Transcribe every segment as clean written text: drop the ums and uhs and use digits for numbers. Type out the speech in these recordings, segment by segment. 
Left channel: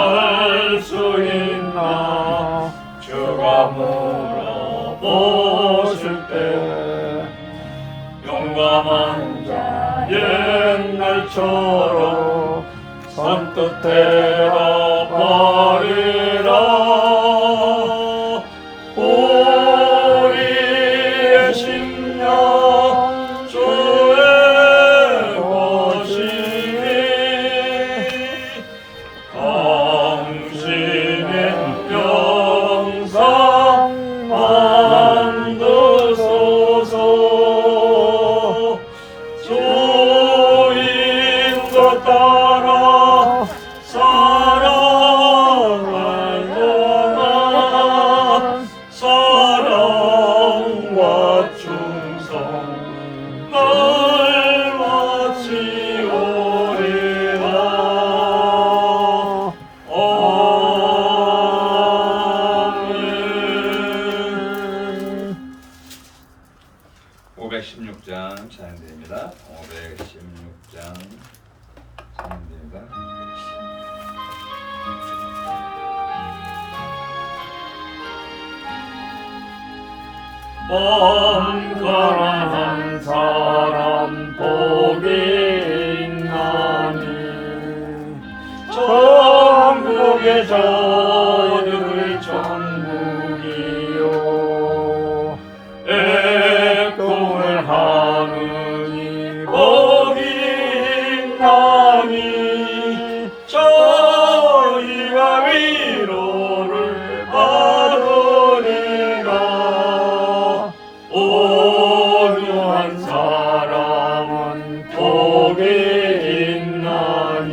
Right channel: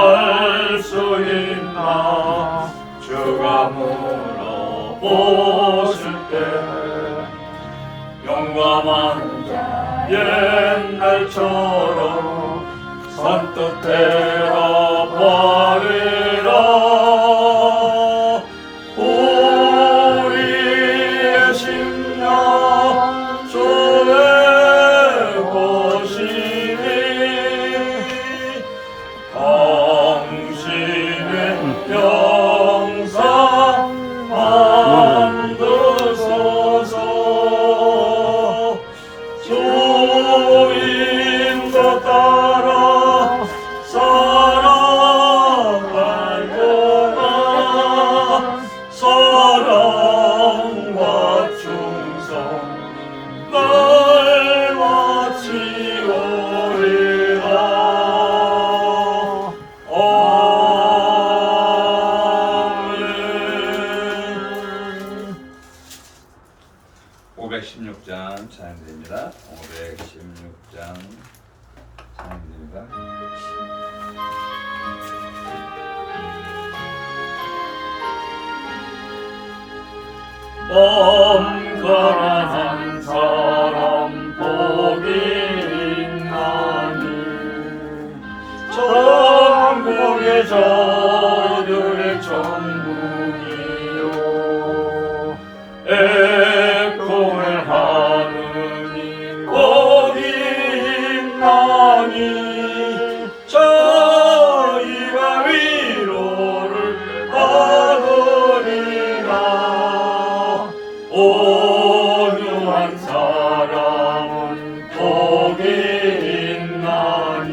할 수 있나. 주가 물어보실 때 용감한 자 옛날처럼 선뜻 대답하리라. 우리의 심령 주의 것이니 당신의 영상 만드소서. 주인도 따라 살아갈 동안 사랑과 충성 날 마치오리라. 아멘. 516장 찬양드립니다. 516장 찬양드립니다. 가난한 사람 복이 있나니 천국이 저들의 천국이요. 애통을 하느니 복이 있나니 저희가 위로를 받으리라. 온유한 사람은 복이 있나니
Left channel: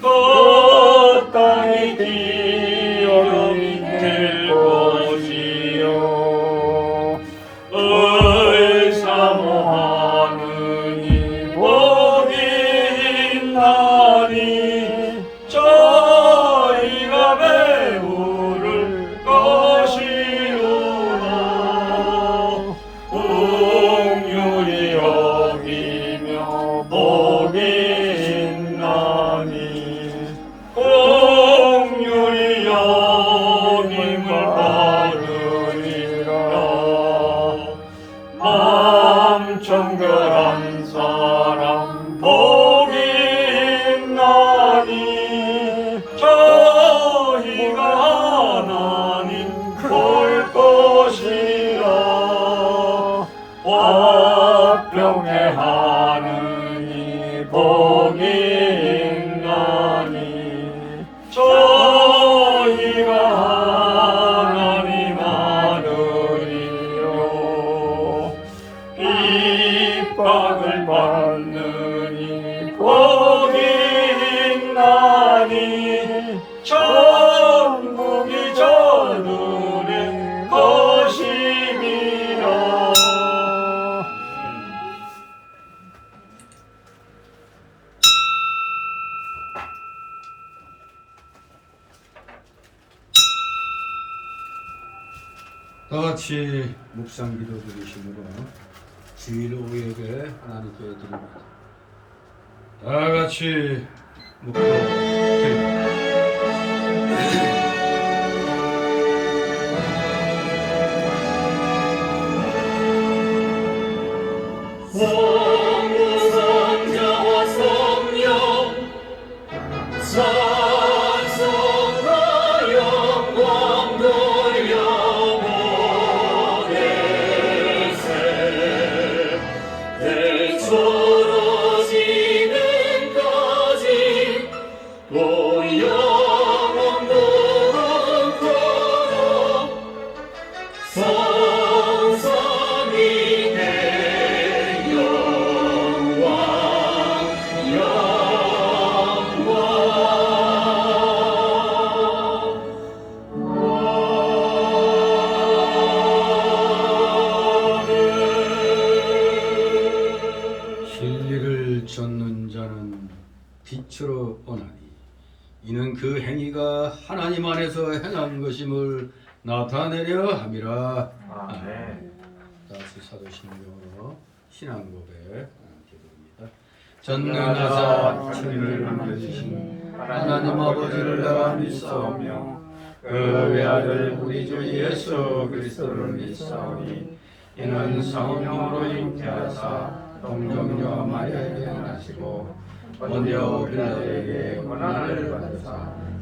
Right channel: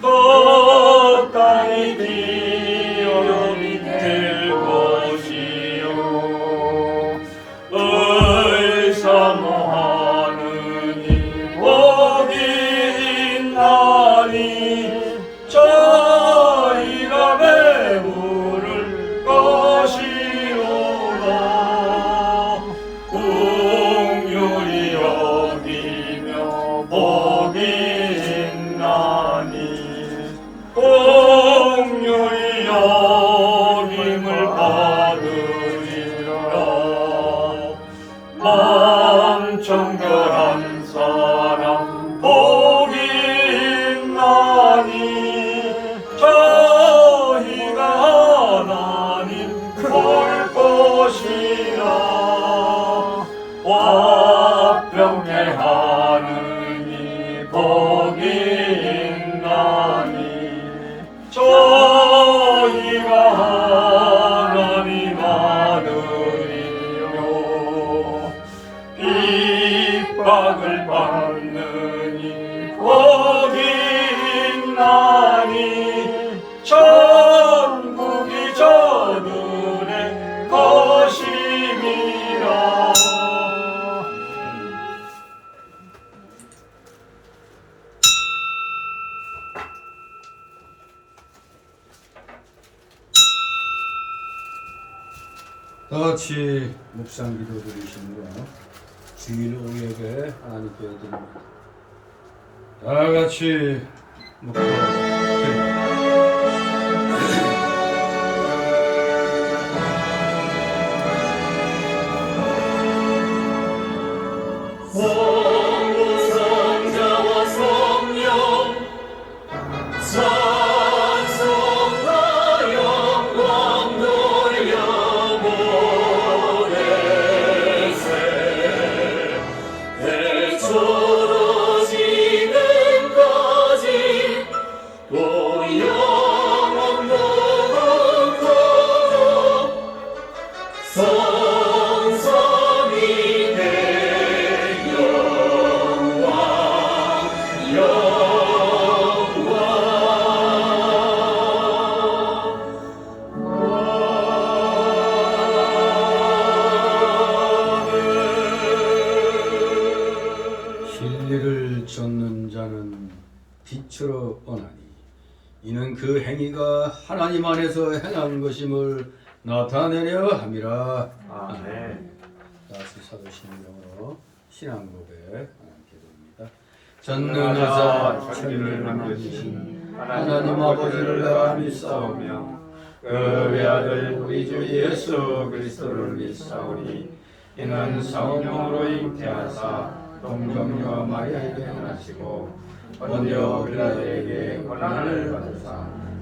그 땅이 기업이 될 것이요. 의사모하느니 복이 있나니 저희가 배부를 것이로라. 긍휼히 여기며 복이 있나니 긍휼히 여김을 받으리라. 마음 정결한 사람 복이 있나니 저희가 하나님 볼 것이라. 화평케 하느니 복이 있나니 저희가 하나님 아들이요. 핍박을 받느니 복이 있나니 천국이 저들의 것임이라. 다 같이 묵상 기도 드리시므로 주일 오후에게 하나님께 드립니다. 다 같이 묵상 드립니다. 성부성자와 성령 찬송과 영광 돌려보내세. 대초로 지금까지 또 영원 무궁토록 성삼이 내 영광 진리를 좇는 자는 빛으로 오나니 이는 그 행위가 하나님 안에서 행한 것임을 나타내려 함이라. 아멘. 다시 사도신경으로 신앙고백 기도입니다. 전능하사 천지를 만드신 하나님 하나님 아버지를 내가 믿사오며 그 외아들 우리 주 예수 그리스도를 믿사오니 이는 성령으로 잉태하사 동정녀 마리아에게 나시고 본디오 빌라도에게 고난을 받으사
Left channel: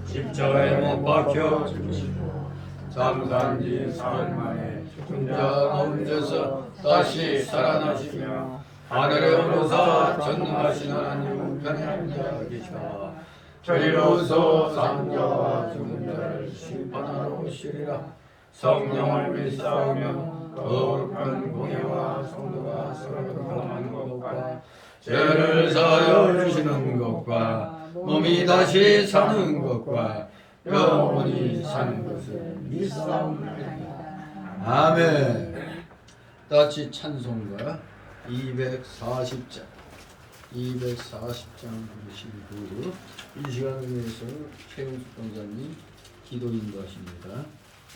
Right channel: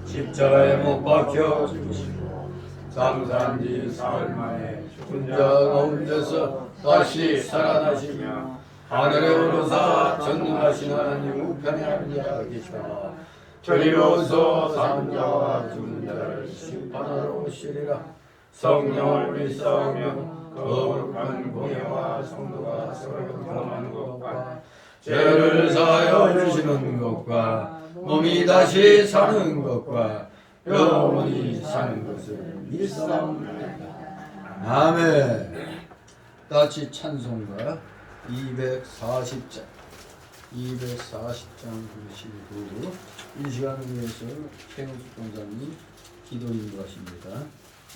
십자가에 못 박혀 죽으시고 장사한지 사흘 만에 죽은 자 가운데서 다시 살아나시며 하늘에 오르사 전능하신 하나님 우편에 앉아 계시다. 저리로서 산 자와 죽은 자를 심판하러 오시리라. 성령을 믿사오며 거룩한 공예와 성도가 서로 교통하는 것과 죄를 사하여 주시는 것과 몸이 다시 사는 것과 영원히 사는 것을 믿사옵나이다. 아멘. 다시 찬송가 240장 부르시고 이 시간을 위해서 최우수 권사님 기도 인도하십니다.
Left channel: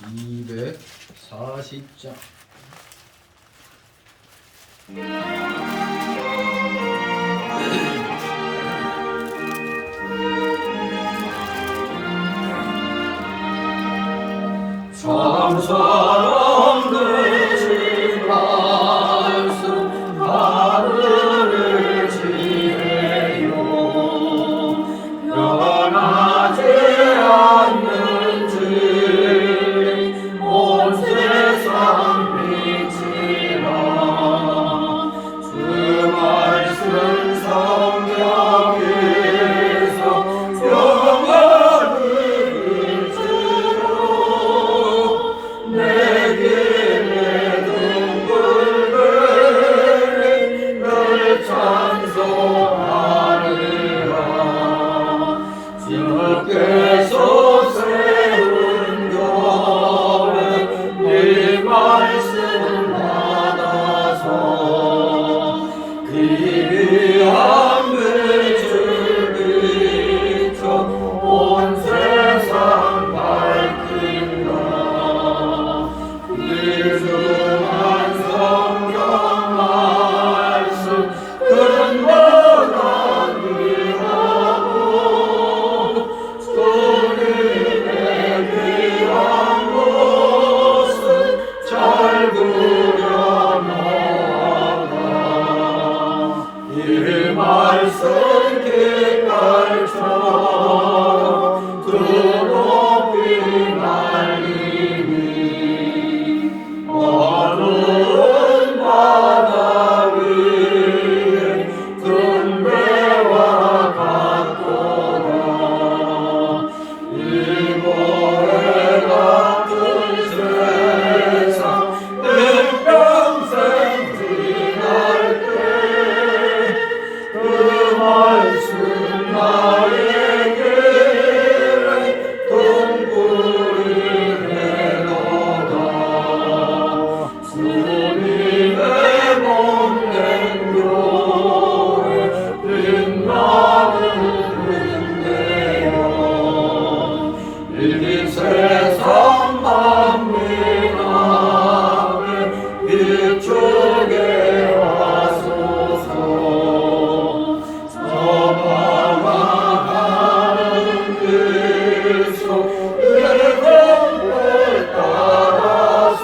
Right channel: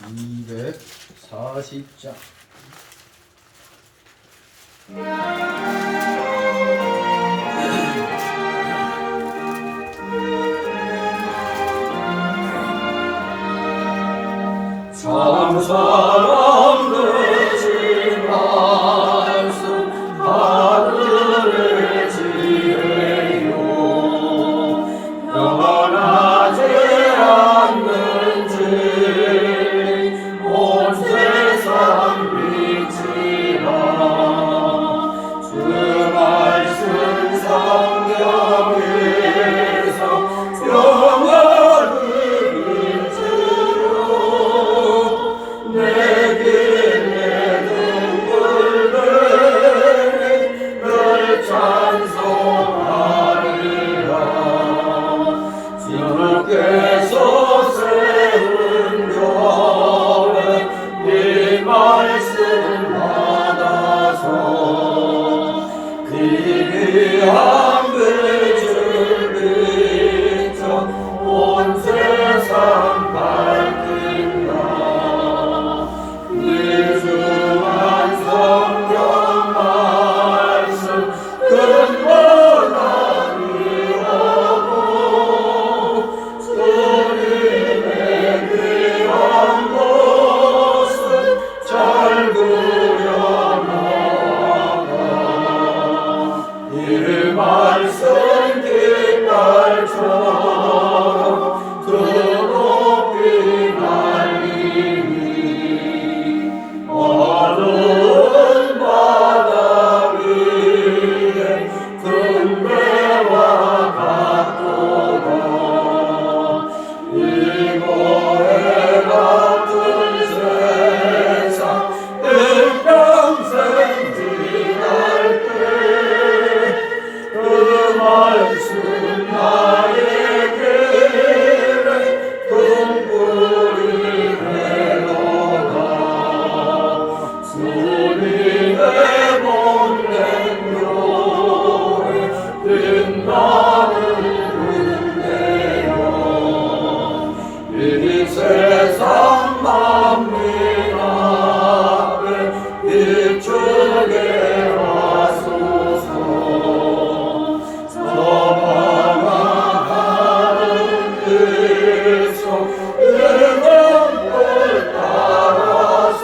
240장 사랑 되신 말씀 하늘을 지혜요 변하지 않는 진리 온 세상 빛이라 주 말씀 성경에서 영원을 내게 둥글들이 널 찬송하리라 주께서 세운 점에 이 말씀 받아서 기이한 빛을 비춰 온 세상 밝힌다 귀중한 성경 말씀 근거가 귀하고 주님의 귀한 것을 잘 그려놓아 이 말씀 깃발처럼 그 높이 날리니 어두운 바다 위에 등대와 같도다 이거에 같은 세상 일평생 지날 때 그 말씀 나의 길에 등불이 되도다 주님의 몸된 교회 빛나는 은혜요 이 세상 만민 앞에 비추게 하소서 저방한 하늘 길속 이름을 따라서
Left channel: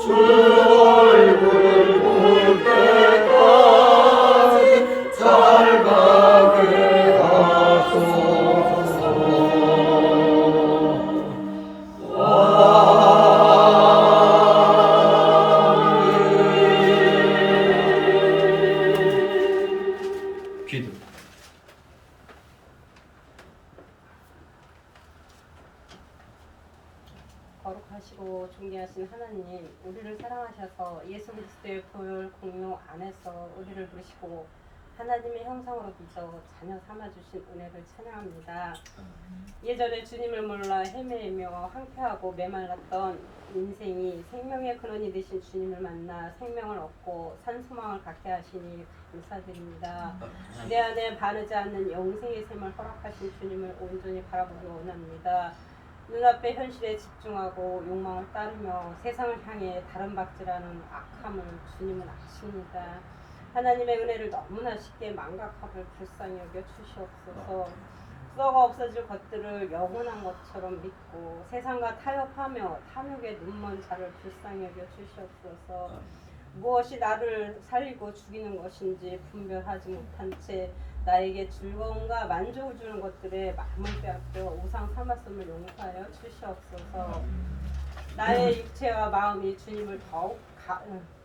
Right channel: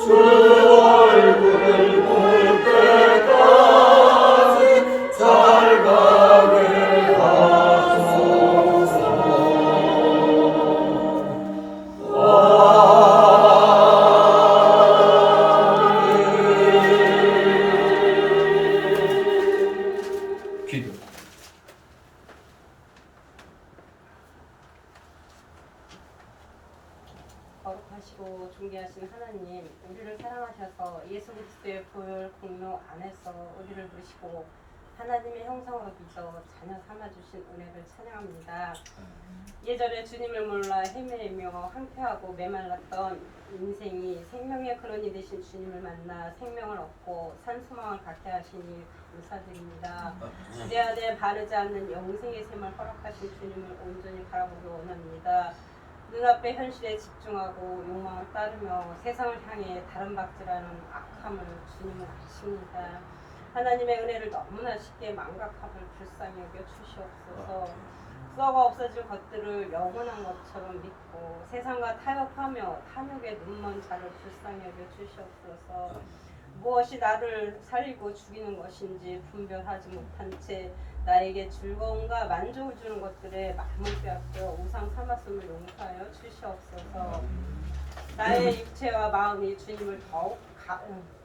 주 얼굴 볼 때까지 잘 가게 하소서 기도 거룩하시고 존귀하신 하나님, 우리를 사랑하셔서 예수 그리스도의 보혈 공로 안에서 우리를 부르시고 하나님의 형상으로 빚어 자녀 삼아주신 은혜를 찬양합니다. 예전에 주님을 몰라 헤매며 항폐하고 메말랐던 인생이 생명의 근원이 되신 주님을 만나 생명을 얻고 산소망을 갖게 하시니 감사드립니다. 내 안에 바르지 않는 영생의 샘을 허락하신 주님을 온전히 바라보기 원합니다. 눈앞의 현실에 집중하고 욕망을 따르며 세상을 향해 다른 박질하는 악함을 주님은 아십니다. 하나님의 은혜를 너무나 쉽게 망각함을 불쌍히 여겨 주시옵소서. 썩어 없어질 것들을 영원한 것처럼 믿고 세상과 타협하며 탐욕의 눈먼 자를 불쌍히 여겨 주시옵소서. 무엇이 나를 살리고 죽이는 것인지 분별하지 못한 채 나에게 즐거움과 만족을 주는 것들에 마음을 빼앗겨 우상 삼았음을 용서하여 주시옵소서. 나의 육체와 마음이 주님을 더욱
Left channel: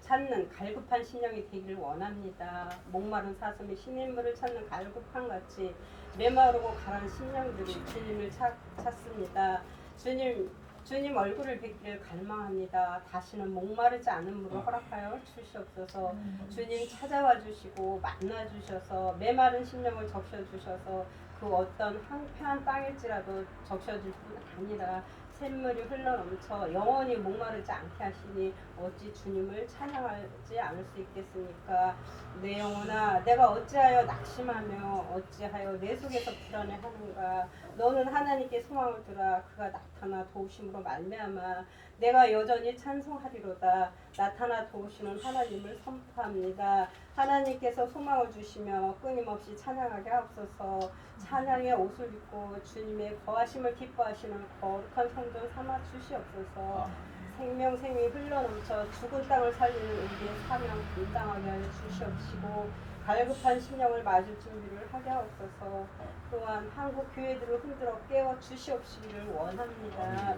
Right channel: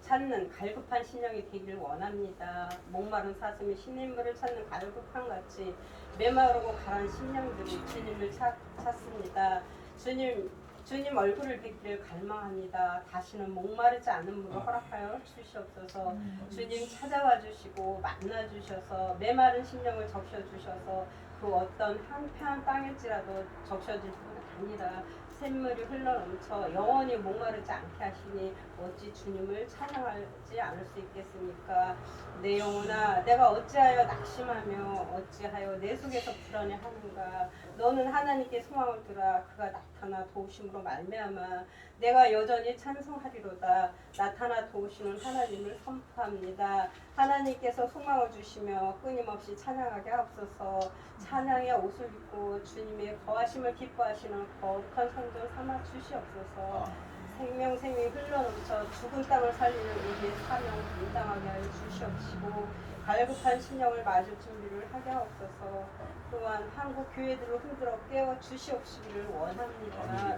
찾는 갈급한 심령이 되기를 원합니다. 목마른 사슴이 신인물을 찾는 갈급한 같이 메마르고 가란 심령들이 주님을 찾습니다. 주님 얼굴을 뵙기를 갈망합니다. 다시는 목마르지 않음으로 허락하여 주시옵소서. 주님 찾아와 주시고 만나 주셔서 메마른 심령을 적셔 주셔서 그 어떤 한평 땅일지라도 적셔질 뿐 아니라 샘물이 흘러넘쳐 영원히 목마르지 않게 하시니 어찌 주님을 찬양하지 않을 수 있겠습니까? 내 영혼아 내가 어찌하여 낙심하며 어찌하여 내 속에서 불안해하는가? 너는 하나님께 소망을 두라. 그가 나타나 도우심으로 말미암아 내가 여전히 찬송하리로다. 나타나 도우시는 하나님을 선포합니다. 하나님께서 소망을 주시며 끊임없이 찬양하게 하옵소서. 찬양의 옷을 입고 주님의 거하심을 기뻐하시는 거룩한 성들 삼아 주시옵소서. 생명이 흘러넘쳐 죽은 땅을 살리는 우리의 사명 감당하게 하여 주시옵시고 갈급한 심령을 맞을 준비를 하게 하옵소서. 또한 한국 교회들을 흔들어 깨워 주시옵시기를 원합니다.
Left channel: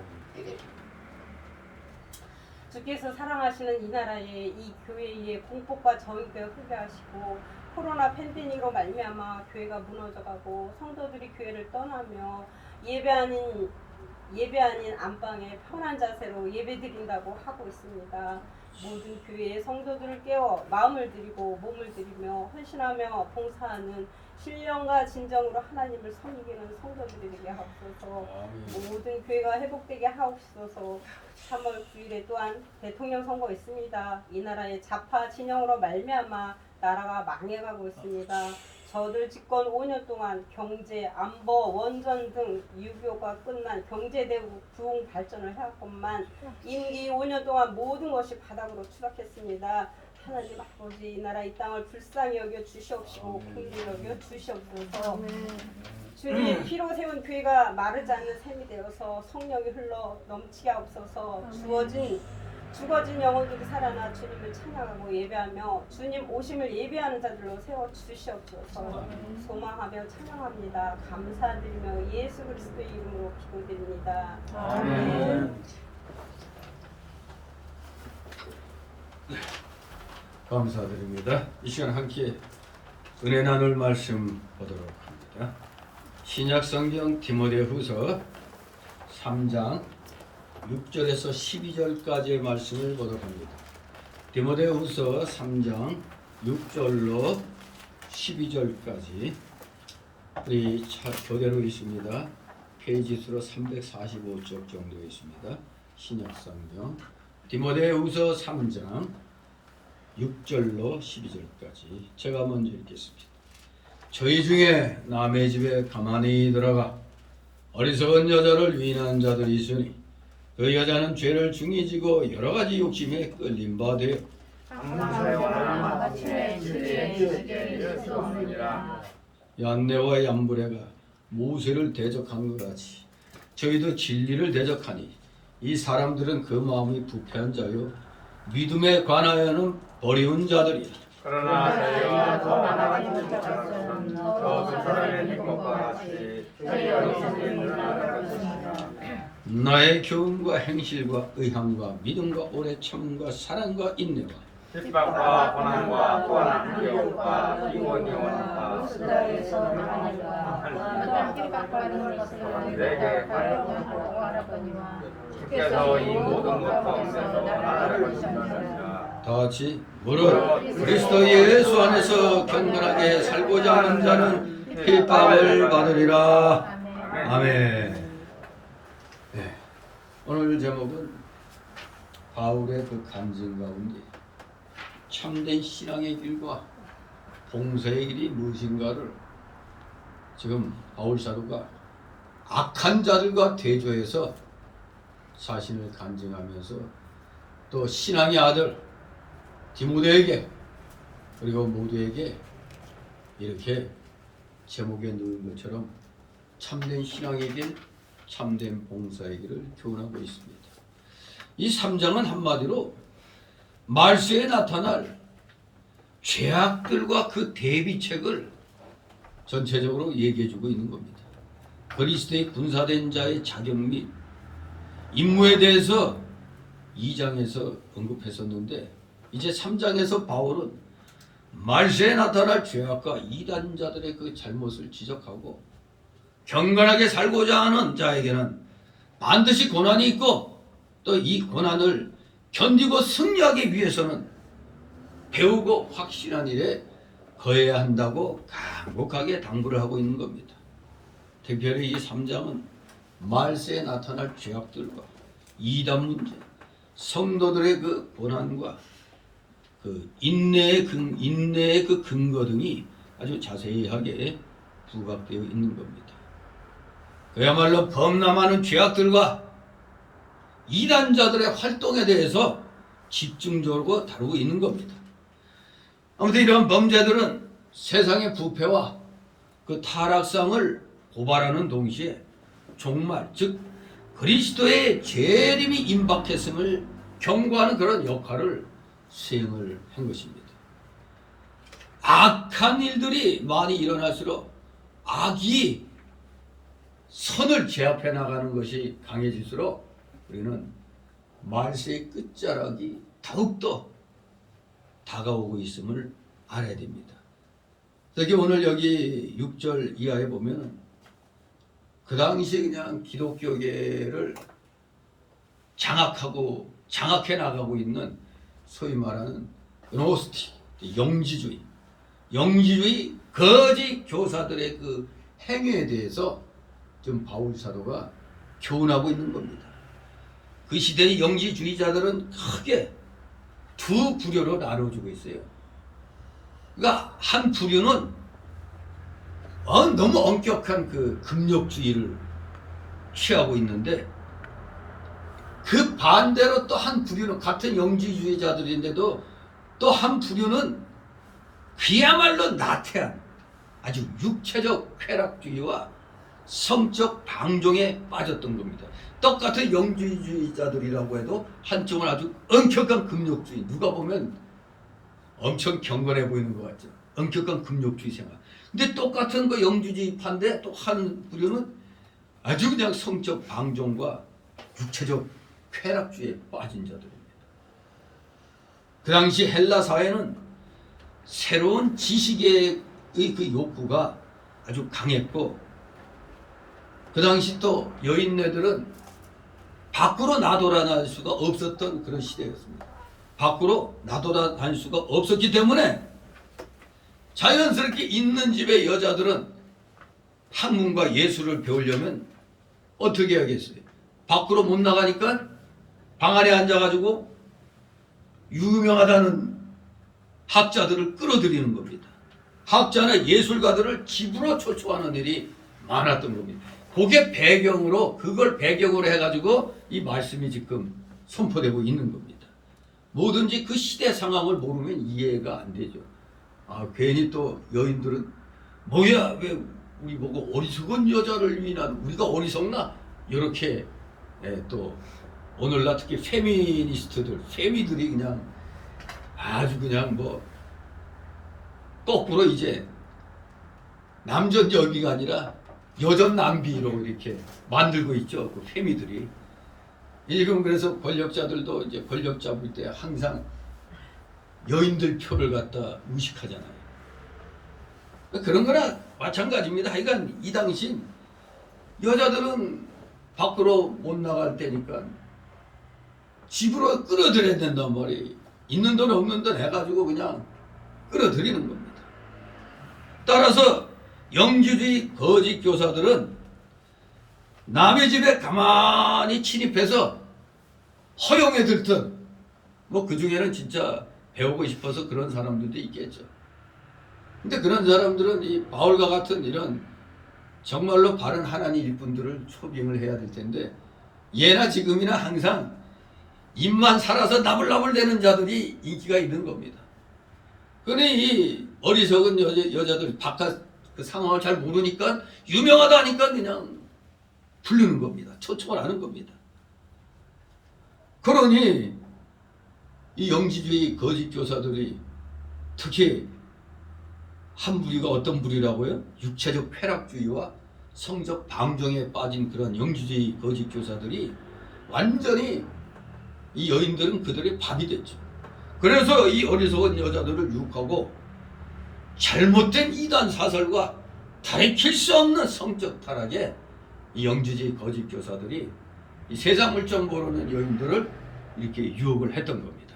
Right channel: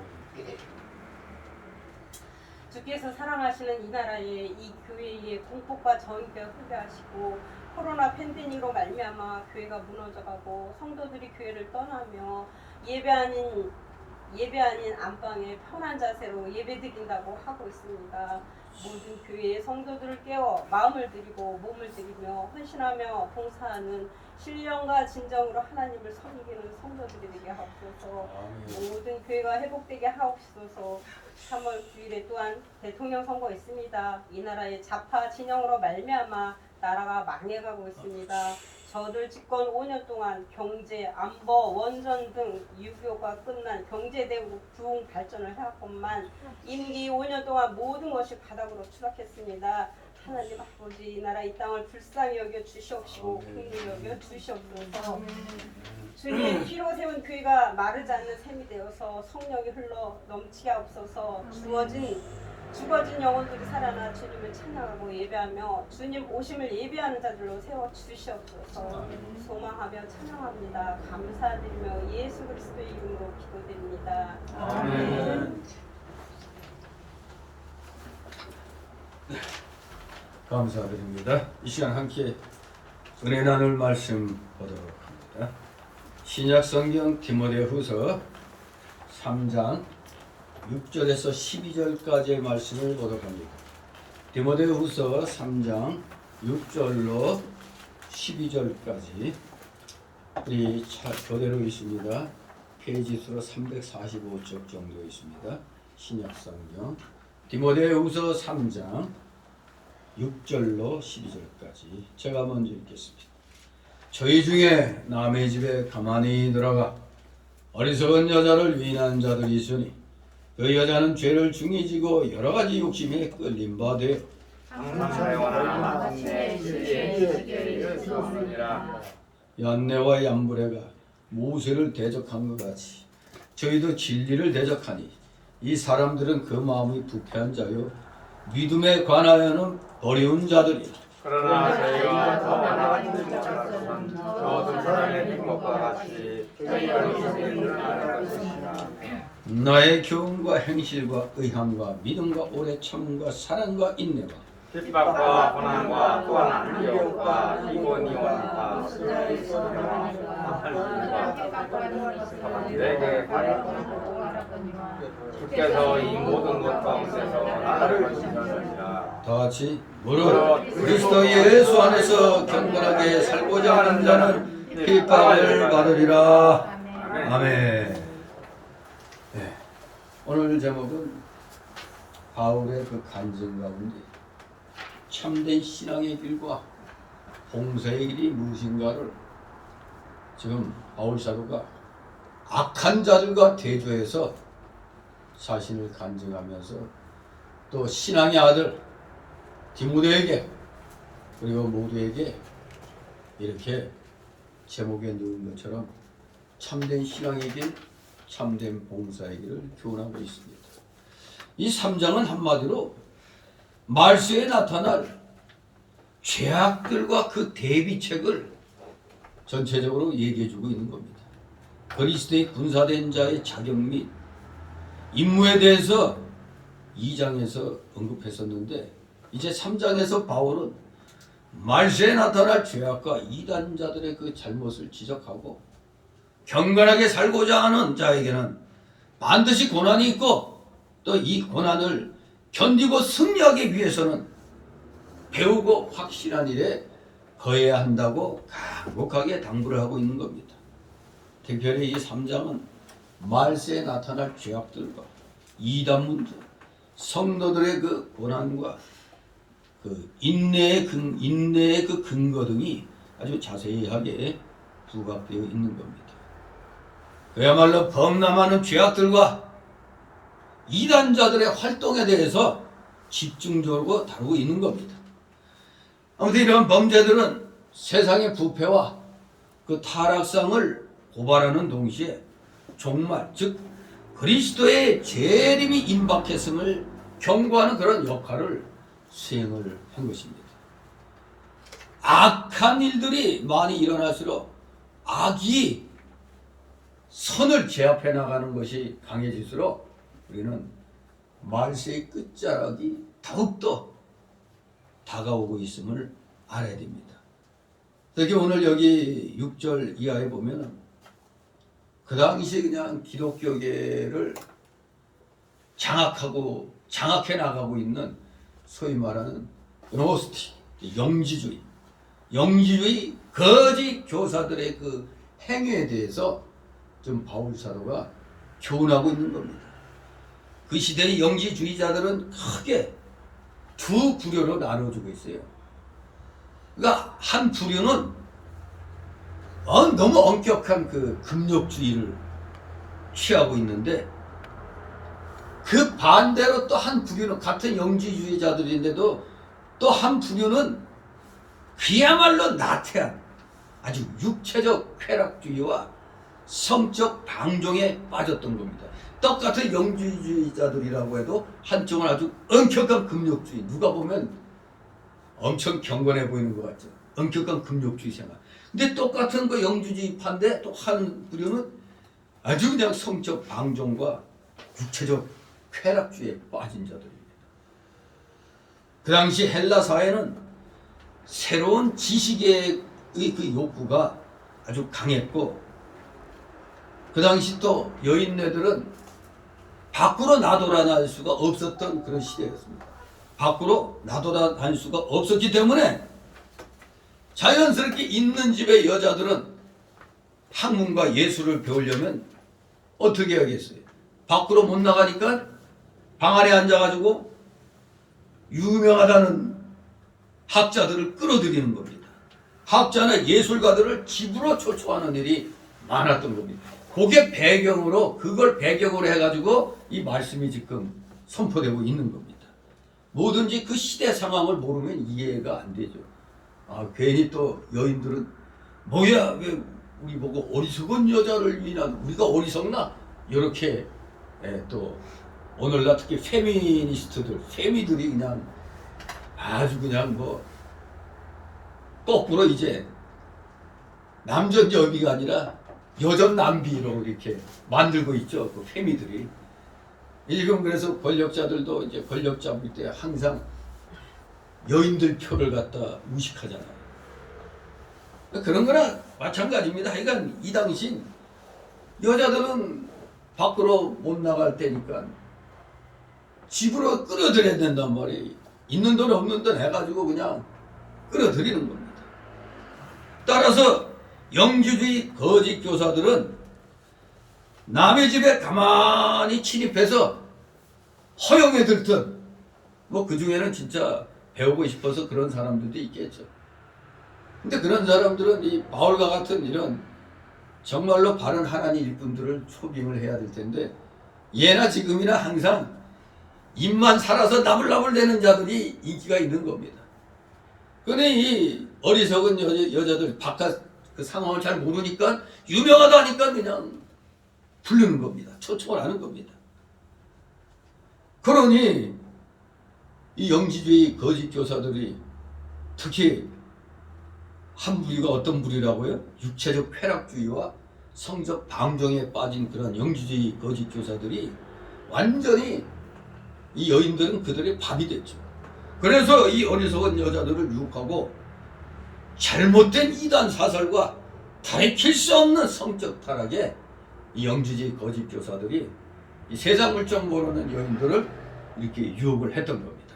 주께서 사랑하시는 이 나라의 이 교회의 공폭과 저희가 후게 하시고 코로나 팬데믹으로 말미암아 교회가 무너져가고 성도들이 교회를 떠나며 예배 아닌 안방에 편한 자세로 예배드린다고 하고 있습니다. 모든 교회의 성도들을 깨워 마음을 드리고 몸을 드리며 헌신하며 봉사하는 신령과 진정으로 하나님을 섬기는 성도들이 되게 하옵소서. 모든 교회가 회복되게 하옵소서. 3월 9일에 또한 대통령 선거 있습니다. 이 나라의 좌파 진영으로 말미암아 나라가 망해가고 있습니다. 저들 집권 5년 동안 경제, 안보, 원전 등 유교가 끝난 경제대국 부흥 발전을 해왔건만 임기 5년 동안 모든 것이 바닥으로 추락했습니다. 하나님 아버지 이 나라 이 땅을 불쌍히 여겨 주시옵시고 긍휼히 여겨 주시옵소서. 주님의 피로 세운 교회가 마르지 않는 샘이 되어서 성령이 흘러 넘치게 하옵소서. 죽어진 영혼들이 살아나 주님을 찬양하고 예배하며 주님 오심을 예배하는 자들로 세워 주시옵소서. 소망하며 찬양합니다. 감사드리며 예수 그리스도의 이름으로 기도드립니다. 아멘. 감사드립니다. 이 시간 함께 은혜 나눌 말씀 보도록 합니다. 신약 성경 디모데후서 3장 6절에서 12절까지의 말씀을 보도록 합니다. 디모데후서 3장 6절로 12절까지 우리 교대로 있습니다. 페이지 수로 345쪽 정도 있습니다. 신약 성경 디모데후서 3장 6절로 12절까지 제가 먼저 읽겠습니다. 저희 중에 남의 집에 가만히 들어가 어리석은 여자를 위인한 자들이 있으니 그 여자는 죄를 중히 지고 여러 가지 욕심에 끌린 바 되어 얀네와 얀브레가 모세를 대적한 것 같이 저희도 진리를 대적하니 이 사람들은 그 마음이 부패한 자요 믿음에 관하여는 버리운 자들이라. 그러나 저희가 더 나아가는 것처럼 저두 사람의 기쁨과 같이 저희가 있는 것이라. 나의 교훈과 행실과 의함과 믿음과 오래 참음과 사랑과 인내와 핍박과 고난과 또한 미혹과 이원이와 내게 주께서 이 모든 것 가운데서 나를 보시느니라. 다 같이 무릇 그리스도 예수 안에서 경건하게 살고자 하는 자는 핍박을 받으리라. 아멘. 네. 오늘 제목은 바울의 그 간증 가운데 참된 신앙의 길과 봉사의 길이 무엇인가를 지금 바울 사도가 악한 자들과 대조해서 자신을 간증하면서 또 신앙의 아들 디모데에게 그리고 모두에게 이렇게 제목에 넣은 것처럼 참된 신앙의 길, 참된 봉사의 길을 교훈하고 있습니다. 이 3장은 한마디로 말세에 나타날 죄악들과 그 대비책을 전체적으로 얘기해주고 있는 겁니다. 그리스도의 군사된 자의 자격 및 임무에 대해서 2장에서 언급했었는데 이제 3장에서 바울은 말세에 나타날 죄악과 이단자들의 그 잘못을 지적하고 경건하게 살고자 하는 자에게는 반드시 고난이 있고 또 이 고난을 견디고 승리하기 위해서는 배우고 확실한 일에 거해야 한다고 간곡하게 당부를 하고 있는 겁니다. 특별히 이 3장은 말세에 나타날 죄악들과 이단 문제, 성도들의 그 고난과 그 인내의 그 근거 등이 아주 자세하게 부각되어 있는 겁니다. 그야말로 범람하는 죄악들과 이단자들의 활동에 대해서 집중적으로 다루고 있는 겁니다. 아무튼 이런 범죄들은 세상의 부패와 그 타락상을 고발하는 동시에 종말, 즉 그리스도의 재림이 임박했음을 경고하는 그런 역할을 수행을 한 것입니다. 악한 일들이 많이 일어날수록 악이 선을 제압해 나가는 것이 강해질수록 우리는 말세의 끝자락이 더욱더 다가오고 있음을 알아야 됩니다. 특히 오늘 여기 6절 이하에 보면 그 당시 그냥 기독교계를 장악해 나가고 있는 소위 말하는 노스틱, 영지주의 거짓 교사들의 그 행위에 대해서 좀 바울 사도가 교훈하고 있는 겁니다. 그 시대의 영지주의자들은 크게 두 부류로 나눠주고 있어요. 그러니까 한 부류는 너무 엄격한 그 금욕주의를 취하고 있는데 그 반대로 또 한 부류는 같은 영지주의자들인데도 또 한 부류는 그야말로 나태한 아주 육체적 쾌락주의와 성적 방종에 빠졌던 겁니다. 똑같은 영지주의자들이라고 해도 한쪽은 아주 엄격한 금욕주의, 누가 보면 엄청 경건해 보이는 것 같죠. 엄격한 금욕주의 생활. 근데 똑같은 그 영지주의파인데 또 한 부류는 아주 그냥 성적 방종과 육체적 쾌락주의에 빠진 자들입니다. 그 당시 헬라 사회는 새로운 지식의 그 욕구가 아주 강했고 그 당시 또 여인네들은 밖으로 나돌아다닐 수가 없었던 그런 시대였습니다. 밖으로 나돌아다닐 수가 없었기 때문에 자연스럽게 있는 집의 여자들은 학문과 예술을 배우려면 어떻게 하겠어요? 밖으로 못 나가니까 방 안에 앉아가지고 유명하다는 학자들을 끌어들이는 겁니다. 학자나 예술가들을 집으로 초청하는 일이 많았던 겁니다. 그게 그걸 배경으로 해가지고 이 말씀이 지금 선포되고 있는 겁니다. 뭐든지 그 시대 상황을 모르면 이해가 안 되죠. 괜히 또 여인들은 뭐야, 왜 우리 보고 어리석은 여자를 위한 우리가 어리석나? 이렇게 또 오늘날 특히 페미니스트들이 그냥 아주 그냥 뭐 거꾸로 이제 남전 여비가 아니라 여전 남비로 이렇게 만들고 있죠. 그 페미들이. 지금 그래서 권력자들도 이제 권력 잡을 때 항상 여인들 표를 갖다 무식하잖아요. 그런 거나 마찬가지입니다. 하여간 이 당시 여자들은 밖으로 못 나갈 때니까 집으로 끌어들여야 된단 말이에요. 있는 돈 없는 돈 해가지고 그냥 끌어들이는 겁니다. 따라서 영지주의 거짓 교사들은 남의 집에 가만히 침입해서 허용해 들듯 뭐 그 중에는 진짜 배우고 싶어서 그런 사람들도 있겠죠. 근데 그런 사람들은 이 바울과 같은 이런 정말로 바른 하나님 일꾼들을 초빙을 해야 될 텐데 예나 지금이나 항상 입만 살아서 나불나불대는 자들이 인기가 있는 겁니다. 그러니 이 어리석은 여자들 바깥 그 상황을 잘 모르니까 유명하다 하니까 그냥 부르는 겁니다. 초청을 하는 겁니다. 그러니 이 영지주의 거짓 교사들이 특히 한 부류가 어떤 부류라고요? 육체적 쾌락주의와 성적 방종에 빠진 그런 영지주의 거짓 교사들이 완전히 이 여인들은 그들의 밥이 됐죠. 그래서 이 어리석은 여자들을 유혹하고 잘못된 이단 사설과 가리킬 수 없는 성적 타락에 이 영지주의 거짓 교사들이 이 세상 물정 모르는 여인들을 이렇게 유혹을 했던 겁니다.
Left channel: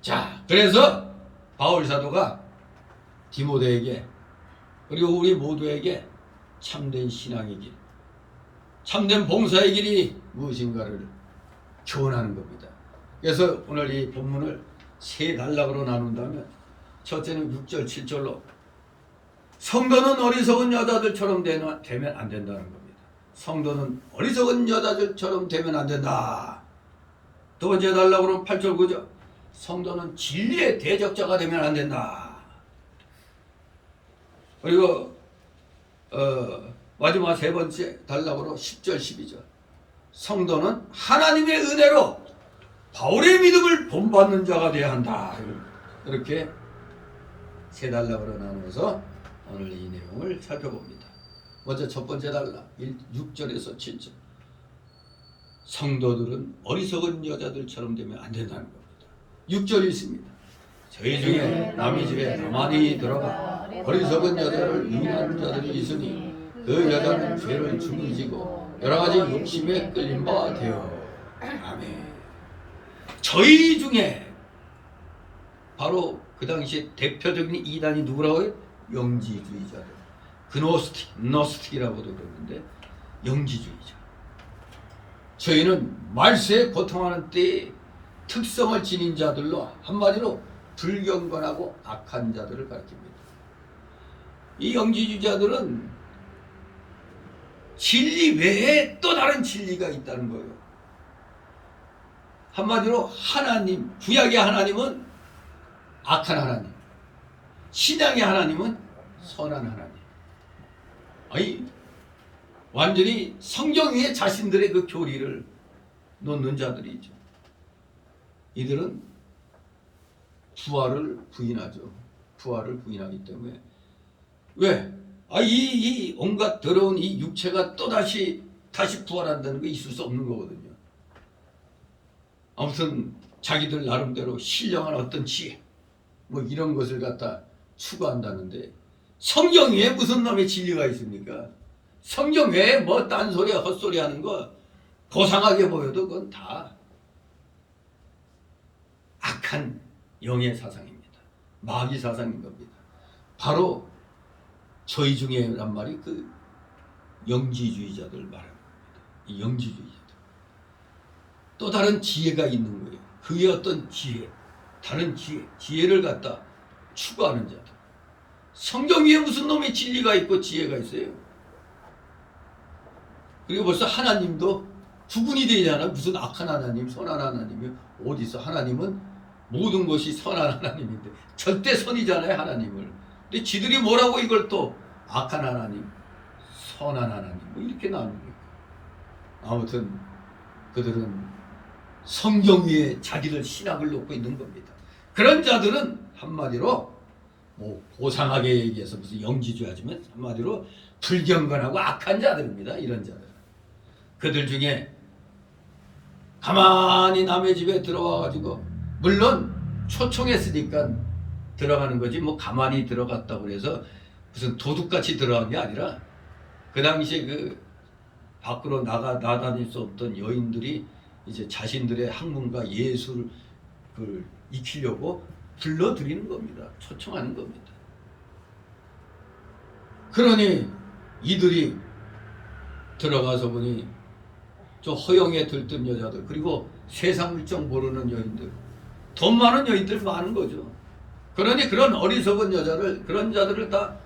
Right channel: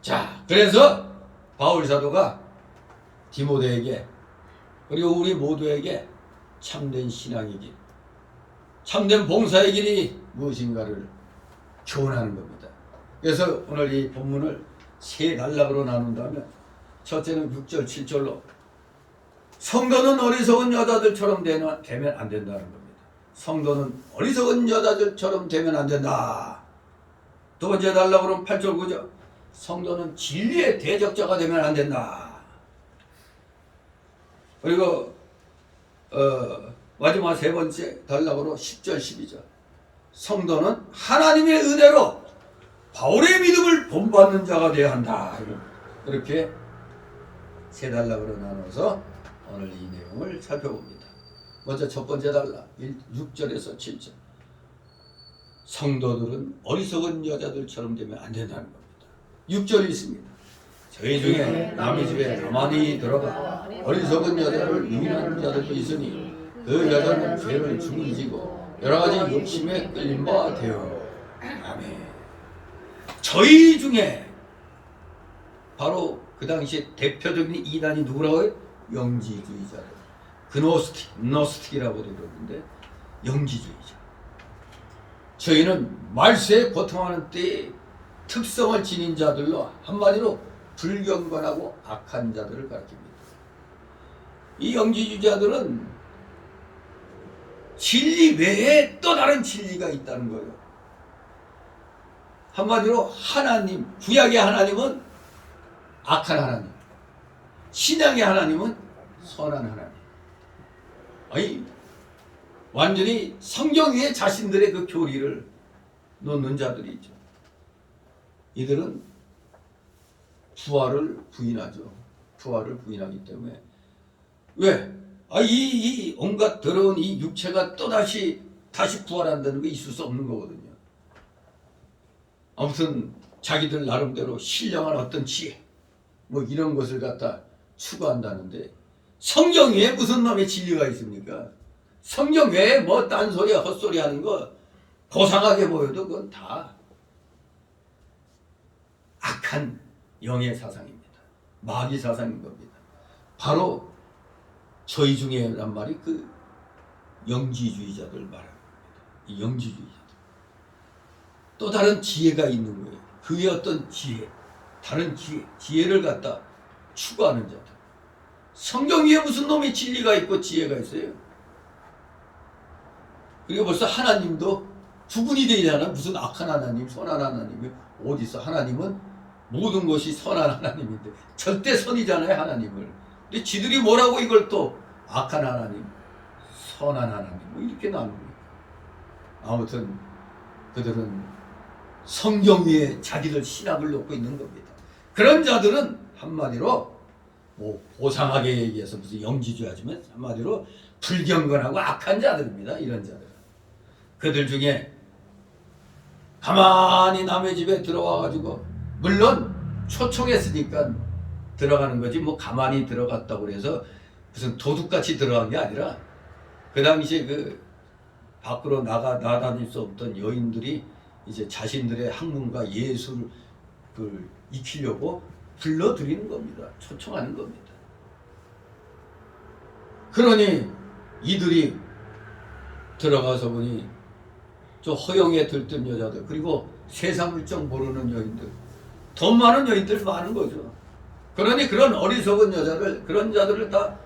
자, 그래서 바울 사도가 디모데에게 그리고 우리 모두에게 참된 신앙의 길, 참된 봉사의 길이 무엇인가를 교훈하는 겁니다. 그래서 오늘 이 본문을 세 단락으로 나눈다면 첫째는 6절, 7절로 성도는 어리석은 여자들처럼 되면 안 된다는 겁니다. 성도는 어리석은 여자들처럼 되면 안 된다. 두 번째 단락으로는 8절, 9절 성도는 진리의 대적자가 되면 안 된다. 그리고 마지막 세 번째 단락으로 10절, 12절 성도는 하나님의 은혜로 바울의 믿음을 본받는 자가 되어야 한다. 이렇게 세 단락으로 나눠서 오늘 이 내용을 살펴봅니다. 먼저 첫 번째 단락 6절에서 7절 성도들은 어리석은 여자들처럼 되면 안 된다는 겁니다. 6절이 있습니다. 저희 중에 남의 집에 가만히 들어가 어리석은 여자를 유인한 자들이 있으니 그 여자는 죄를 중지고 여러 가지 욕심에 끌린 바 되어. 아멘. 저희 중에 바로 그 당시 대표적인 이단이 누구라고요? 영지주의자들. 노스틱이라고도 그러는데 영지주의자. 저희는 말세에 고통하는 때에 특성을 지닌 자들로 한마디로 불경건하고 악한 자들을 가리킵니다. 이 영지주의자들은 진리 외에 또 다른 진리가 있다는 거예요. 한마디로 하나님, 구약의 하나님은 악한 하나님, 신약의 하나님은 선한 하나님. 아니 완전히 성경 위에 자신들의 그 교리를 놓는 자들이 있죠. 이들은 부활을 부인하죠. 부활을 부인하기 때문에 왜? 이 온갖 더러운 이 육체가 다시 부활한다는 게 있을 수 없는 거거든요. 아무튼 자기들 나름대로 신령한 어떤 지혜 뭐 이런 것을 갖다 추구한다는데 성경 외에 무슨 놈의 진리가 있습니까? 성경 외에 뭐 딴소리 헛소리 하는 거 고상하게 보여도 그건 다 악한 영의 사상입니다. 마귀 사상인 겁니다. 바로 저희 중에란 말이 그 영지주의자들 말하는 겁니다. 이 영지주의자들. 또 다른 지혜가 있는 거예요. 그의 어떤 지혜, 다른 지혜를 갖다 추구하는 자들. 성경 위에 무슨 놈의 진리가 있고 지혜가 있어요. 그리고 벌써 하나님도 구분이 되잖아. 무슨 악한 하나님, 선한 하나님이 어디 있어? 하나님은 모든 것이 선한 하나님인데 절대 선이잖아요, 하나님을. 근데 지들이 뭐라고 이걸 또 악한 하나님, 선한 하나님 뭐 이렇게 나눕니까? 아무튼 그들은 성경 위에 자기들 신학을 놓고 있는 겁니다. 그런 자들은 한마디로 뭐 고상하게 얘기해서 무슨 영지주의하지만 한마디로 불경건하고 악한 자들입니다. 이런 자들. 그들 중에 가만히 남의 집에 들어와가지고 물론 초청했으니까 들어가는 거지 뭐 가만히 들어갔다고 그래서 무슨 도둑같이 들어간 게 아니라 그 당시에 그 밖으로 나다닐 수 없던 여인들이 이제 자신들의 학문과 예술을 익히려고 불러들이는 겁니다. 초청하는 겁니다. 그러니 이들이 들어가서 보니 저 허영에 들뜬 여자들 그리고 세상 물정 모르는 여인들 돈 많은 여인들 많은 거죠. 그러니 그런 어리석은 여자를 그런 자들을 다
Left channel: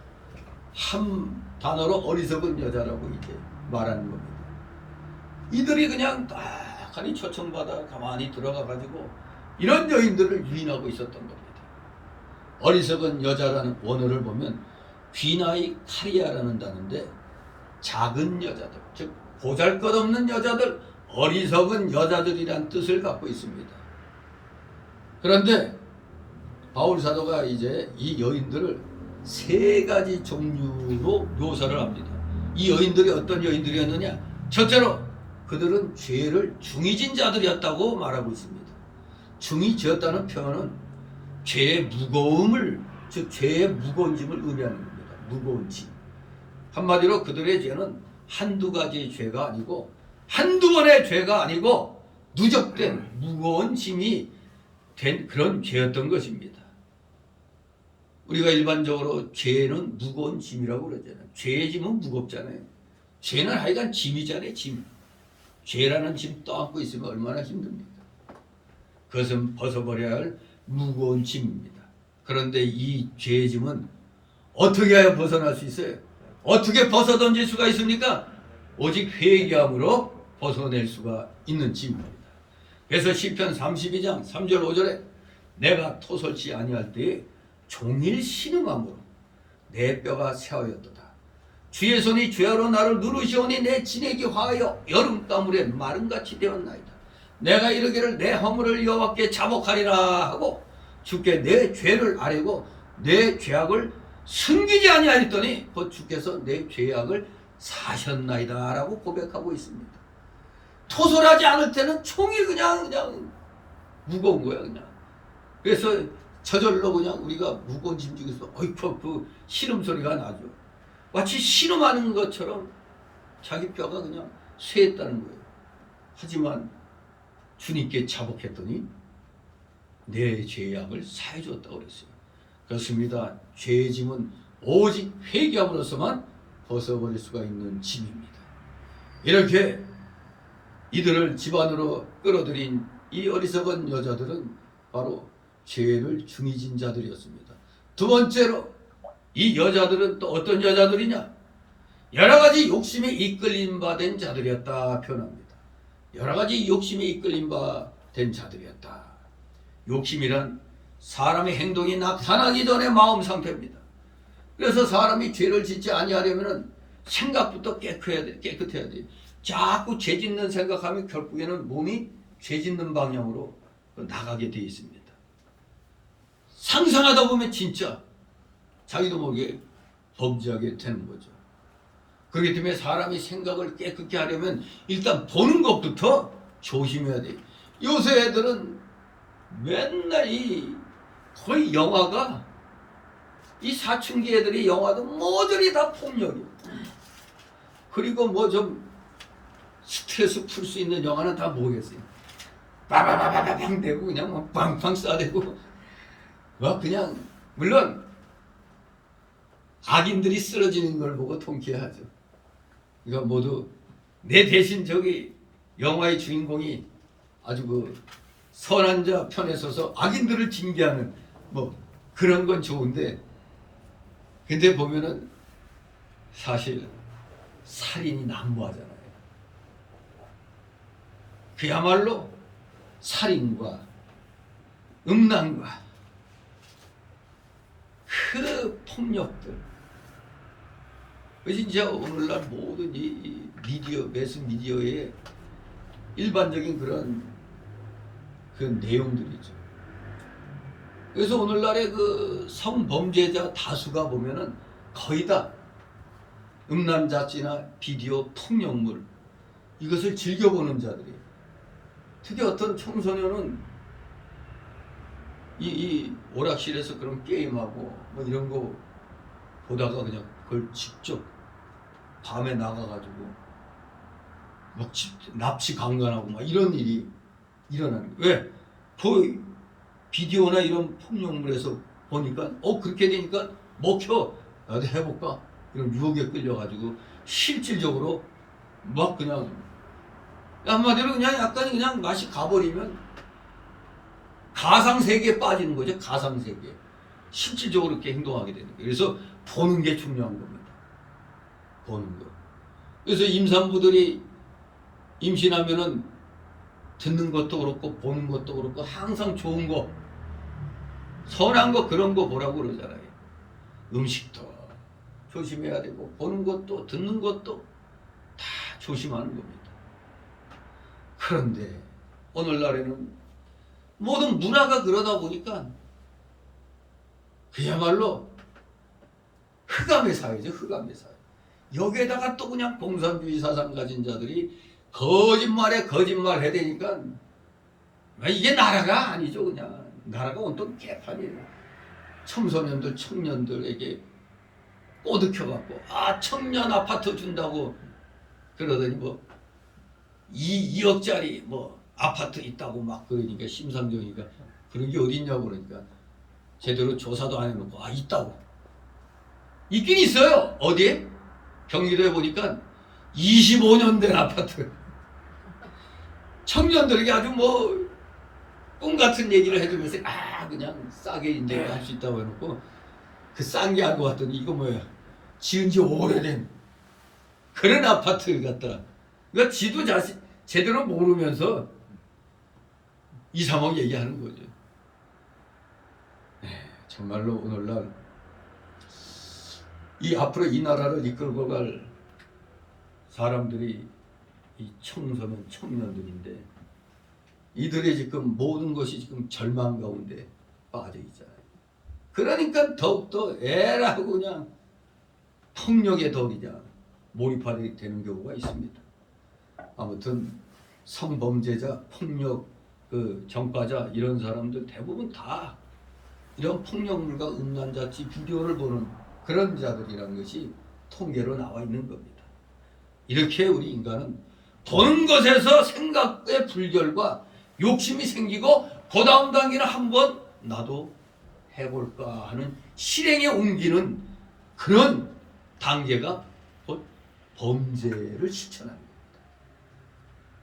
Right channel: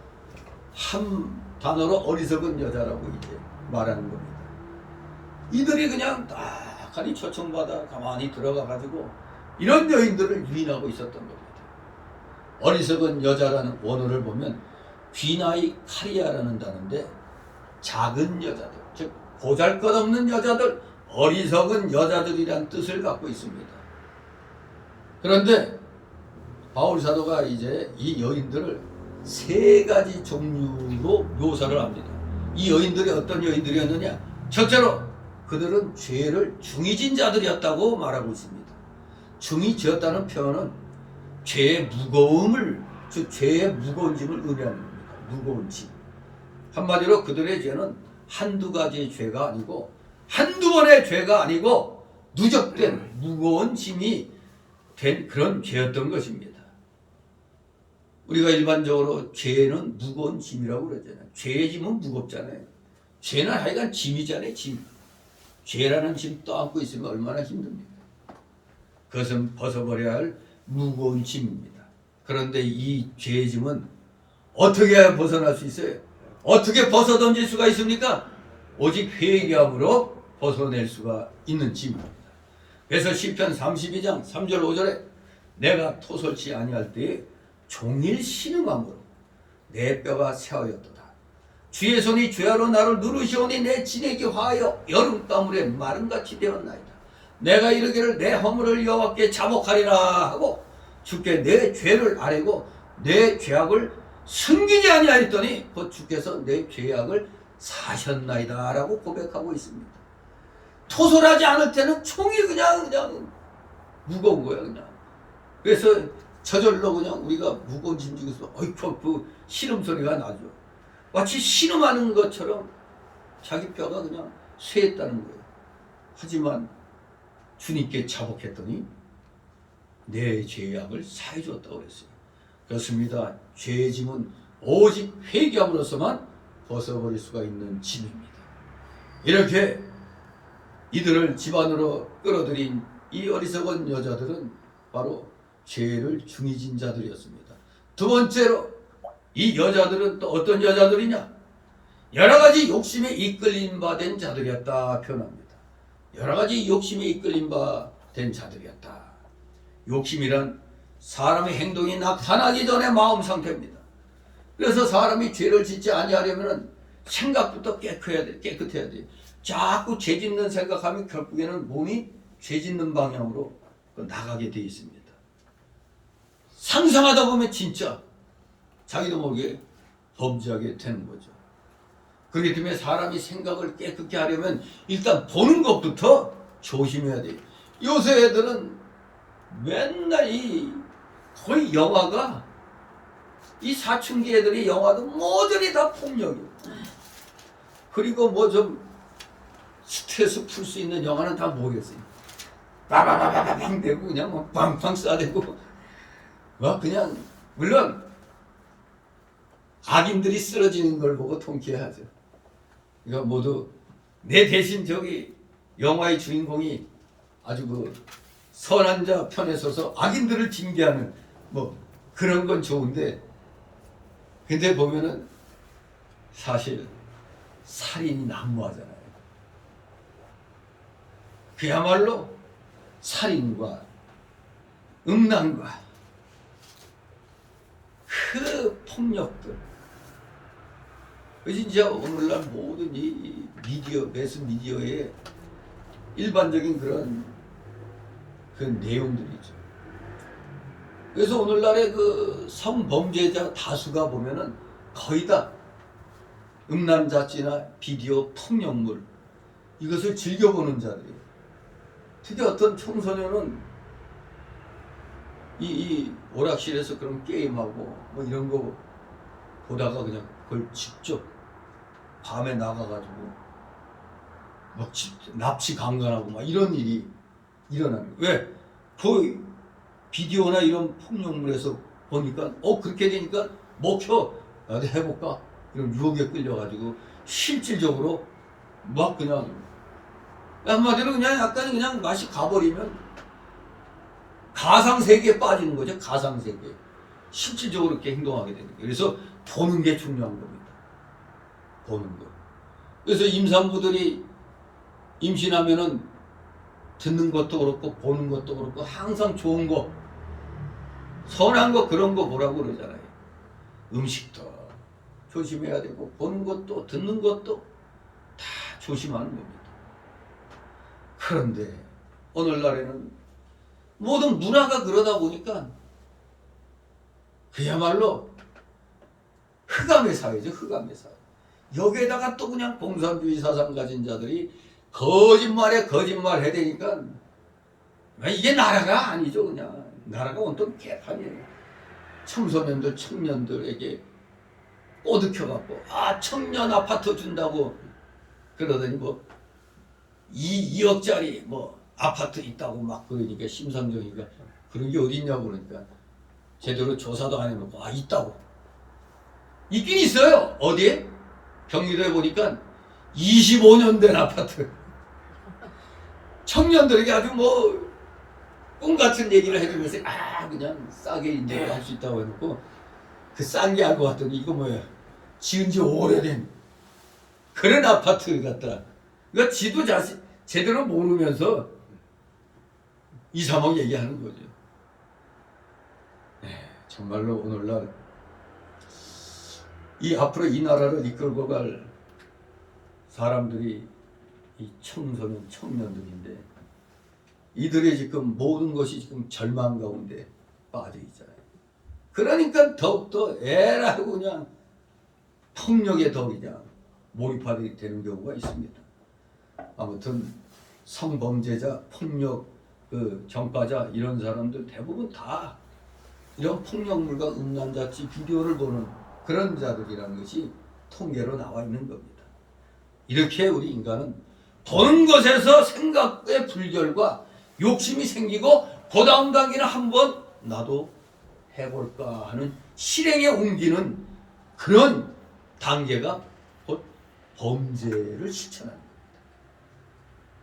한 단어로 어리석은 여자라고 이제 말하는 겁니다. 이들이 그냥 딱하니 초청받아 가만히 들어가가지고 이런 여인들을 유인하고 있었던 겁니다. 어리석은 여자라는 원어를 보면 귀나이 카리아라는 단어인데 작은 여자들, 즉 보잘것없는 여자들, 어리석은 여자들이란 뜻을 갖고 있습니다. 그런데 바울 사도가 이제 이 여인들을 세 가지 종류로 묘사를 합니다. 이 여인들이 어떤 여인들이었느냐? 첫째로 그들은 죄를 중히 진 자들이었다고 말하고 있습니다. 중히 지었다는 표현은 죄의 무거움을, 즉 죄의 무거운 짐을 의미하는 겁니다. 무거운 짐. 한마디로 그들의 죄는 한두 가지 죄가 아니고 한두 번의 죄가 아니고 누적된 무거운 짐이 된 그런 죄였던 것입니다. 우리가 일반적으로 죄는 무거운 짐이라고 그러잖아요. 죄의 짐은 무겁잖아요. 죄는 하여간 짐이잖아요. 짐. 죄라는 짐 떠안고 있으면 얼마나 힘듭니까? 그것은 벗어버려야 할 무거운 짐입니다. 그런데 이 죄의 짐은 어떻게 해야 벗어날 수 있어요? 어떻게 벗어던질 수가 있습니까? 오직 회개함으로 벗어낼 수가 있는 짐입니다. 그래서 시편 32장 3절 5절에 내가 토설치 아니할 때에 종일 신음함으로 내 뼈가 새하였도다. 주의 손이 죄하로 나를 누르시오니 내 진액이 화하여 여름가물에 마름같이 되었나이다. 내가 이르기를 내 허물을 여호와께 자복하리라 하고 주께 내 죄를 아뢰고 내 죄악을 숨기지 아니하였더니 곧 주께서 내 죄악을 사셨나이다 라고 고백하고 있습니다. 토설하지 않을 때는 총이 그냥 무거운 거야 그냥. 그래서 저절로 그냥 우리가 무거운 짐 중에서 어이쿠 그 신음소리가 나죠. 마치 신음하는 것처럼 자기 뼈가 그냥 쇠했다는 거예요. 하지만 주님께 자복했더니 내 죄악을 사해 주었다고 그랬어요. 그렇습니다. 죄의 짐은 오직 회개함으로서만 벗어버릴 수가 있는 짐입니다. 이렇게 이들을 집안으로 끌어들인 이 어리석은 여자들은 바로 죄를 중히 진 자들이었습니다. 두 번째로 이 여자들은 또 어떤 여자들이냐? 여러 가지 욕심에 이끌림 바 된 자들이었다 표현합니다. 여러 가지 욕심에 이끌림 바 된 자들이었다. 욕심이란 사람의 행동이 나타나기 전의 마음 상태입니다. 그래서 사람이 죄를 짓지 아니하려면 생각부터 깨끗해야 돼. 자꾸 죄 짓는 생각하면 결국에는 몸이 죄 짓는 방향으로 나가게 되어 있습니다. 상상하다 보면 진짜 자기도 모르게 범죄하게 되는 거죠. 그렇기 때문에 사람이 생각을 깨끗게 하려면 일단 보는 것부터 조심해야 돼요. 요새 애들은 맨날 거의 영화가 이 사춘기 애들이 영화도 모조리 다 폭력이에요. 그리고 뭐 좀 스트레스 풀 수 있는 영화는 다 뭐겠어요? 빠바바바방 대고 그냥 막 빵빵 쏴대고 막 그냥 물론 악인들이 쓰러지는 걸 보고 통쾌하죠. 이거 모두 내 대신 저기 영화의 주인공이 아주 그 선한 자 편에 서서 악인들을 징계하는 뭐 그런 건 좋은데 근데 보면은 사실 살인이 난무하잖아요. 그야말로 살인과 음란과 그 폭력들 진짜 오늘날 모든 이 미디어, 매스 미디어의 일반적인 그런 그 내용들이죠. 그래서 오늘날의 그 성범죄자 다수가 보면은 거의 다 음란자찌나 비디오 폭력물 이것을 즐겨보는 자들이에요. 특히 어떤 청소년은 이 오락실에서 그런 게임하고 뭐 이런 거 보다가 그냥 그걸 직접 밤에 나가가지고 막 납치 강간하고 막 이런 일이 일어나는 거예요. 왜? 그 비디오나 이런 폭력물에서 보니까 그렇게 되니까 먹혀 나도 해볼까 이런 유혹에 끌려가지고 실질적으로 막 그냥 한마디로 그냥 약간 그냥 맛이 가버리면 가상세계에 빠지는 거죠. 가상세계. 실질적으로 그렇게 행동하게 되는 거예요. 그래서 보는 게 중요한 겁니다. 보는 거. 그래서 임산부들이 임신하면은 듣는 것도 그렇고 보는 것도 그렇고 항상 좋은 거, 선한 거 그런 거 보라고 그러잖아요. 음식도 조심해야 되고 보는 것도 듣는 것도 다 조심하는 겁니다. 그런데 오늘날에는 모든 문화가 그러다 보니까 그야말로 흑암의 사회죠. 흑암의 사회. 여기에다가 또 그냥 공산주의 사상 가진 자들이 거짓말에 거짓말 해대니까 이게 나라가 아니죠. 그냥 나라가 온통 개판이에요. 청소년들 청년들에게 꼬드켜갖고 청년 아파트 준다고 그러더니 뭐 2억짜리 뭐 아파트 있다고 막 그러니까 심상정이가 그런 게 어딨냐고 그러니까 제대로 조사도 안 해놓고 있다고. 있긴 있어요. 어디에? 경기도에 보니까 25년 된 아파트. 청년들에게 아주 뭐 꿈 같은 얘기를 해주면서 그냥 싸게 이제 할 수 있다고 해놓고 그 싼 게 알고 봤더니 이거 뭐야 지은 지 오래된 그런 아파트 같다. 그러니까 지도 자신 제대로 모르면서 2, 3억 얘기하는 거죠. 정말로 오늘날 이 앞으로 이 나라를 이끌고 갈 사람들이 이 청소년 청년들인데 이들의 지금 모든 것이 지금 절망 가운데 빠져 있잖아요. 그러니까 더욱더 애라고 그냥 폭력에 더 그냥 몰입하게 되는 경우가 있습니다. 아무튼 성범죄자, 폭력 그 전과자 이런 사람들 대부분 다 이런 폭력물과 음란자치 비디오를 보는 그런 자들이라는 것이 통계로 나와 있는 겁니다. 이렇게 우리 인간은 보는 것에서 생각의 불결과 욕심이 생기고 그 다음 단계는 한번 나도 해볼까 하는 실행에 옮기는 그런 단계가 곧 범죄를 실천하는 겁니다.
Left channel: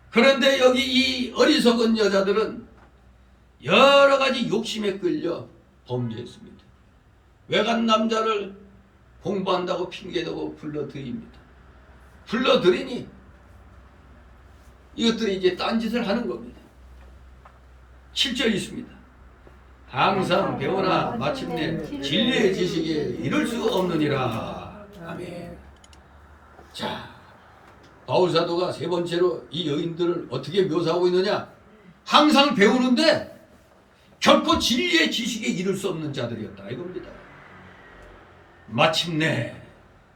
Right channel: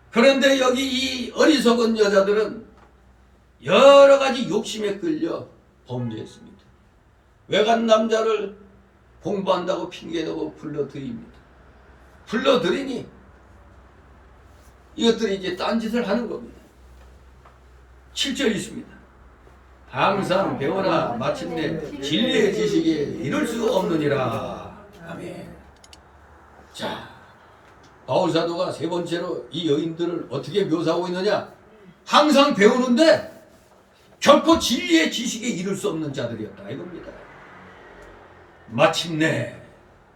그런데 여기 이 어리석은 여자들은 여러 가지 욕심에 끌려 범죄했습니다. 외간 남자를 공부한다고 핑계대고 불러들입니다. 불러들이니 이것들이 이제 딴짓을 하는 겁니다. 7절 있습니다. 항상 배우나 마침내 진리의 지식에 이를 수 없느니라. 아멘. 자, 바울사도가 세 번째로 이 여인들을 어떻게 묘사하고 있느냐? 항상 배우는데 결코 진리의 지식에 이를 수 없는 자들이었다 이겁니다. 마침내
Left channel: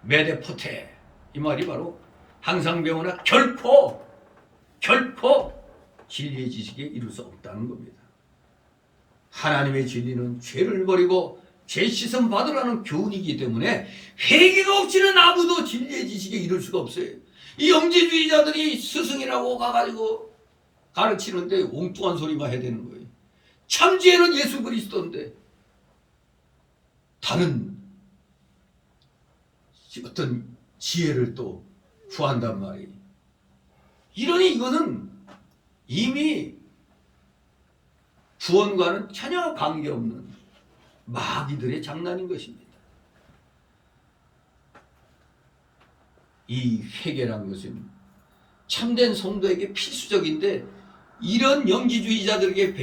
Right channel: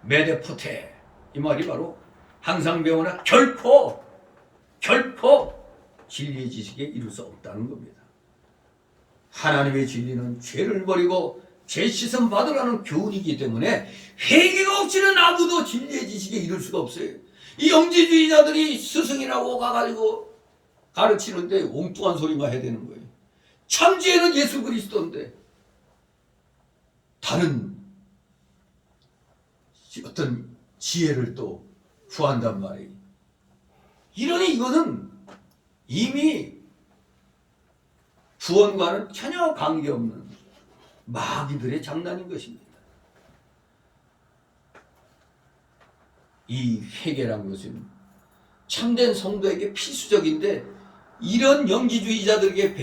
메데포테 이 말이 바로 항상 배우나 결코 진리의 지식에 이룰 수 없다는 겁니다. 하나님의 진리는 죄를 버리고 죄 씻음 받으라는 교훈이기 때문에 회개가 없이는 아무도 진리의 지식에 이룰 수가 없어요. 이 영지주의자들이 스승이라고 가가지고 가르치는데 엉뚱한 소리만 해야 되는 거예요. 참지혜는 예수 그리스도인데 다른 어떤 지혜를 또 구한단 말이에요. 이러니 이것은 이미 구원과는 전혀 관계없는 마귀들의 장난인 것입니다. 이 회개란 것은 참된 성도에게 필수적인데 이런 영지주의자들에게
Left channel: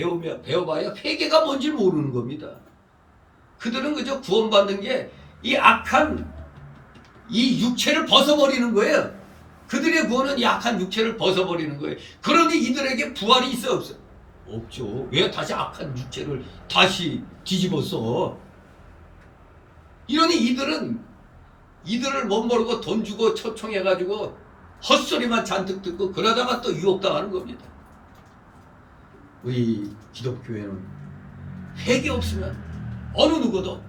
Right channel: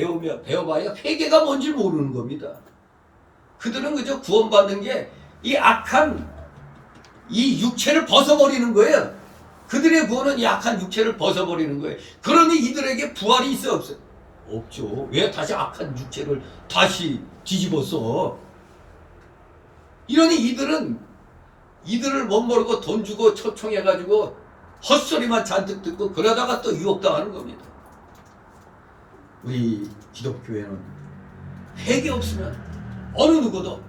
배워봐야 회개가 뭔지 모르는 겁니다. 그들은 그저 구원받는 게 이 악한 이 육체를 벗어버리는 거예요. 그들의 구원은 이 악한 육체를 벗어버리는 거예요. 그러니 이들에게 부활이 있어 없어? 없죠. 왜 다시 악한 육체를 다시 뒤집었어? 이러니 이들을 못 모르고 돈 주고 초청해가지고 헛소리만 잔뜩 듣고 그러다가 또 유혹당하는 겁니다. 우리 기독교회는 회개 없으면 어느 누구도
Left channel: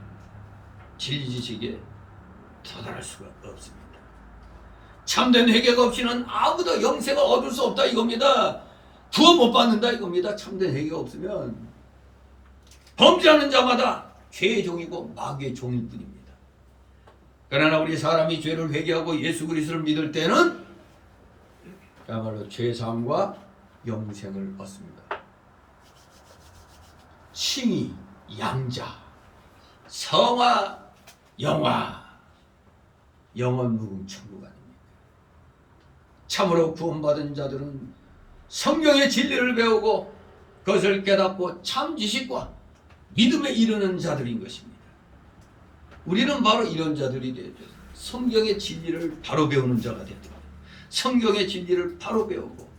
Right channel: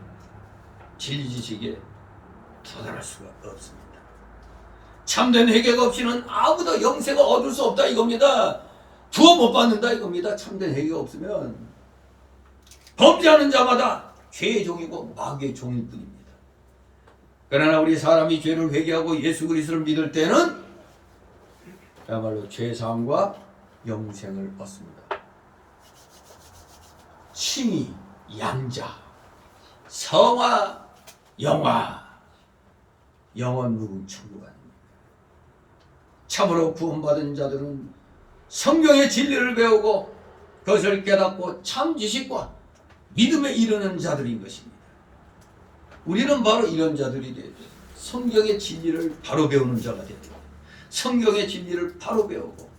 진리 지식에 도달할 수가 없습니다. 참된 회개가 없이는 아무도 영생을 얻을 수 없다 이겁니다. 구원 못 받는다 이겁니다. 참된 회개가 없으면 범죄하는 자마다 죄의 종이고 마귀의 종일 뿐입니다. 그러나 우리 사람이 죄를 회개하고 예수 그리스도를 믿을 때는 그야말로 죄사함과 영생을 얻습니다. 칭의, 양자, 성화, 영화, 영원 무궁 천국 아닙니까? 참으로 구원받은 자들은 성경의 진리를 배우고 그것을 깨닫고 참 지식과 믿음에 이르는 자들인 것입니다. 우리는 바로 이런 자들이 되죠. 성경의 진리를 바로 배우는 자가 되야 됩니다. 성경의 진리를 바로 배우고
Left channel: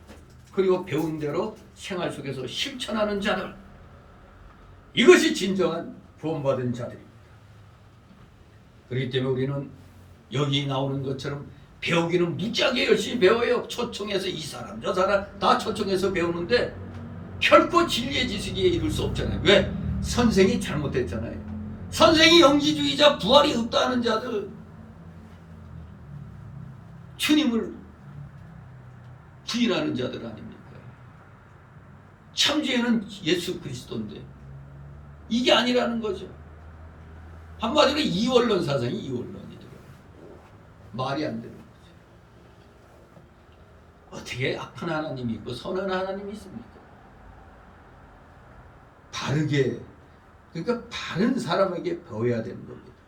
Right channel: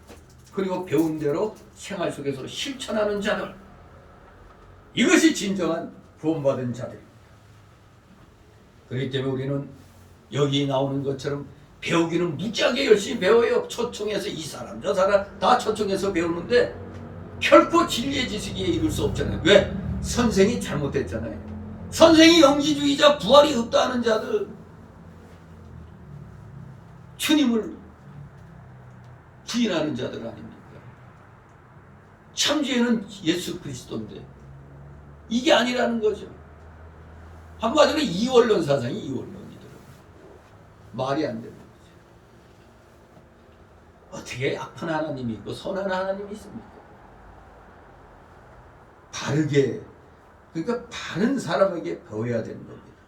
그리고 배운 대로 생활 속에서 실천하는 자들, 이것이 진정한 구원받은 자들입니다. 그렇기 때문에 우리는 여기 나오는 것처럼 배우기는 무지하게 열심히 배워요. 초청해서 이 사람 저 사람 다 초청해서 배우는데 결코 진리의 지식에 이룰 수 없잖아요. 왜? 선생이 잘못됐잖아요. 선생이 영지주의자, 부활이 없다는 자들, 주님을 부인하는 자들 아닙니까? 참죄는 예수 그리스도인데 이게 아니라는 거죠. 한마디로 이원론 사상이 이원론이더라고요. 말이 안 되는 거죠. 어떻게 악한 하나님이 있고 선한 하나님이 있습니까? 바르게, 그러니까 바른 사람에게 배워야 되는 겁니다.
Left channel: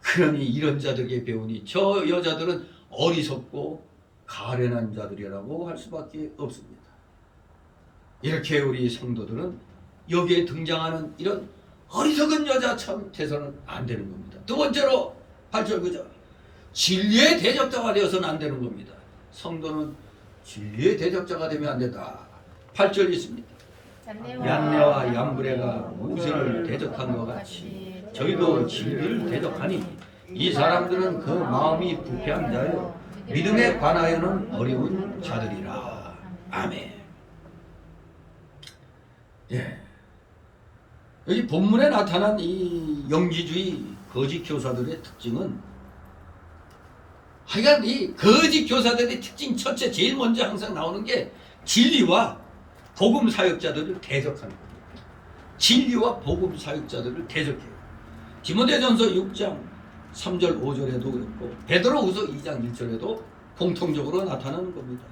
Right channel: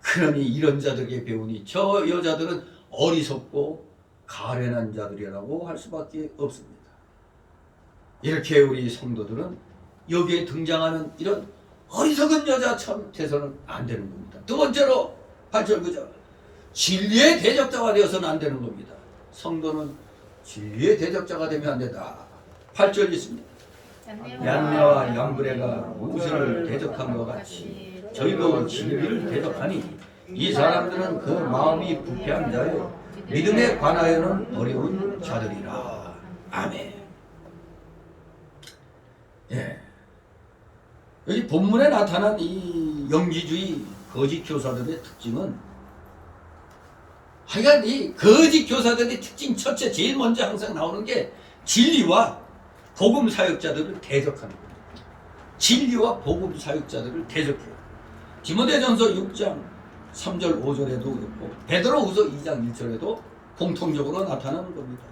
그러니 이런 자들에게 배우니 저 여자들은 어리석고 가련한 자들이라고 할 수밖에 없습니다. 이렇게 우리 성도들은 여기에 등장하는 이런 어리석은 여자처럼 돼서는 안 되는 겁니다. 두 번째로 8절 9절 진리의 대적자가 되어서는 안 되는 겁니다. 성도는 진리의 대적자가 되면 안 된다. 8절 있습니다. 얀네와 얌브레가 모세를 대적한 것 같이 저희도 진리를 대적하니 이 사람들은 그 마음이 부패한 자요 믿음에 관하여는 어려운 자들이라. 아멘. 예. 여기 본문에 나타난 이 영지주의 거짓 교사들의 특징은, 하여간 이 거짓 교사들의 특징 첫째, 제일 먼저 항상 나오는 게 진리와 복음 사역자들을 대적하는 겁니다. 진리와 복음 사역자들을 대적해요. 디모데전서 6장 3절 5절에도 그렇고 베드로후서 2장 1절에도 공통적으로 나타나는 겁니다.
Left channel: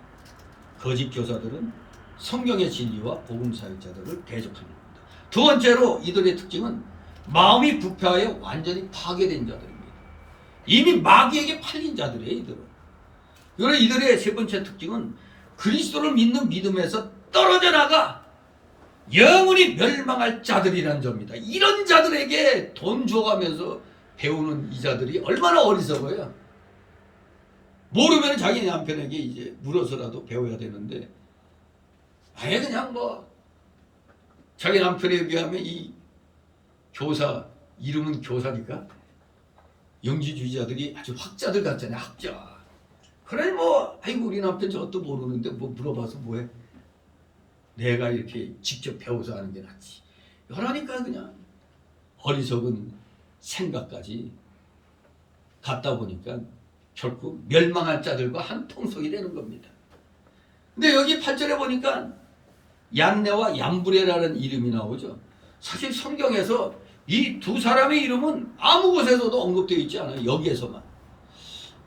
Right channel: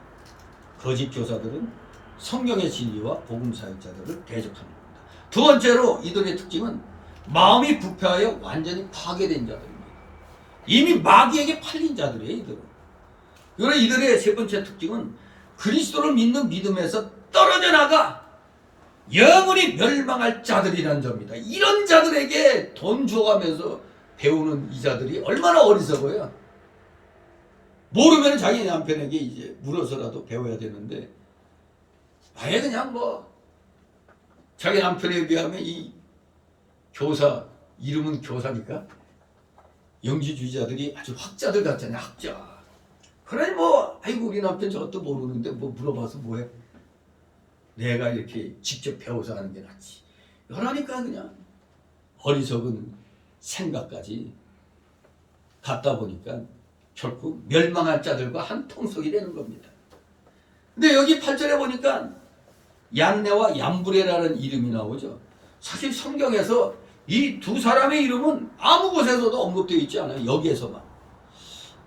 거짓 교사들은 성경의 진리와 복음 사역자들을 대적하는 겁니다. 두 번째로 이들의 특징은 마음이 부패하여 완전히 파괴된 자들입니다. 이미 마귀에게 팔린 자들이에요. 이들은. 그리고 이들의 세 번째 특징은 그리스도를 믿는 믿음에서 떨어져 나가 영원히 멸망할 자들이라는 점입니다. 이런 자들에게 돈 줘가면서 배우는 이 자들이 얼마나 어리석어요. 모르면 자기 남편에게 이제 물어서라도 배워야 되는데 아예 그냥 뭐 자기 남편에 비하면 이 교사, 이름은 교사니까 영지주의자들이 아주 학자들 같잖아요. 학자. 그러니 뭐 아이고 우리 남편 저것도 모르는데 뭐 물어봐서 뭐해. 내가 이렇게 직접 배워서 하는 게 낫지. 이러니까 그냥 어리석은 생각까지 갖다 보니까 결국 멸망할 자들과 한 통속이 되는 겁니다. 근데 여기 8절에 보니까 얀네와 얌브레라는 이름이 나오죠. 사실 성경에서 이 두 사람의 이름은 아무 곳에서도 언급되어 있지 않아요. 여기에서만.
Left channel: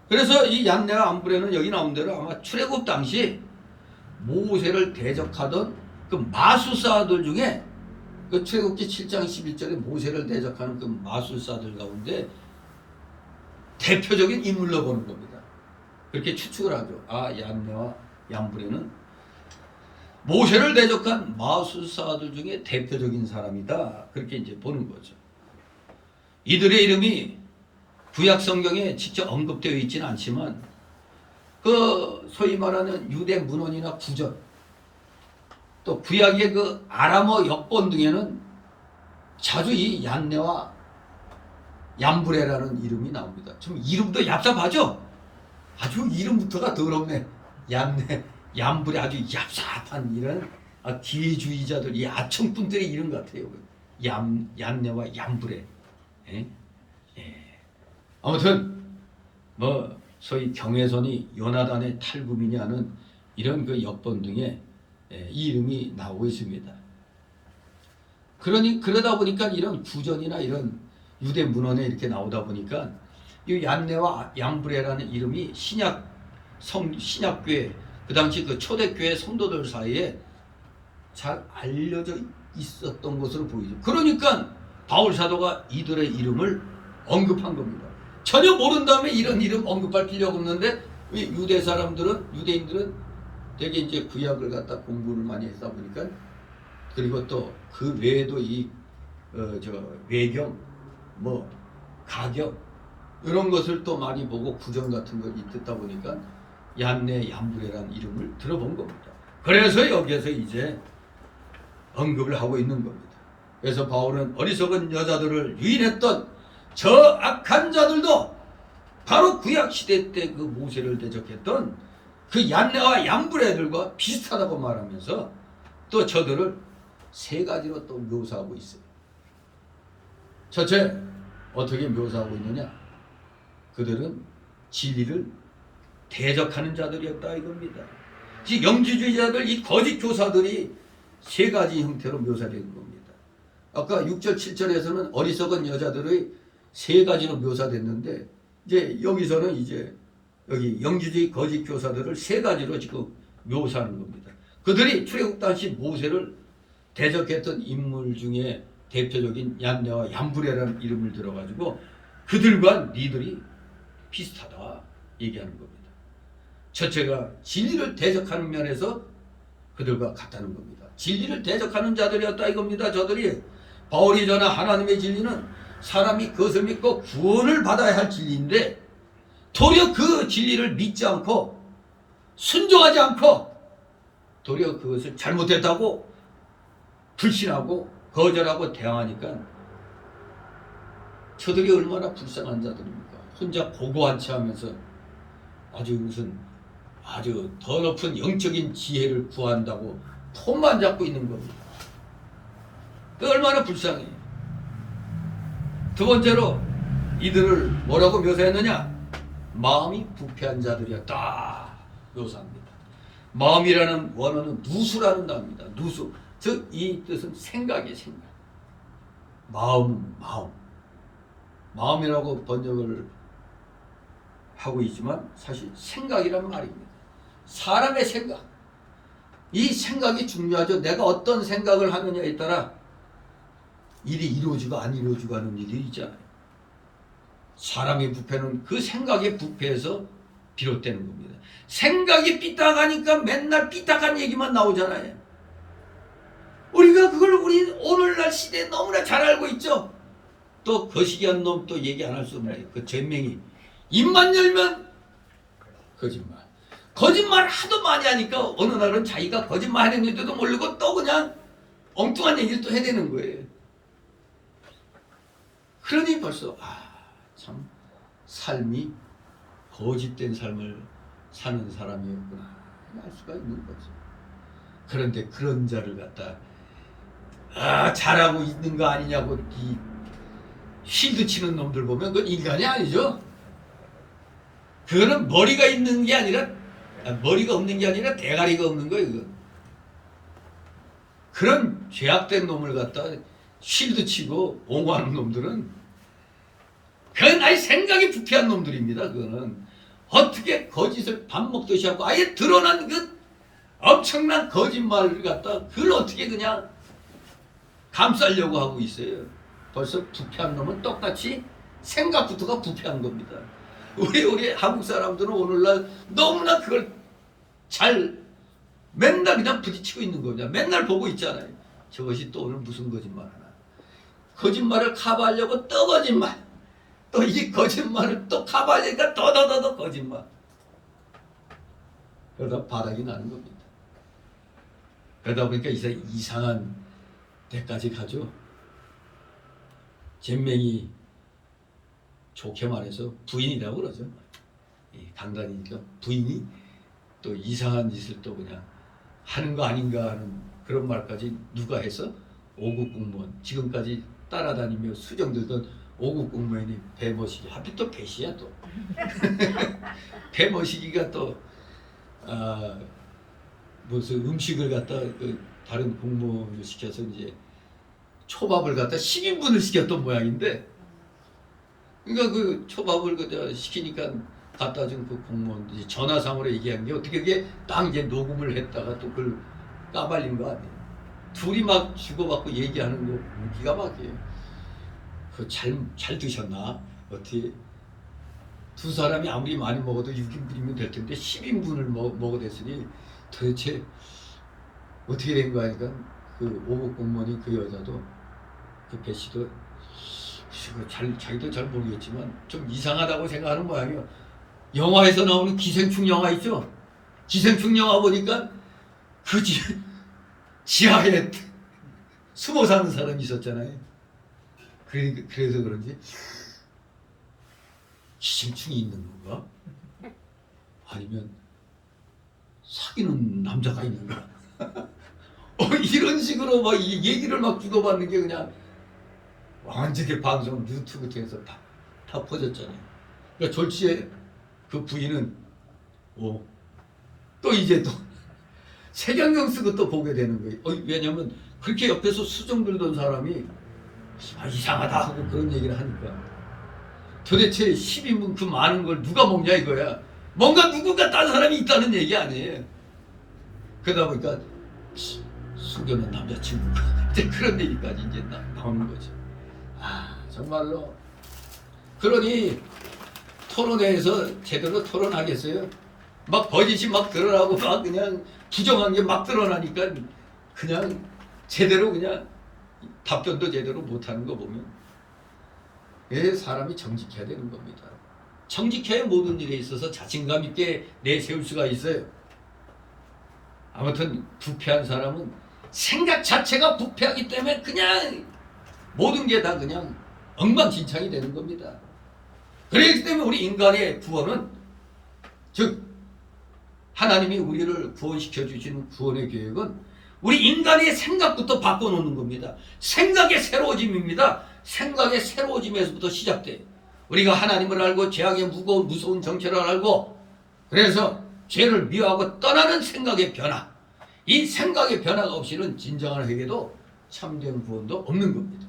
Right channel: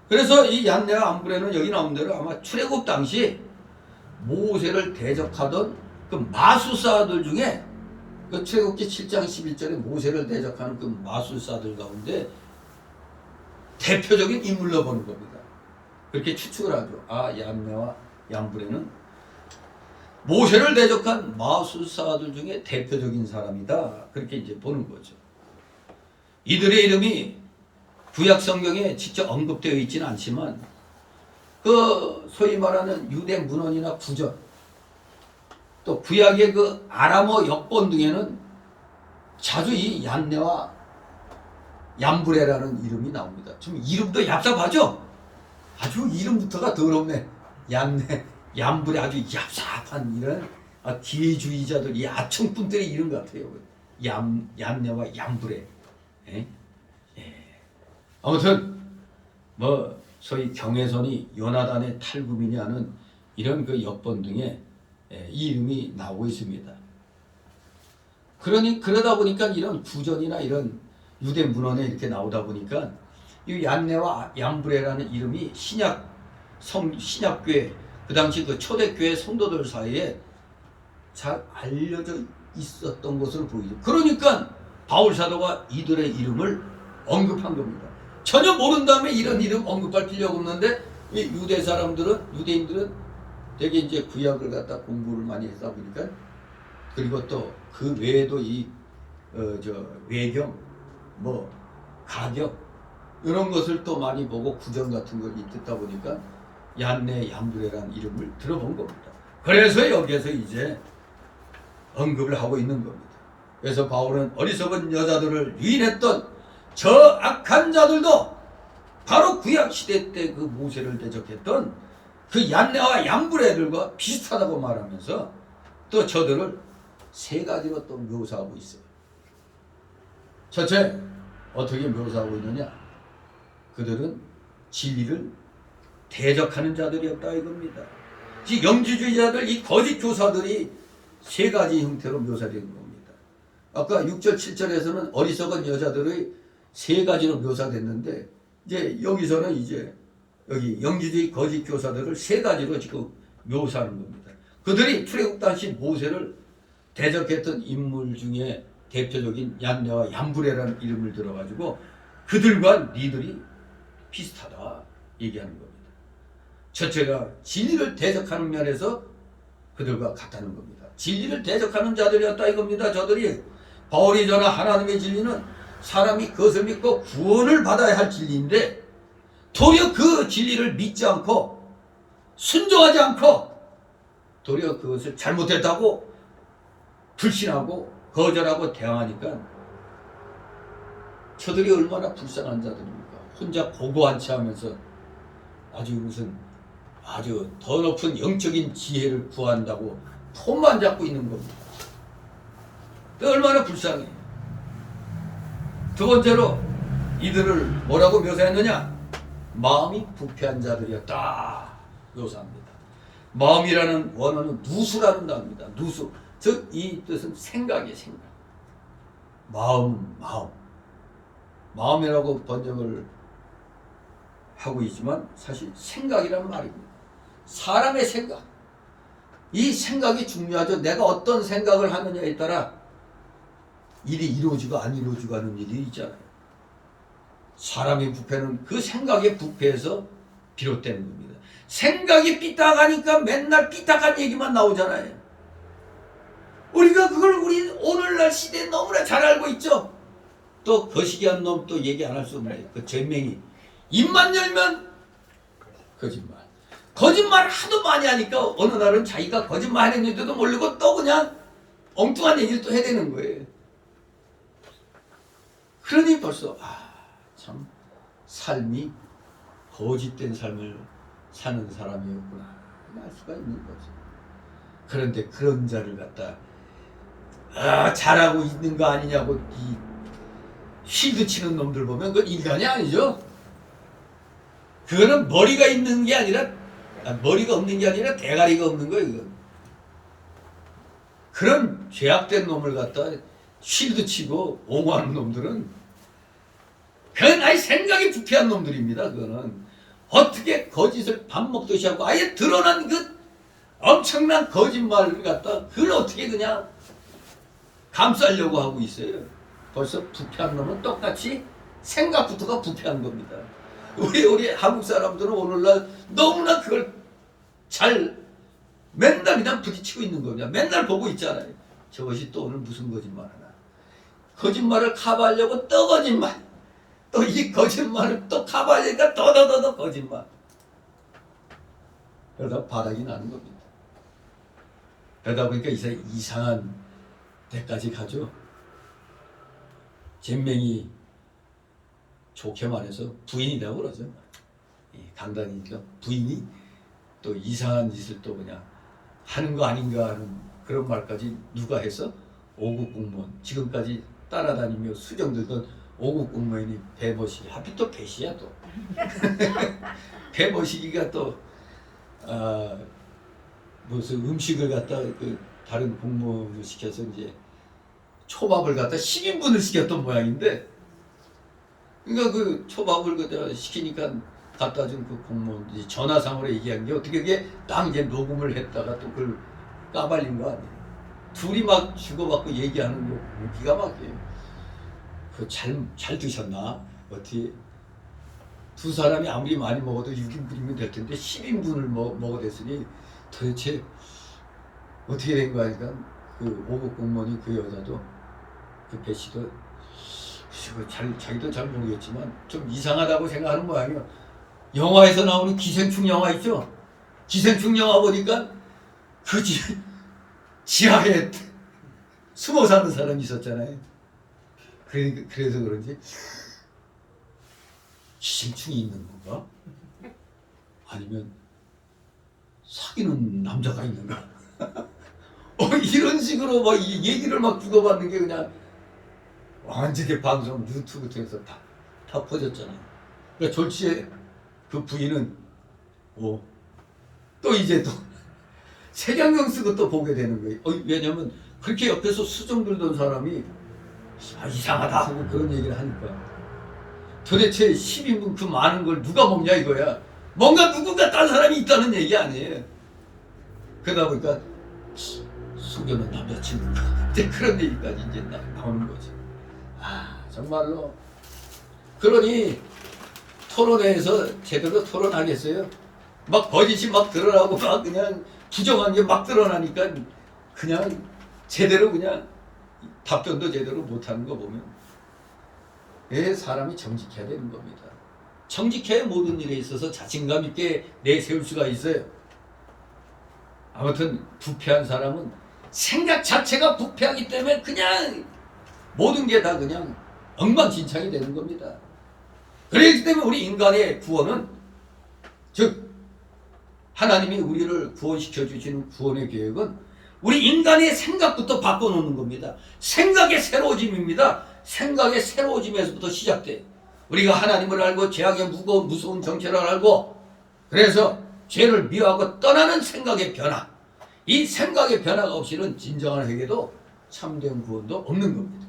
그래서 이 얀네와 얌브레는 여기 나온 대로 아마 출애굽 당시 모세를 대적하던 그 마술사들 중에 그 출애굽기 7장 11절에 모세를 대적하는 그 마술사들 가운데 대표적인 인물로 보는 겁니다. 그렇게 추측을 하죠. 아, 얀네와 얌브레는 모세를 대적한 마술사들 중에 대표적인 사람이다. 그렇게 이제 보는 거죠. 이들의 이름이 구약 성경에 직접 언급되어 있지는 않지만 그 소위 말하는 유대 문헌이나 구전 또 구약의 그 아람어 역본 등에는 자주 이 얀네와 얌브레라는 이름이 나옵니다. 좀 이름도 얍삽하죠? 아주 이름부터가 더럽네. 얀네, 얌브레 아주 얍삽한 이런 기회주의자들, 이 아청꾼들의 이름 같아요. 얀네와 얌브레. 예? 아무튼 뭐 소위 경외선이 요나단의 탈구민이라는 이런 그 역본 등에 이 이름이 나오고 있습니다. 그러다 보니까 이런 구전이나 이런 유대 문헌에 이렇게 나오다 보니까 이 얀네와 얌브레라는 이름이 신약교회 그 당시 그 초대교회 성도들 사이에 잘 알려져 있었던 것으로 보이죠. 그러니까 바울 사도가 이들의 이름을 언급한 겁니다. 전혀 모른 다음에 이런 이름 언급할 필요가 없는데 유대 사람들은 유대인들은 되게 이제 구약을 갖다 공부를 많이 했다 보니까 그리고 또 그 외에도 이 외경 뭐 가격 이런 것을 또 많이 보고 구전 같은 걸 듣다 보니까 얀네 얀브레라는 이름을 들어본 겁니다. 그래서 여기에서 이제 언급을 하고 있는 겁니다. 그래서 바울은 어리석은 여자들을 유인했던 저 악한 자들도 바로 구약 시대 때 그 모세를 대적했던 그 얀네와 얀브레들과 비슷하다고 말하면서 또 저들을 세 가지로 또 묘사하고 있어요. 첫째, 어떻게 묘사하고 있느냐? 그들은 진리를 대적하는 자들이었다 이겁니다. 즉 영지주의자들, 이 거짓 교사들이 세 가지 형태로 묘사되는 겁니다. 아까 6절 7절에서는 어리석은 여자들의 세 가지로 묘사됐는데 이제 여기서는 이제 여기 영지주의 거짓 교사들을 세 가지로 지금 묘사하는 겁니다. 그들이 출애굽 당시 모세를 대적했던 인물 중에 대표적인 얀네와 얀브레라는 이름을 들어가지고 그들과 니들이 비슷하다 얘기하는 겁니다. 첫째가 진리를 대적하는 면에서 그들과 같다는 겁니다. 진리를 대적하는 자들이었다 이겁니다. 저들이 바울이 전한 하나님의 진리는 사람이 그것을 믿고 구원을 받아야 할 진리인데 도리어 그 진리를 믿지 않고 순종하지 않고 도리어 그것을 잘못했다고 불신하고 거절하고 대항하니까 저들이 얼마나 불쌍한 자들입니까? 혼자 고고한치 하면서 아주 무슨 아주 더 높은 영적인 지혜를 구한다고 폰만 잡고 있는 겁니다. 얼마나 불쌍해. 두 번째로 이들을 뭐라고 묘사했느냐? 마음이 부패한 자들이었다 묘사합니다. 마음이라는 원어는 누수라는 단어입니다. 누수. 즉 이 뜻은 생각이에요. 생각. 마음이라고 번역을 하고 있지만 사실 생각이란 말입니다. 사람의 생각. 이 생각이 중요하죠. 내가 어떤 생각을 하느냐에 따라 일이 이루어지고 안 이루어지고 하는 일이 있잖아요. 사람의 부패는 그 생각의 부패에서 비롯되는 겁니다. 생각이 삐딱하니까 맨날 삐딱한 얘기만 나오잖아요. 우리가 그걸 우리 오늘날 시대에 너무나 잘 알고 있죠. 또 거시기한 놈 또 얘기 안 할 수 없네. 그 전명이 입만 열면 거짓말 하도 많이 하니까 어느 날은 자기가 거짓말 했는데도 모르고 또 그냥 엉뚱한 얘기를 또 해대는 거예요. 그러니 벌써 참 삶이 거짓된 삶을 사는 사람이었구나 알 수가 있는 거죠. 그런데 그런 자를 갖다 잘하고 있는 거 아니냐고 이 실드 치는 놈들 보면 그건 인간이 아니죠. 그거는 머리가 있는 게 아니라 머리가 없는 게 아니라 대가리가 없는 거예요. 그건. 그런 죄악된 놈을 갖다 실드 치고 옹호하는 놈들은 그건 아예 생각이 부패한 놈들입니다. 그거는 어떻게 거짓을 밥 먹듯이 하고 아예 드러난 그 엄청난 거짓말을 갖다 그걸 어떻게 그냥 감싸려고 하고 있어요. 벌써 부패한 놈은 똑같이 생각부터가 부패한 겁니다. 우리 한국 사람들은 오늘날 너무나 그걸 잘 맨날 그냥 부딪히고 있는 겁니다. 맨날 보고 있잖아요. 저것이 또 오늘 무슨 거짓말 하나. 거짓말을 커버하려고 또 거짓말. 또 이 거짓말을 또 커버하려니까 더 거짓말. 그러다 바닥이 나는 겁니다. 그러다 보니까 이제 이상한 데까지 가죠. 잼맹이 좋게 말해서 부인이라고 그러죠. 강단이니까 부인이 또 이상한 짓을 또 그냥 하는 거 아닌가 하는 그런 말까지 누가 해서 5급 공무원 지금까지 따라다니며 수정들던 5급 공무원이 배머시기 하필 또 배시야 또 배머시기가 또 무슨 음식을 갖다 그 다른 공무원을 시켜서 이제 초밥을 갖다 10인분을 시켰던 모양인데 그러니까 그 초밥을 그저 시키니까 갖다 준 그 공무원이 전화상으로 얘기한 게 어떻게 그게 딱 이제 녹음을 했다가 또 그걸 까발린 거 아니에요. 둘이 막 주고받고 얘기하는 거 기가 막혀요. 그 잘 드셨나? 어떻게 두 사람이 아무리 많이 먹어도 6인분이면 될 텐데 10인분을 먹어댔으니 도대체 어떻게 된 거야? 그러니까 그 5급 공무원이 그 여자도 그 배 씨도 자기도 잘 모르겠지만 좀 이상하다고 생각하는 모양이에요. 영화에서 나오는 기생충 영화 있죠? 기생충 영화 보니까 그 지하에 숨어 사는 사람이 있었잖아요. 그래서 그런지 기생충이 있는 건가? 아니면 사귀는 남자가 있는가? 이런 식으로 막 이 얘기를 막 주고받는 게 그냥 완전히 방송 유튜브 통해서 다 퍼졌잖아요. 그러니까 졸지에 그 부인은 또 이제 또 색안경 쓰고 또 보게 되는 거예요. 왜냐면 그렇게 옆에서 수정 들던 사람이 이상하다 하고 그런 얘기를 하니까 도대체 10인분 그 많은 걸 누가 먹냐 이거야. 뭔가 누군가 딴 사람이 있다는 얘기 아니에요. 그러다 보니까 속여는 남자친구가 이제 그런 얘기까지 이제 나오는 거죠. 정말로 그러니 토론회에서 제대로 토론하겠어요? 막 거짓이 막 드러나고 막 그냥 부정한 게 막 드러나니까 그냥 제대로 그냥 답변도 제대로 못하는 거 보면 사람이 정직해야 되는 겁니다. 정직해야 모든 일에 있어서 자신감 있게 내세울 수가 있어요. 아무튼 부패한 사람은 생각 자체가 부패하기 때문에 그냥 모든 게 다 그냥 엉망진창이 되는 겁니다. 그렇기 때문에 우리 인간의 구원은 즉 하나님이 우리를 구원시켜 주시는 구원의 계획은 우리 인간의 생각부터 바꿔놓는 겁니다. 생각의 새로워짐입니다. 생각의 새로워짐에서부터 시작돼요. 우리가 하나님을 알고 죄악의 무서운 정체를 알고 그래서 죄를 미워하고 떠나는 생각의 변화, 이 생각의 변화가 없이는 진정한 회개도 참된 구원도 없는 겁니다.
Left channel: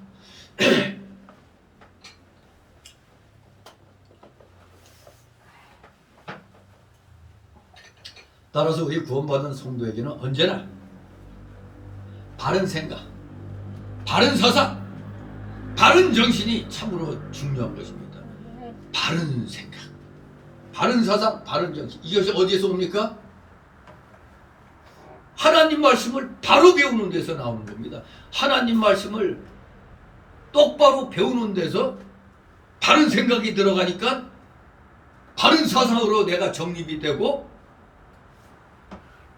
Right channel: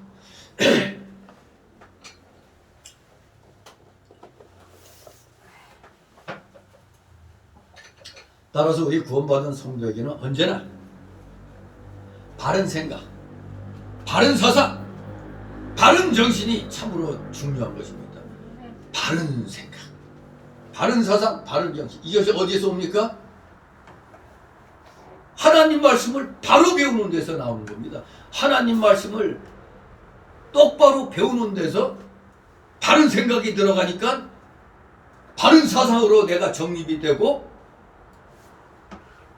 따라서 우리 구원받은 성도에게는 언제나 바른 생각, 바른 서상, 바른 정신이 참으로 중요한 것입니다. 바른 생각, 바른 사상, 바른 정신. 이것이 어디에서 옵니까? 하나님 말씀을 바로 배우는 데서 나오는 겁니다. 하나님 말씀을 똑바로 배우는 데서 바른 생각이 들어가니까 바른 사상으로 내가 정립이 되고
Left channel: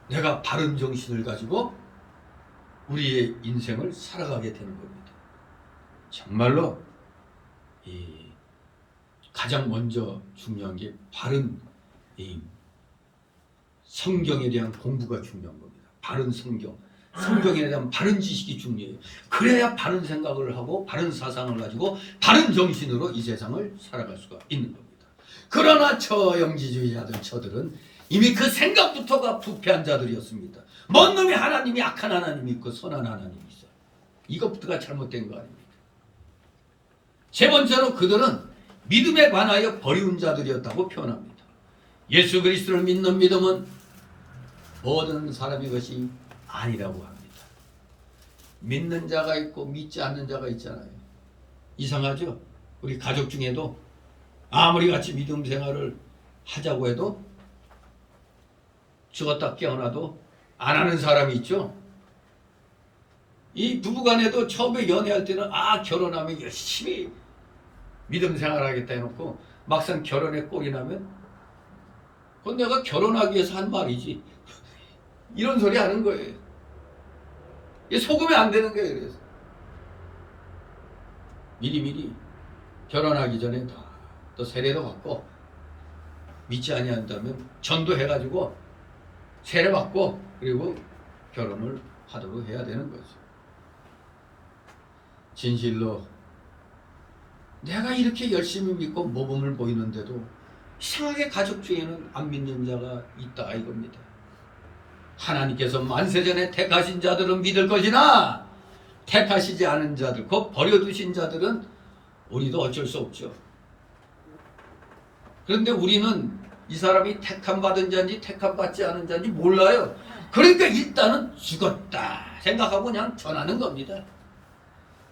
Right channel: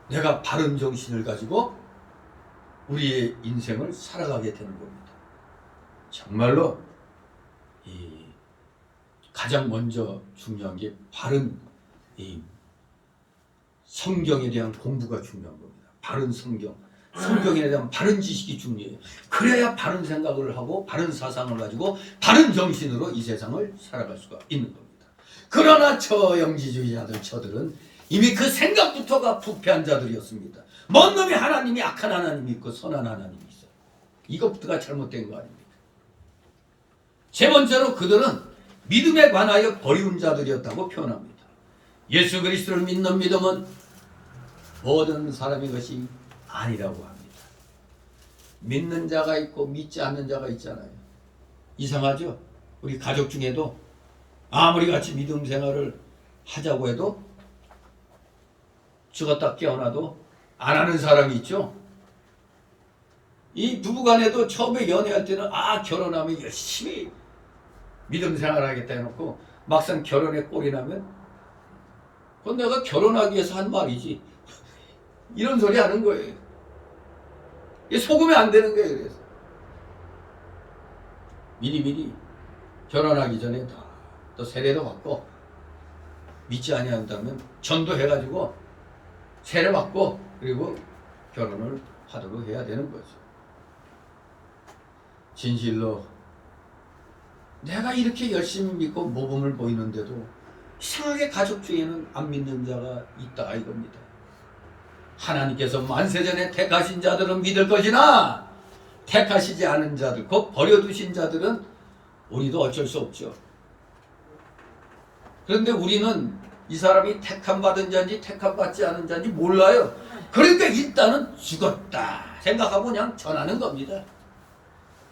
내가 바른 정신을 가지고 우리의 인생을 살아가게 되는 겁니다. 정말로 이 가장 먼저 중요한 게 바른 이 성경에 대한 공부가 중요한 겁니다. 바른 성경에 대한 바른 지식이 중요해요. 그래야 바른 생각을 하고 바른 사상을 가지고 바른 정신으로 이 세상을 살아갈 수가 있는 겁니다. 그러나 저들은 이미 그 생각부터가 부패한 자들이었습니다. 먼 놈이 하나님이 악한 하나님이 있고 선한 하나님이 있어요. 이것부터가 잘못된 거 아닙니까? 세 번째로 그들은 믿음에 관하여 버리운 자들이었다고 표현합니다. 예수 그리스도를 믿는 믿음은 모든 사람의 것이 아니라고 합니다. 믿는 자가 있고 믿지 않는 자가 있잖아요. 이상하죠? 우리 가족 중에도 아무리 같이 믿음 생활을 하자고 해도 죽었다 깨어나도 안 하는 사람이 있죠. 이 부부간에도 처음에 연애할 때는 결혼하면 열심히 믿음 생활하겠다 해놓고 막상 결혼에 꼴이 나면 그건 내가 결혼하기 위해서 한 말이지 이런 소리 하는 거예요. 속으면 안 되는 거예요. 그래서 미리 결혼하기 전에 또 세례도 받고 믿지 아니한다면 전도해가지고 세례 받고 그리고 결혼을 하도록 해야 되는 거죠. 진실로 내가 이렇게 열심히 믿고 모범을 보이는데도 이상하게 가족 중에는 안 믿는 자가 있다 이겁니다. 하나님께서 만세전에 택하신 자들은 믿을 것이나 택하시지 않은 자들, 곧 버려두신 자들은 우리도 어쩔 수 없죠. 그런데 우리는 이 사람이 택함받은 자인지 택함받지 않은 자인지 몰라요. 그러니까 일단은 죽었다 생각하고 그냥 전하는 겁니다.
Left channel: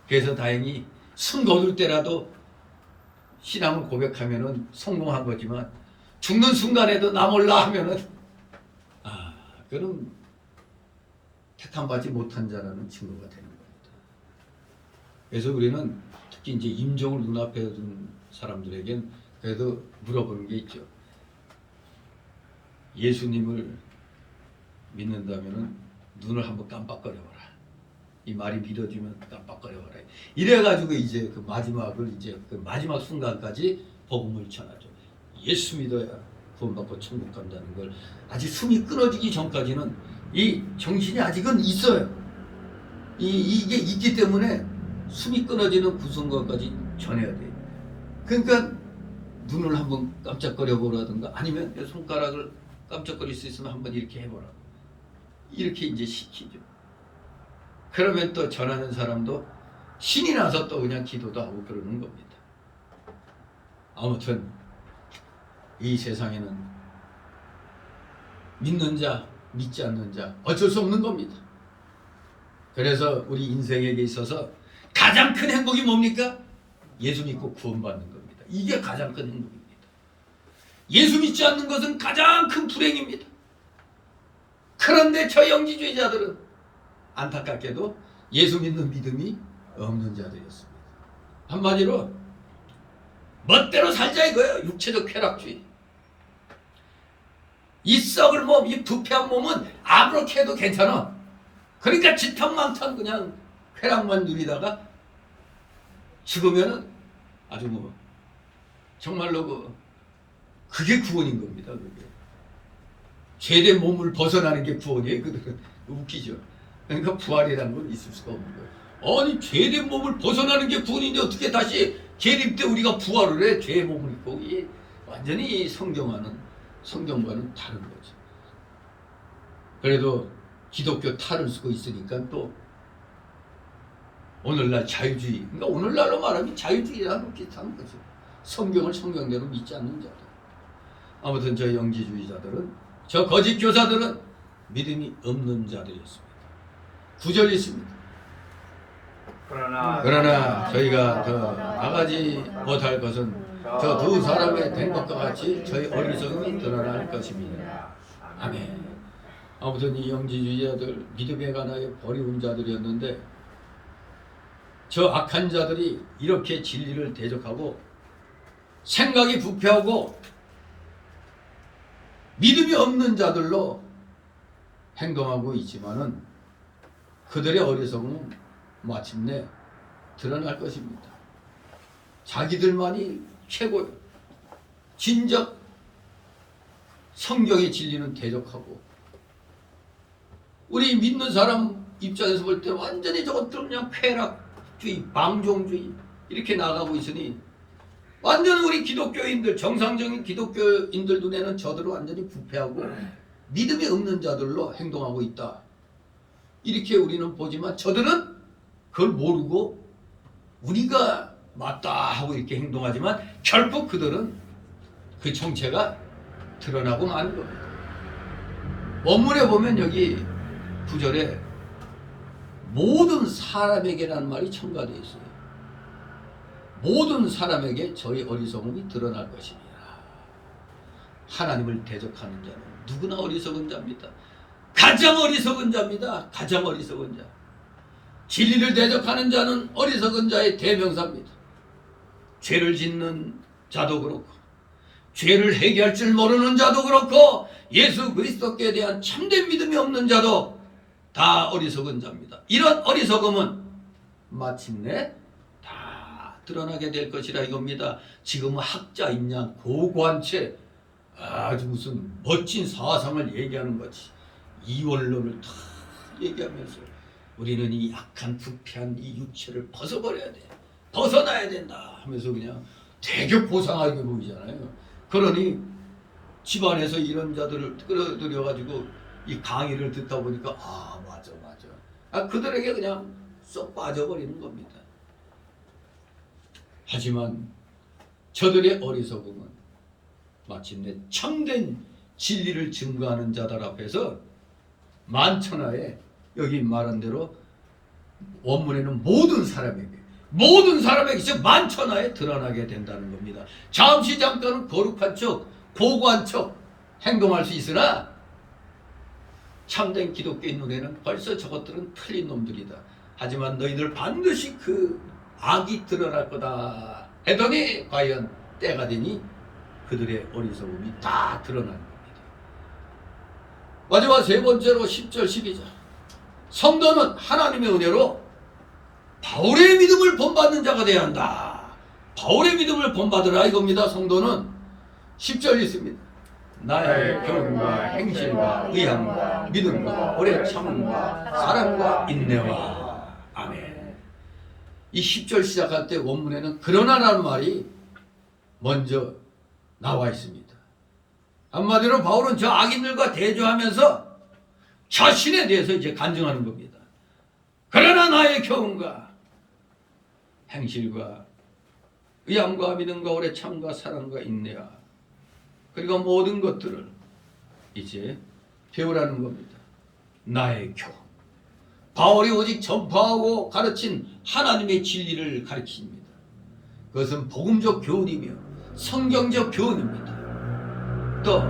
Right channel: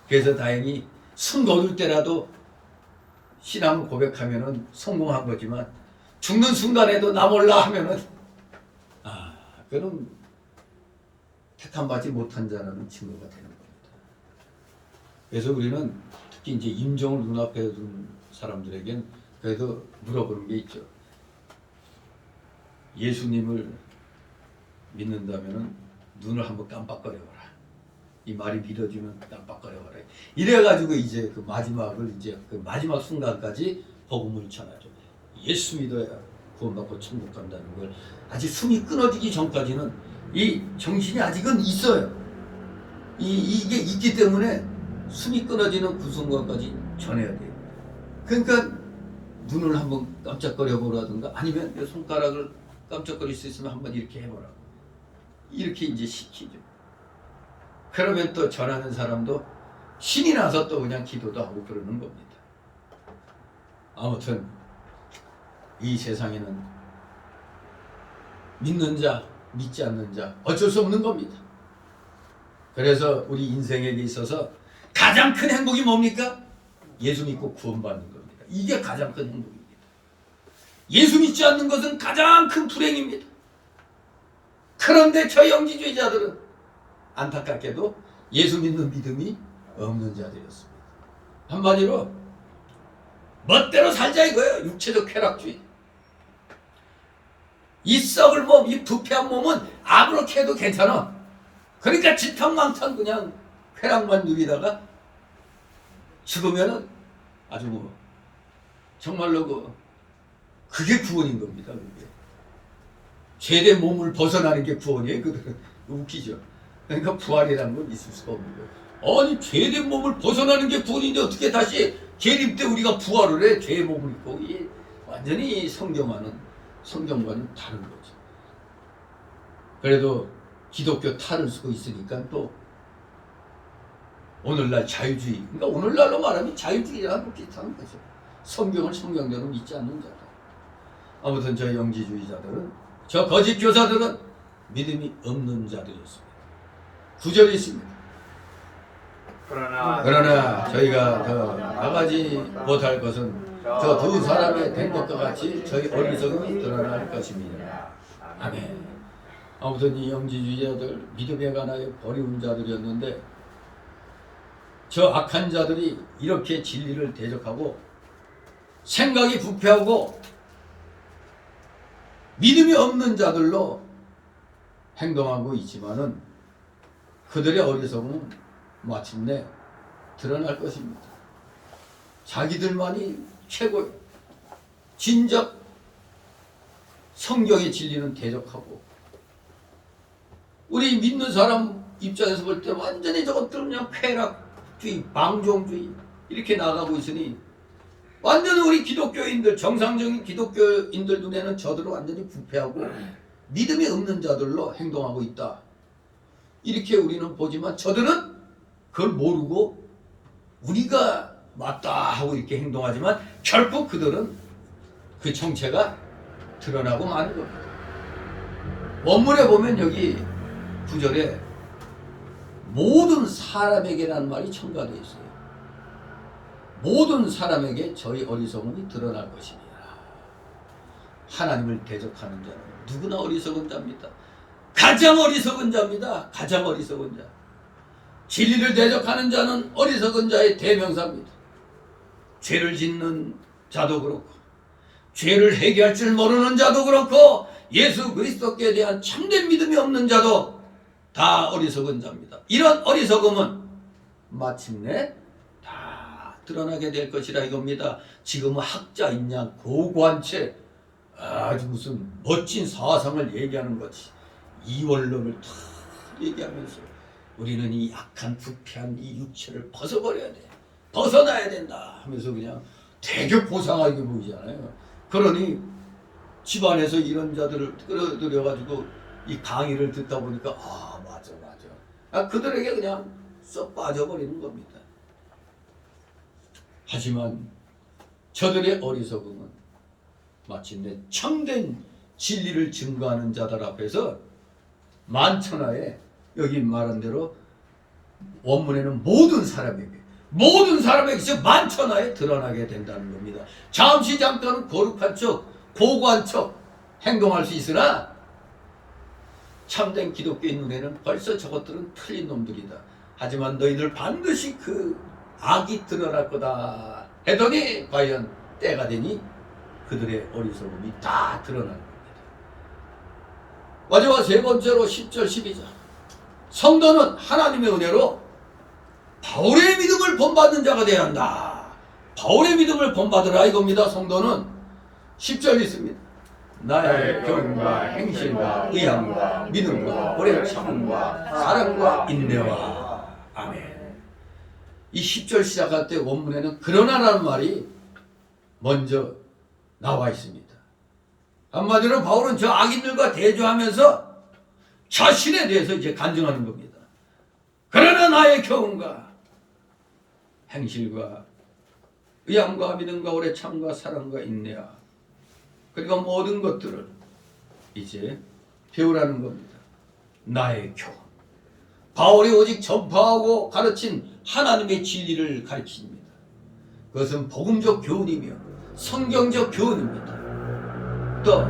그래서 다행히 숨 거둘 때라도 신앙을 고백하면은 성공한 거지만 죽는 순간에도 나 몰라 하면은 그럼 택함받지 못한 자라는 증거가 되는 겁니다. 그래서 우리는 특히 이제 임종을 눈앞에 둔 사람들에겐 그래도 물어보는 게 있죠. 예수님을 믿는다면은 눈을 한번 깜빡거려봐라. 이 말이 믿어지면 깜빡거려봐라. 이래가지고 이제 그 마지막을 이제 그 마지막 순간까지 복음을 전하죠. 예수 믿어야 구원받고 천국 간다는 걸 아직 숨이 끊어지기 전까지는 이 정신이 아직은 있어요. 이게 있기 때문에 숨이 끊어지는 그 순간까지 전해야 돼요. 그러니까 눈을 한번 깜짝거려 보라든가 아니면 손가락을 깜짝거릴 수 있으면 한번 이렇게 해보라고 이렇게 이제 시키죠. 그러면 또 전하는 사람도 신이 나서 또 그냥 기도도 하고 그러는 겁니다. 아무튼 이 세상에는 믿는 자, 믿지 않는 자 어쩔 수 없는 겁니다. 그래서 우리 인생에게 있어서 가장 큰 행복이 뭡니까? 예수 믿고 구원받는 겁니다. 이게 가장 큰 행복입니다. 예수 믿지 않는 것은 가장 큰 불행입니다. 그런데 저 영지주의자들은 안타깝게도 예수 믿는 믿음이 없는 자들이었습니다. 한마디로 멋대로 살자 이거예요. 육체적 쾌락주의. 이 썩을 몸, 이 부패한 몸은 아무렇게 해도 괜찮아. 그러니까 지탕망탕 그냥 쾌락만 누리다가 죽으면은 아주 뭐 정말로 그게 구원인 겁니다. 그게 죄된 몸을 벗어나는 게 구원이에요. 그들은 웃기죠. 그러니까 부활이라는 건 있을 수가 없는 거예요. 아니 죄된 몸을 벗어나는 게 구원인데 어떻게 다시 재림 때 우리가 부활을 해? 죄의 몸을 입고. 이게 완전히 성경과는 다른 거죠. 그래도 기독교 탈을 쓰고 있으니까 또 오늘날 자유주의, 그러니까 오늘날로 말하면 자유주의랑 비슷한 거죠. 성경을 성경대로 믿지 않는 자들. 아무튼 저 영지주의자들은, 저 거짓 교사들은 믿음이 없는 자들이었습니다. 9절이 있습니다. 그러나 저희가 더 나가지 못할 것은 저 두 사람의 된 것과 같이 저희 어리석음이 드러날 것입니다. 아멘. 아무튼 이 영지주의자들 믿음에 관하여 버리운 자들이었는데 저 악한 자들이 이렇게 진리를 대적하고 생각이 부패하고 믿음이 없는 자들로 행동하고 있지만은 그들의 어리석음은 마침내 드러날 것입니다. 자기들만이 최고예요. 진작 성경의 진리는 대적하고 우리 믿는 사람 입장에서 볼 때 완전히 저것들 그냥 쾌락주의, 방종주의 이렇게 나가고 있으니 완전 우리 기독교인들, 정상적인 기독교인들 눈에는 저들은 완전히 부패하고 믿음이 없는 자들로 행동하고 있다. 이렇게 우리는 보지만 저들은 그걸 모르고 우리가 맞다 하고 이렇게 행동하지만 결국 그들은 그 정체가 드러나고 마는 겁니다. 원문에 보면 여기 9절에 모든 사람에게라는 말이 첨가되어 있어요. 모든 사람에게 저희 어리석음이 드러날 것입니다. 하나님을 대적하는 자는 누구나 어리석은 자입니다. 가장 어리석은 자입니다. 가장 어리석은 자. 진리를 대적하는 자는 어리석은 자의 대명사입니다. 죄를 짓는 자도 그렇고 죄를 해결할 줄 모르는 자도 그렇고 예수 그리스도께 대한 참된 믿음이 없는 자도 다 어리석은 자입니다. 이런 어리석음은 마침내 다 드러나게 될 것이라 이겁니다. 지금은 학자인 양 고고한 채 아주 무슨 멋진 사상을 얘기하는 거지. 이원론을 다 얘기하면서 우리는 이 약한 부패한 이 육체를 벗어버려야 돼. 벗어나야 된다 하면서 그냥 되게 고상하게 보이잖아요. 그러니 집안에서 이런 자들을 끌어들여가지고 이 강의를 듣다 보니까 아 맞아. 그들에게 그냥 쏙 빠져버리는 겁니다. 하지만 저들의 어리석음은 마침내 참된 진리를 증거하는 자들 앞에서 만천하에 여기 말한 대로 원문에는 모든 사람에게 즉 만천하에 드러나게 된다는 겁니다. 잠시 잠깐은 거룩한 척 고고한 척 행동할 수 있으나 참된 기독교인 눈에는 벌써 저것들은 틀린 놈들이다. 하지만 너희들 반드시 그 악이 드러날 거다 했더니 과연 때가 되니 그들의 어리석음이 다 드러나는 겁니다. 마지막 세 번째로 10절 12절 성도는 하나님의 은혜로 바울의 믿음을 본받는 자가 되어야 한다. 바울의 믿음을 본받으라 이겁니다. 성도는 10절 있습니다. 나의 경과 행실과 의함과 믿음과 오래 참음과 사랑과 인내와 아멘. 이 10절 시작할 때 원문에는 그러나라는 말이 먼저 나와 있습니다. 한마디로 바울은 저 악인들과 대조하면서 자신에 대해서 이제 간증하는 겁니다. 그러나 나의 경험과 행실과 의함과 믿음과 오래 참과 사랑과 인내와 그리고 모든 것들을 이제 배우라는 겁니다. 나의 교훈. 바울이 오직 전파하고 가르친 하나님의 진리를 가르칩니다. 그것은 복음적 교훈이며 성경적 교훈입니다. 또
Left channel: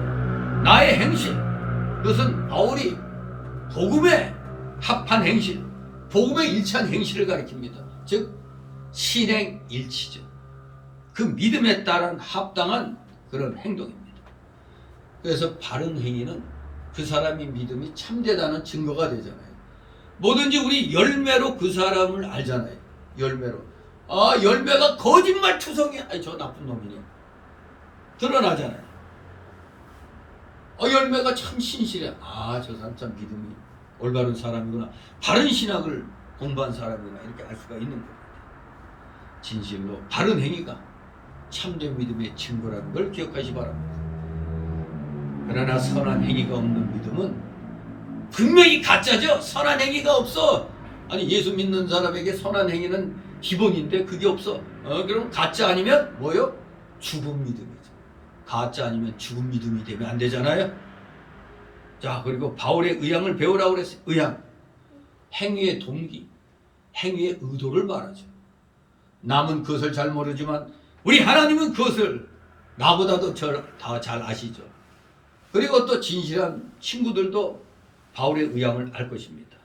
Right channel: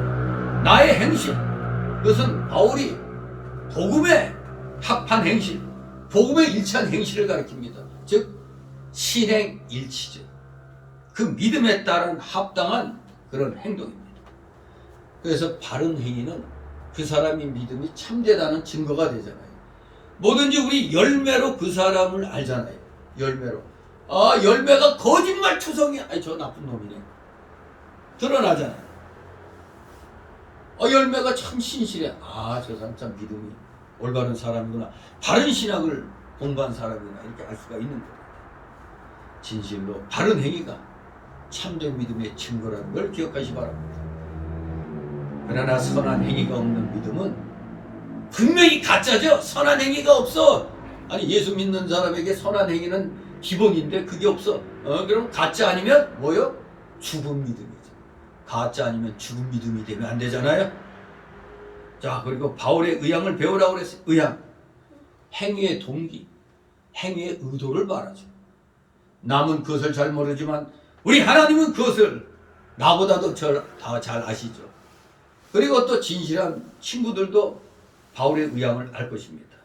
나의 행실. 그것은 바울이 복음에 합한 행실, 복음에 일치한 행실을 가르칩니다. 즉 신행일치죠. 그 믿음에 따른 합당한 그런 행동입니다. 그래서 바른 행위는 그 사람이 믿음이 참되다는 증거가 되잖아요. 뭐든지 우리 열매로 그 사람을 알잖아요. 열매로. 아, 열매가 거짓말 투성이야. 아니, 저 나쁜 놈이네. 드러나잖아요. 열매가 참 신실해. 아, 저 사람 참 믿음이 올바른 사람이구나. 바른 신학을 공부한 사람이구나. 이렇게 알 수가 있는 겁니다. 진실로 바른 행위가 참된 믿음의 증거라는 걸 기억하시 바랍니다. 그러나 선한 행위가 없는 믿음은 분명히 가짜죠. 선한 행위가 없어. 아니 예수 믿는 사람에게 선한 행위는 기본인데 그게 없어. 그럼 가짜 아니면 뭐요? 죽은 믿음이죠. 가짜 아니면 죽은 믿음이 되면 안 되잖아요. 자, 그리고 바울의 의향을 배우라고 그랬어요. 의향. 행위의 동기, 행위의 의도를 말하죠. 남은 그것을 잘 모르지만 우리 하나님은 그것을 나보다도 더 잘 아시죠. 그리고 또 진실한 친구들도 바울의 의향을 알 것입니다.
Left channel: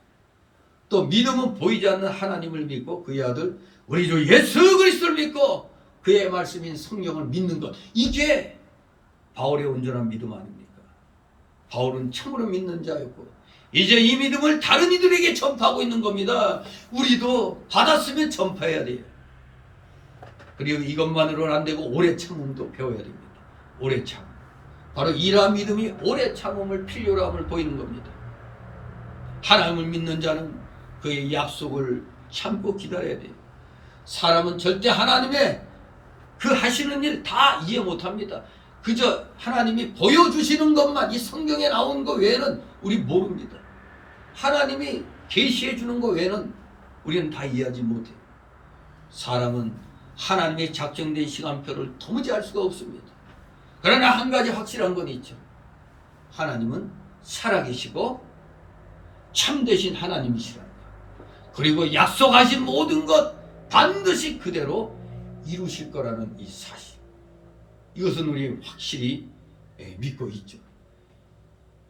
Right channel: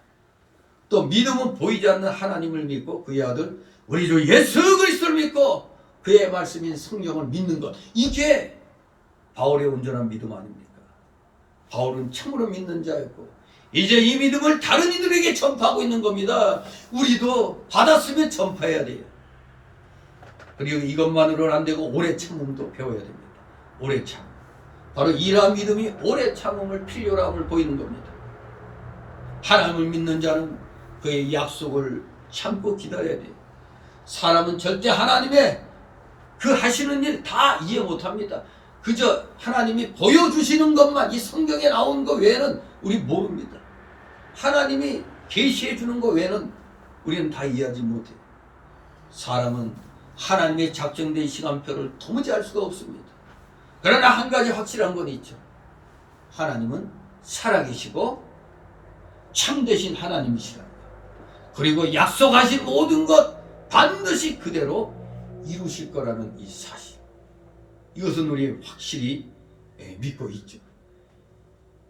또 믿음은 보이지 않는 하나님을 믿고 그의 아들 우리 주 예수 그리스도를 믿고 그의 말씀인 성경을 믿는 것. 이게 바울의 온전한 믿음 아닙니까? 바울은 참으로 믿는 자였고 이제 이 믿음을 다른 이들에게 전파하고 있는 겁니다. 우리도 받았으면 전파해야 돼요. 그리고 이것만으로는 안 되고 오래 참음도 배워야 됩니다. 오래 참음. 바로 이러한 믿음이 오래 참음을 필요로 함을 보이는 겁니다. 하나님을 믿는 자는 그의 약속을 참고 기다려야 돼요. 사람은 절대 하나님의 그 하시는 일 다 이해 못합니다. 그저 하나님이 보여주시는 것만 이 성경에 나온 것 외에는 우리 모릅니다. 하나님이 계시해 주는 것 외에는 우리는 다 이해하지 못해요. 사람은 하나님의 작정된 시간표를 도무지 알 수가 없습니다. 그러나 한 가지 확실한 건 있죠. 하나님은 살아계시고 참되신 하나님이시라는 것. 그리고 약속하신 모든 것 반드시 그대로 이루실 거라는 이 사실. 이것은 우리 확실히 믿고 있죠.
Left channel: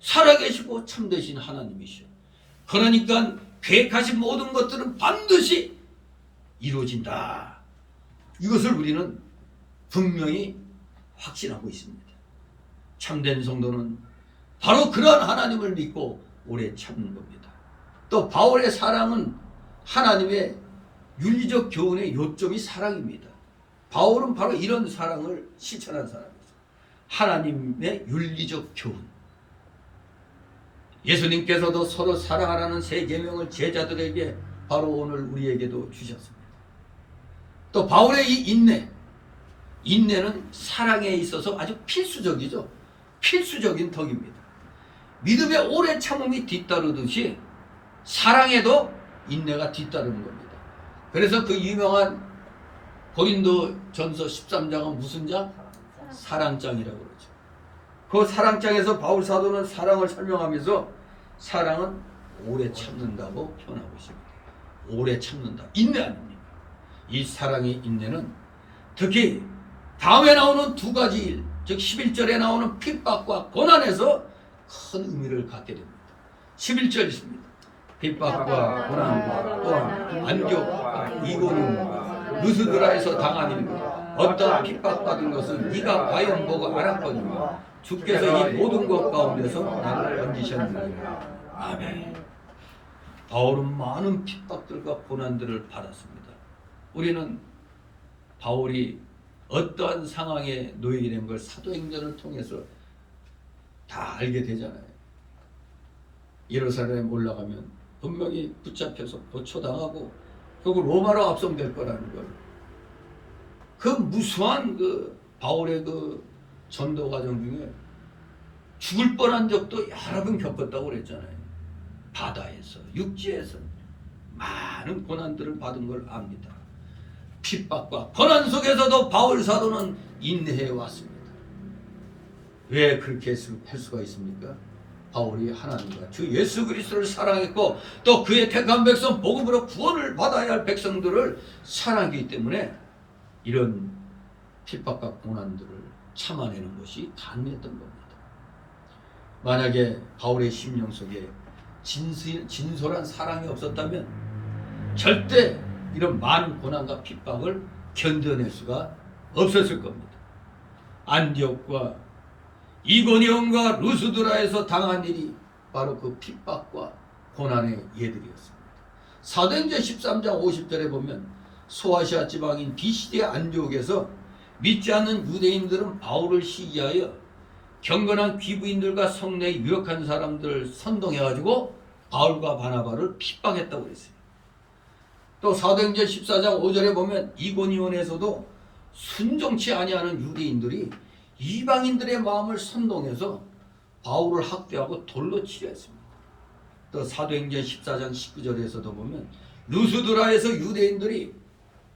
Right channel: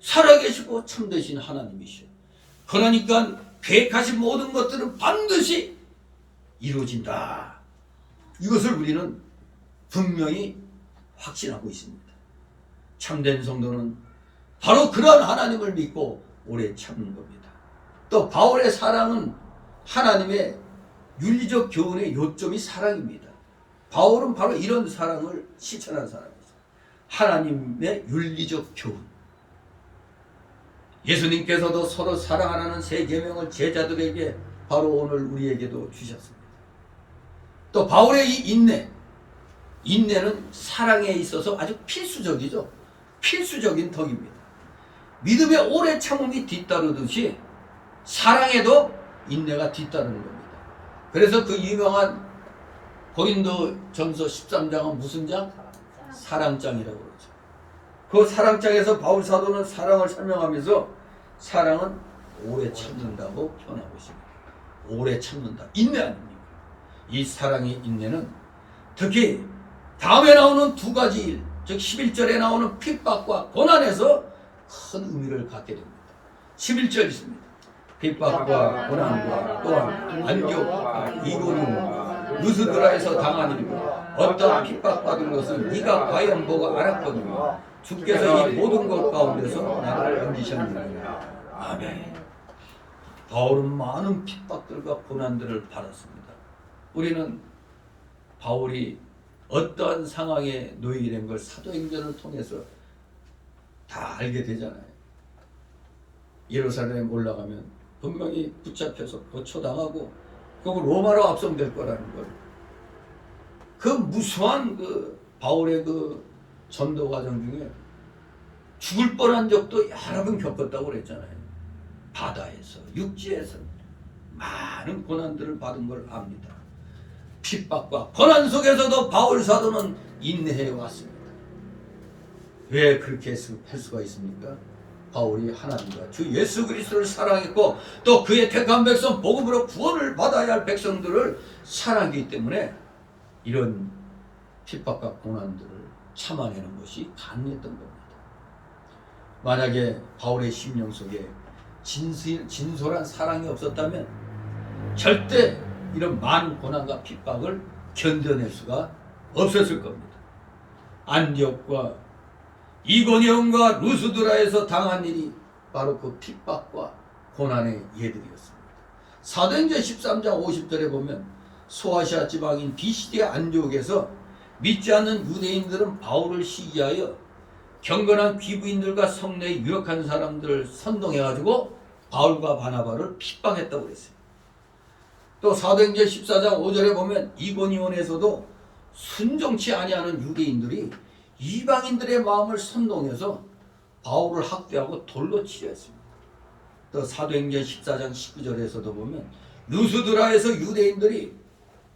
살아계시고 참되신 하나님이시오. 그러니까 계획하신 모든 것들은 반드시 이루어진다. 이것을 우리는 분명히 확신하고 있습니다. 참된 성도는 바로 그러한 하나님을 믿고 오래 참는 겁니다. 또 바울의 사랑은 하나님의 윤리적 교훈의 요점이 사랑입니다. 바울은 바로 이런 사랑을 실천한 사람이죠. 하나님의 윤리적 교훈. 예수님께서도 서로 사랑하라는 세 계명을 제자들에게 바로 오늘 우리에게도 주셨습니다. 또 바울의 이 인내. 인내는 사랑에 있어서 아주 필수적이죠. 필수적인 덕입니다. 믿음의 오래 참음이 뒤따르듯이 사랑에도 인내가 뒤따르는 겁니다. 그래서 그 유명한 고린도전서 13장은 무슨 장? 사랑장이라고 그러죠. 그 사랑장에서 바울 사도는 사랑을 설명하면서 사랑은 오래 참는다고 표현하고 있습니다. 오래 참는다. 인내 아닙니까? 이 사랑의 인내는 특히 다음에 나오는 두 가지 일, 즉 11절에 나오는 핍박과 고난에서 큰 의미를 갖게 됩니다. 11절 있습니다. 핍박과 고난과 또한 안교와 이고님과 루스드라에서 당한 일과 어떠한 핍박받은 것은 네가 과연 보고 알았거니와 주께서 이 모든 것 가운데서 나를 건지셨느니라. 아멘. 바울은 많은 핍박들과 고난들을 받았습니다. 우리는 바울이 어떠한 상황에 놓이게 된 걸 사도행전을 통해서 다 알게 되잖아요. 예루살렘 올라가면 분명히 붙잡혀서 고초당하고 결국 로마로 압송될 거라는 걸. 그 무수한 그 바울의 그 전도 과정 중에 죽을 뻔한 적도 여러 번 겪었다고 그랬잖아요. 바다에서, 육지에서 많은 고난들을 받은 걸 압니다. 핍박과 고난 속에서도 바울 사도는 인내해 왔습니다. 왜 그렇게 할 수가 있습니까? 바울이 하나님과 주 예수 그리스도를 사랑했고 또 그의 택한 백성 복음으로 구원을 받아야 할 백성들을 사랑하기 때문에 이런 핍박과 고난들을 참아내는 것이 가능했던 겁니다. 만약에 바울의 심령 속에 진솔한 사랑이 없었다면 절대 이런 많은 고난과 핍박을 견뎌낼 수가 없었을 겁니다. 안디옥과 이고니온과 루스드라에서 당한 일이 바로 그 핍박과 고난의 예들이었습니다. 사도행전 13장 50절에 보면 소아시아 지방인 비시디의 안디옥에서 믿지 않는 유대인들은 바울을 시기하여 경건한 귀부인들과 성내에 유력한 사람들을 선동해가지고 바울과 바나바를 핍박했다고 그랬어요. 또 사도행전 14장 5절에 보면 이고니온에서도 순종치 아니하는 유대인들이 이방인들의 마음을 선동해서 바울을 학대하고 돌로 치려 했습니다. 또 사도행전 14장 19절에서도 보면 루스드라에서 유대인들이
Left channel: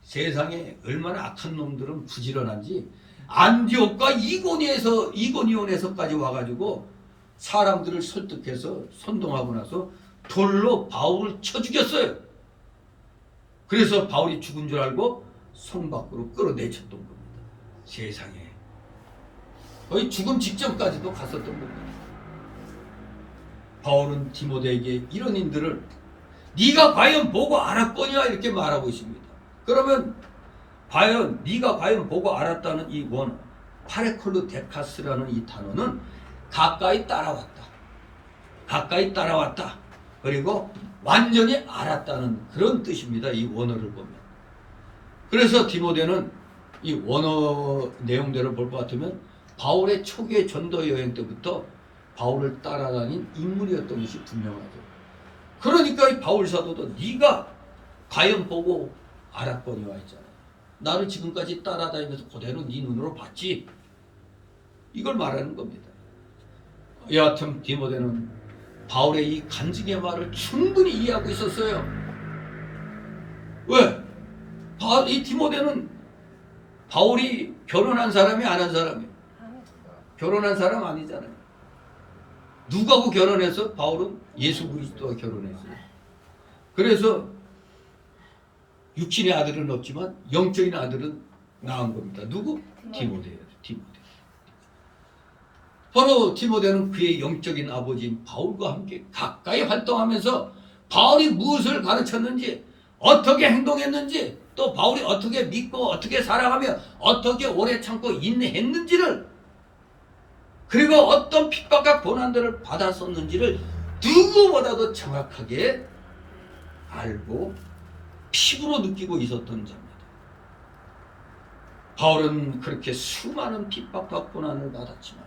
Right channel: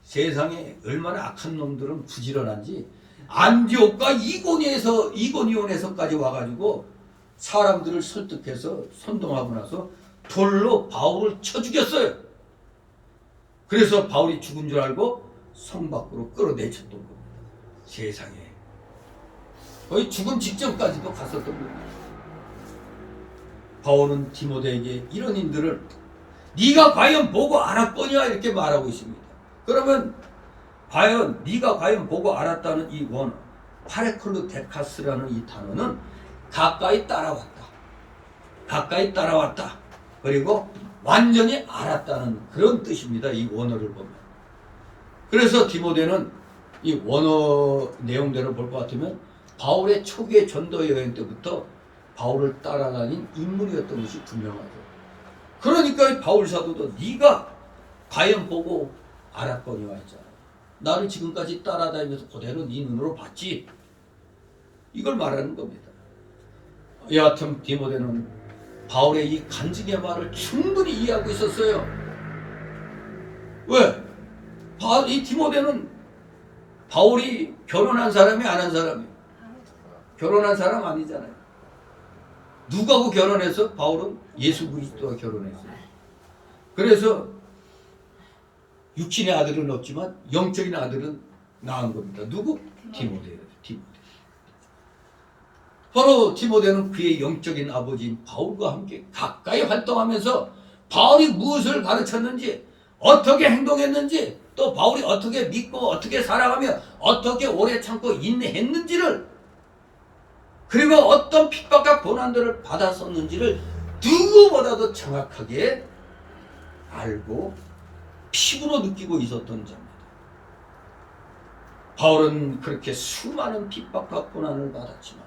세상에 얼마나 악한 놈들은 부지런한지 안디옥과 이고니온에서까지 와가지고 사람들을 설득해서 선동하고 나서 돌로 바울을 쳐 죽였어요. 그래서 바울이 죽은 줄 알고 성 밖으로 끌어내쳤던 겁니다. 세상에 거의 죽음 직전까지도 갔었던 겁니다. 바울은 디모데에게 이런 인들을 네가 과연 보고 알았거냐 이렇게 말하고 있습니다. 그러면 과연 네가 과연 보고 알았다는 이 원어 파레콜루 데카스라는 이 단어는 가까이 따라왔다. 가까이 따라왔다. 그리고 완전히 알았다는 그런 뜻입니다. 이 원어를 보면. 그래서 디모데는 이 원어 내용대로 볼 것 같으면 바울의 초기의 전도 여행 때부터 바울을 따라다닌 인물이었던 것이 분명하죠. 그러니까 이 바울 사도도 네가 과연 보고 알았거니와 했잖아요. 나를 지금까지 따라다니면서 그대로 네 눈으로 봤지. 이걸 말하는 겁니다. 여하튼 디모데는 바울의 이 간증의 말을 충분히 이해하고 있었어요. 왜? 이 디모데는 바울이 결혼한 사람이 안 한 사람이에요. 결혼한 사람 아니잖아요. 누구하고 결혼해서? 바울은 예수 그리스도와 결혼했어요. 그래서 육신의 아들은 없지만 영적인 아들은 낳은 겁니다. 누구? 디모데예요. 디모데. 바로 디모데는 그의 영적인 아버지인 바울과 함께 가까이 활동하면서 바울이 무엇을 가르쳤는지, 어떻게 행동했는지, 또 바울이 어떻게 믿고 어떻게 살아가며 어떻게 오래 참고 인내했는지를, 그리고 어떤 핍박과 고난들을 받았었는지를 누구보다도 정확하게 알고 피부로 느끼고 있었던 자입니다. 바울은 그렇게 수많은 핍박과 고난을 받았지만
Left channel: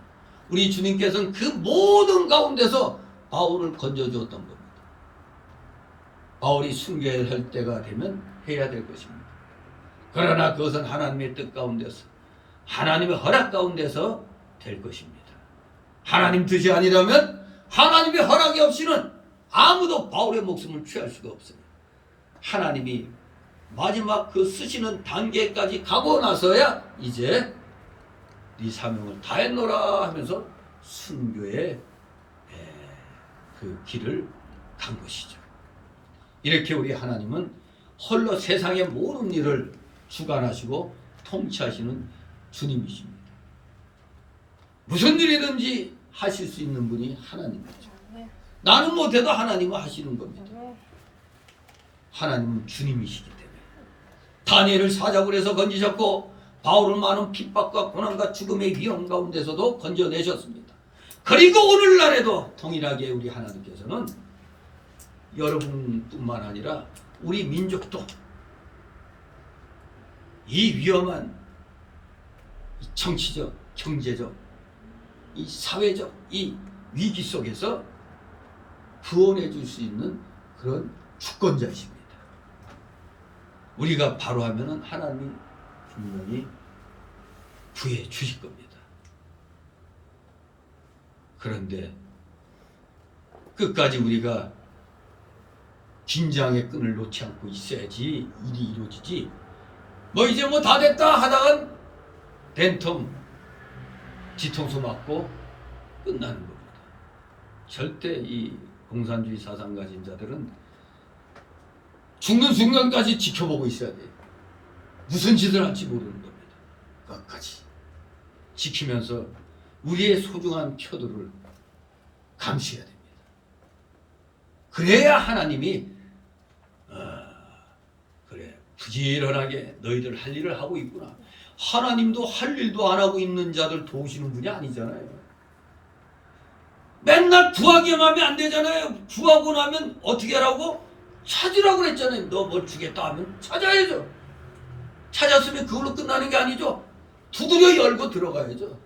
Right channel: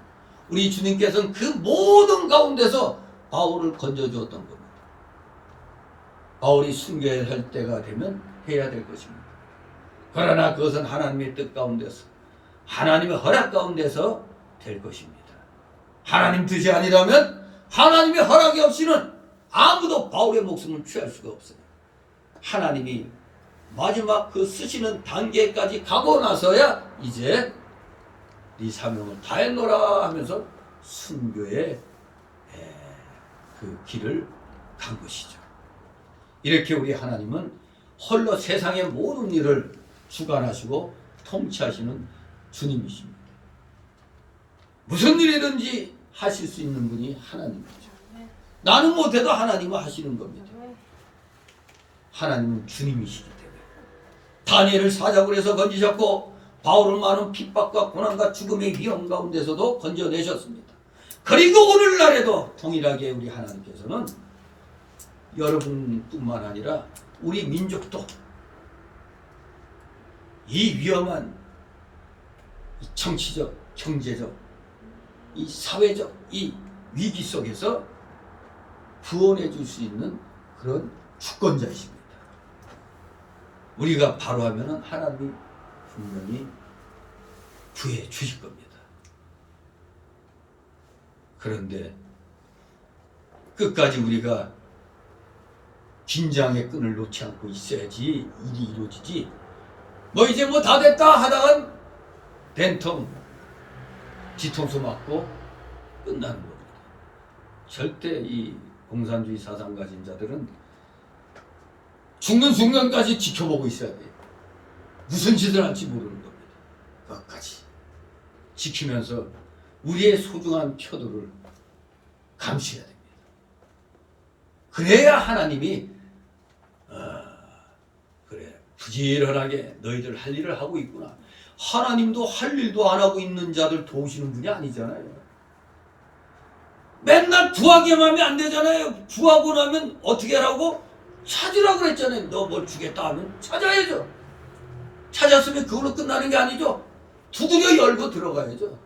우리 주님께서는 그 모든 가운데서 바울을 건져주었던 겁니다. 바울이 순교해야 할 때가 되면 해야 될 것입니다. 그러나 그것은 하나님의 뜻 가운데서, 하나님의 허락 가운데서 될 것입니다. 하나님 뜻이 아니라면 하나님의 허락이 없이는 아무도 바울의 목숨을 취할 수가 없어요. 하나님이 마지막 그 쓰시는 단계까지 가고 나서야 이제 네 사명을 다했노라 하면서 순교의 그 길을 간 것이죠. 이렇게 우리 하나님은 홀로 세상의 모든 일을 주관하시고 통치하시는 주님이십니다. 무슨 일이든지 하실 수 있는 분이 하나님이죠. 나는 못해도 하나님은 하시는 겁니다. 하나님은 주님이시기 때문에. 다니엘을 사자굴에서 해서 건지셨고 바울은 많은 핍박과 고난과 죽음의 위험 가운데서도 건져내셨습니다. 그리고 오늘날에도 동일하게 우리 하나님께서는 여러분뿐만 아니라 우리 민족도 이 위험한 이 정치적, 경제적, 이 사회적 이 위기 속에서 구원해 줄 수 있는 그런 주권자이십니다. 우리가 바로 하면은 하나님이 분명히 구해 주실 겁니다. 그런데 끝까지 우리가 긴장의 끈을 놓지 않고 있어야지 일이 이루어지지. 뭐 이제 뭐 다 됐다 하다간 된통 뒤통수 맞고 끝나는 겁니다. 절대 이 공산주의 사상 가진 자들은 죽는 순간까지 지켜보고 있어야 돼요. 무슨 짓을 할지 모르는 겁니다. 끝까지 지키면서 우리의 소중한 표들을 감시해야 됩니다. 그래야 하나님이 그래 부지런하게 너희들 할 일을 하고 있구나. 하나님도 할 일도 안 하고 있는 자들 도우시는 분이 아니잖아요. 맨날 구하기만 하면 안 되잖아요. 구하고 나면 어떻게 하라고? 찾으라고 그랬잖아요. 너 뭘 주겠다 하면 찾아야죠. 찾았으면 그걸로 끝나는 게 아니죠. 두드려 열고 들어가야죠.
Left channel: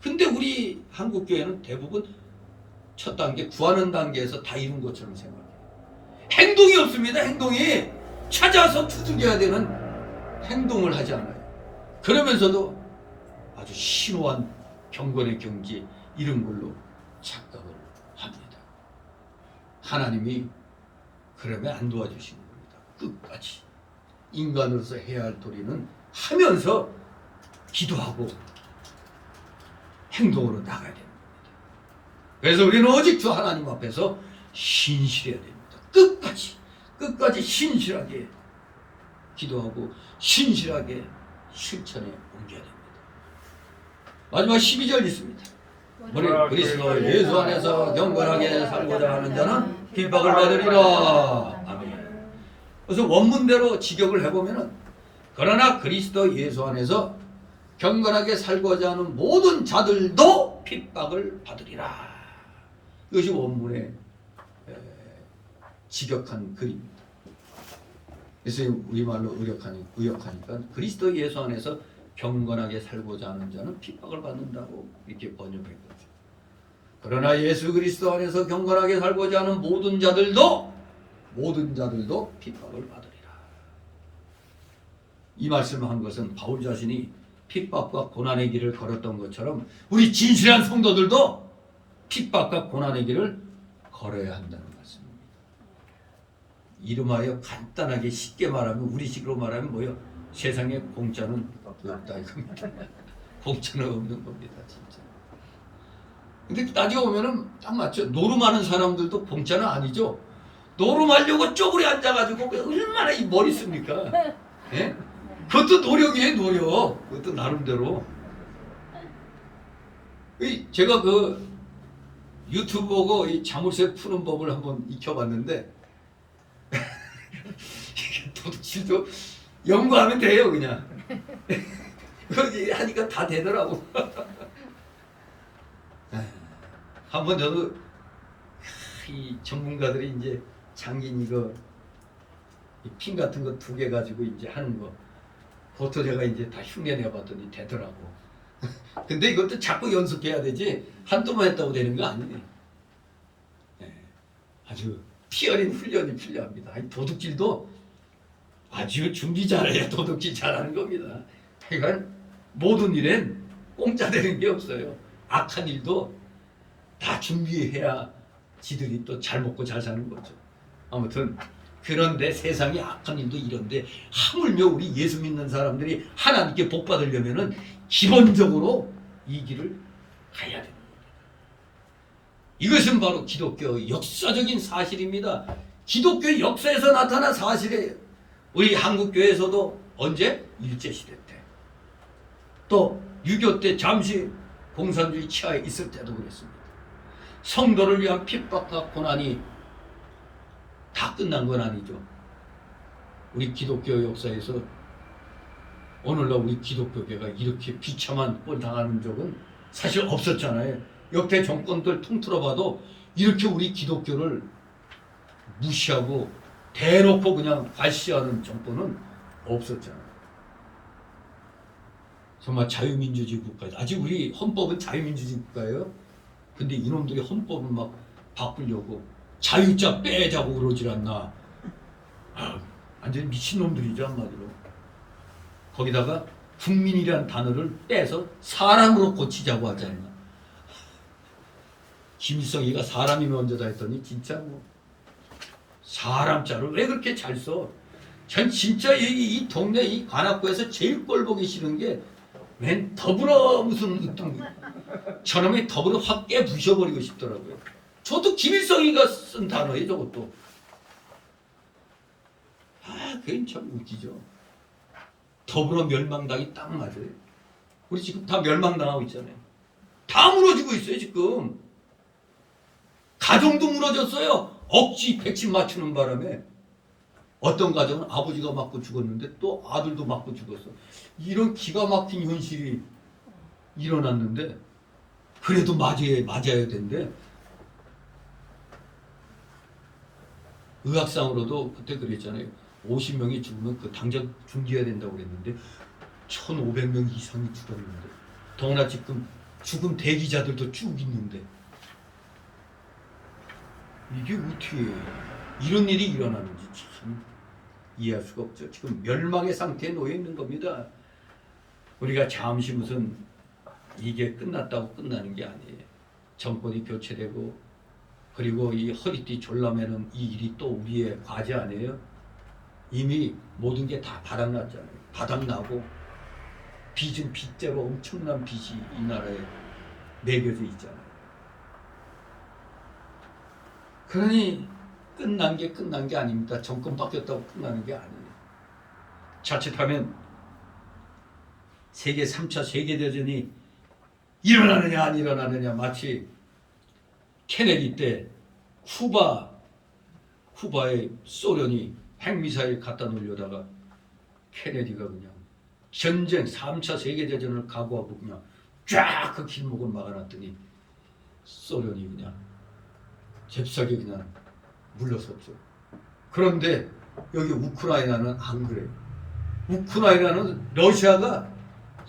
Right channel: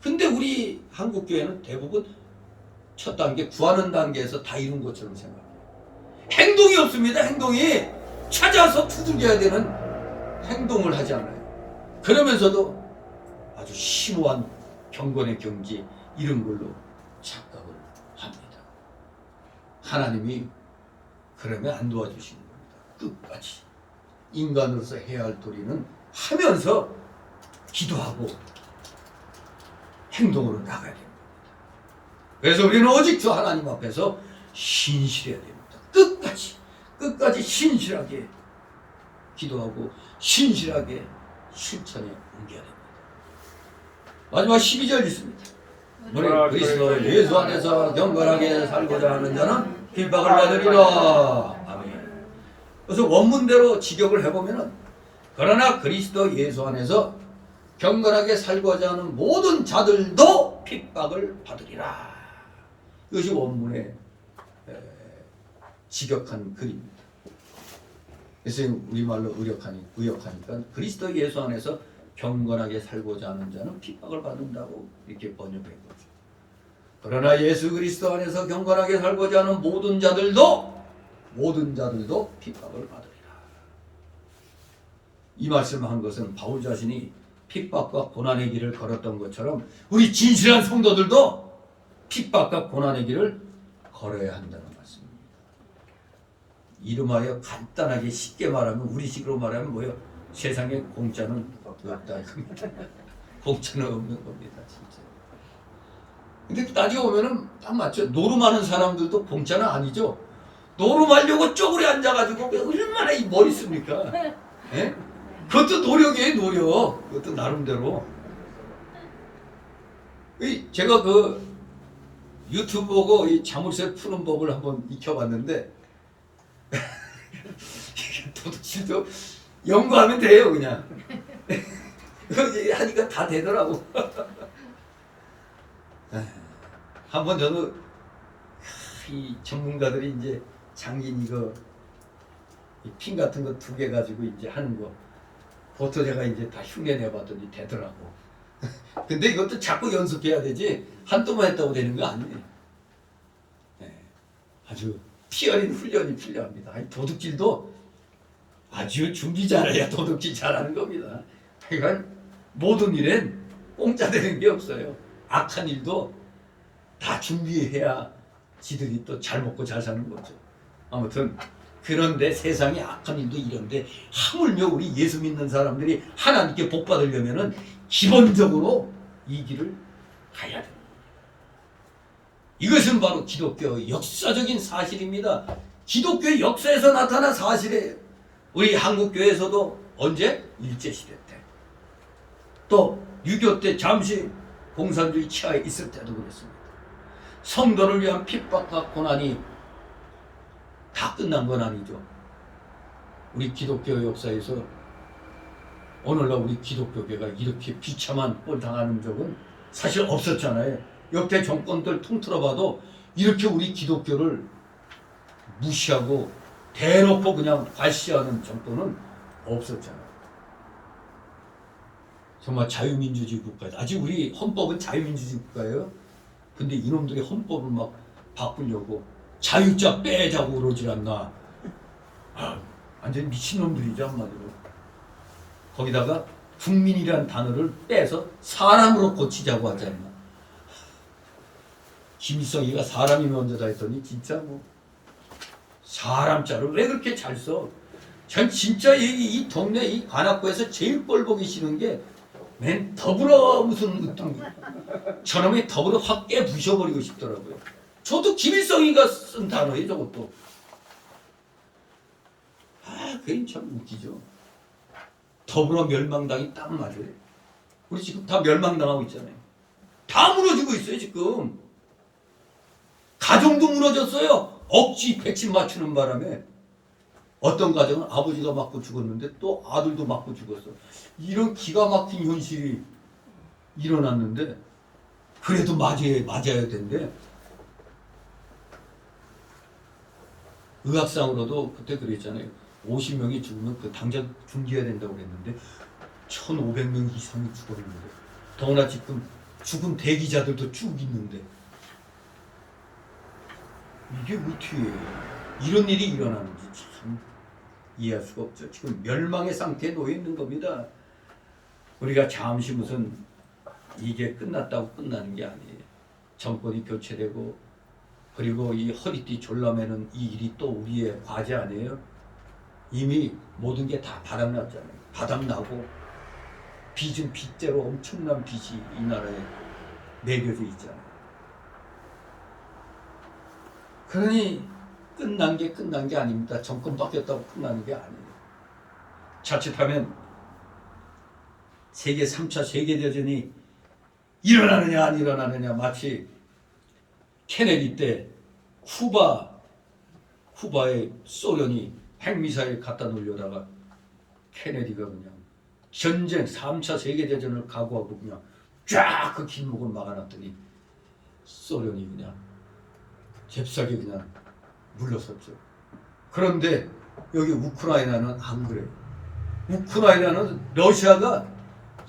근데 우리 한국교회는 대부분 첫 단계 구하는 단계에서 다 이룬 것처럼 생각해요. 행동이 없습니다. 행동이 찾아서 두들겨야 되는 행동을 하지 않아요. 그러면서도 아주 심오한 경건의 경지 이런 걸로 착각을 합니다. 하나님이 그러면 안 도와주시는 겁니다. 끝까지 인간으로서 해야 할 도리는 하면서 기도하고 행동으로 나가야 됩니다. 그래서 우리는 오직 주 하나님 앞에서 신실해야 됩니다. 끝까지 신실하게 기도하고 신실하게 실천에 옮겨야 됩니다. 마지막 12절 있습니다. 그리스도 예수 안에서 경건하게 살고자 하는 자는 핍박을 받으리라. 아멘. 그래서 원문대로 직역을 해보면은 그러나 그리스도 예수 안에서 경건하게 살고자 하는 모든 자들도 핍박을 받으리라. 이것이 원문의 직역한 글입니다. 그래서 우리말로 의역하니까 그리스도 예수 안에서 경건하게 살고자 하는 자는 핍박을 받는다고 이렇게 번역한 거죠. 그러나 예수 그리스도 안에서 경건하게 살고자 하는 모든 자들도 핍박을 받으리라. 이 말씀을 한 것은 바울 자신이 핍박과 고난의 길을 걸었던 것처럼 우리 진실한 성도들도 핍박과 고난의 길을 걸어야 한다는 말씀입니다. 이름하여 간단하게 쉽게 말하면 우리식으로 말하면 뭐요? 세상에 공짜는 없다 이겁니다. 공짜는 없는 겁니다, 진짜. 근데 따지고 보면은 딱 맞죠. 노름하는 사람들도 공짜는 아니죠. 노름하려고 쪼그려 앉아가지고 얼마나 이 머리 씁니까? 예? 그것도 노력이에요, 노력. 그것도 나름대로. 제가 그 유튜브 보고 이 자물쇠 푸는 법을 한번 익혀봤는데 도둑질도 연구하면 돼요, 그냥. 하니까 다 되더라고. 한번 저도 이 전문가들이 이제 장긴 이거 핀 같은 거 2개 가지고 이제 하는 거 그것도 제가 이제 다 흉내 내봤더니 되더라고. 근데 이것도 자꾸 연습해야 되지 한두 번 했다고 되는 거 아니에요. 아주 피 어린 훈련이 필요합니다. 도둑질도 아주 준비 잘해야 도둑질 잘하는 겁니다. 하여간 모든 일엔 공짜 되는 게 없어요. 악한 일도 다 준비해야 지들이 또 잘 먹고 잘 사는 거죠. 아무튼 그런데 세상에 악한 일도 이런데 하물며 우리 예수 믿는 사람들이 하나님께 복 받으려면은 기본적으로 이 길을 가야 되는 겁니다. 이것은 바로 기독교의 역사적인 사실입니다. 기독교의 역사에서 나타난 사실이에요. 우리 한국교회에서도 언제? 일제시대 때 또 6.25 때 잠시 공산주의 치하에 있을 때도 그랬습니다. 성도를 위한 핍박과 고난이 다 끝난 건 아니죠. 우리 기독교 역사에서 오늘날 우리 기독교계가 이렇게 비참한 꼴 당하는 적은 사실 없었잖아요. 역대 정권들 통틀어 봐도 이렇게 우리 기독교를 무시하고 대놓고 그냥 괄시하는 정권은 없었잖아요. 정말 자유민주주의 국가예요. 아직 우리 헌법은 자유민주주의 국가예요. 근데 이놈들이 헌법을 막 바꾸려고 자유자 빼자고 그러질 않나. 완전 미친놈들이죠, 한마디로. 거기다가 국민이란 단어를 빼서 사람으로 고치자고 하지 않나. 김일성이가 사람이 먼저다 했더니 진짜 뭐 사람자를 왜 그렇게 잘 써? 전 진짜 이 동네 이 관악구에서 제일 꼴 보기 싫은 게 맨 더불어 무슨 어떤 저놈의 더불어 확 깨부셔버리고 싶더라고요. 저도 김일성이가 쓴 단어예요, 저것도. 그게 참 웃기죠. 더불어 멸망당이 딱 맞아요. 우리 지금 다 멸망당하고 있잖아요. 다 무너지고 있어요, 지금. 가정도 무너졌어요. 억지 백신 맞추는 바람에. 어떤 가정은 아버지가 맞고 죽었는데 또 아들도 맞고 죽었어요. 이런 기가 막힌 현실이 일어났는데 그래도 맞아야 된대. 의학상으로도 그때 그랬잖아요. 50명이 죽으면 그 당장 중지해야 된다고 그랬는데 1,500명 이상이 죽었는데 더구나 지금 죽은 대기자들도 쭉 있는데 이게 어떻게 이런 일이 일어나는지 참 이해할 수가 없죠. 지금 멸망의 상태에 놓여 있는 겁니다. 우리가 잠시 무슨 이게 끝났다고 끝나는 게 아니에요. 정권이 교체되고 그리고 이 허리띠 졸라매는 이 일이 또 우리의 과제 아니에요? 이미 모든 게 다 바닥났잖아요. 바닥나고 빚은 빚대로 엄청난 빚이 이 나라에 매겨져 있잖아요. 그러니 끝난 게 아닙니다. 정권 바뀌었다고 끝나는 게 아니에요. 자칫하면 세계 3차 세계대전이 일어나느냐 안 일어나느냐 마치 케네디 때 쿠바에 소련이 핵미사일 갖다 놓으려다가 케네디가 그냥 전쟁 3차 세계대전을 각오하고 그냥 쫙 그 길목을 막아놨더니 소련이 그냥 잽싸게 그냥 물러섰죠. 그런데 여기 우크라이나는 안 그래요. 우크라이나는 러시아가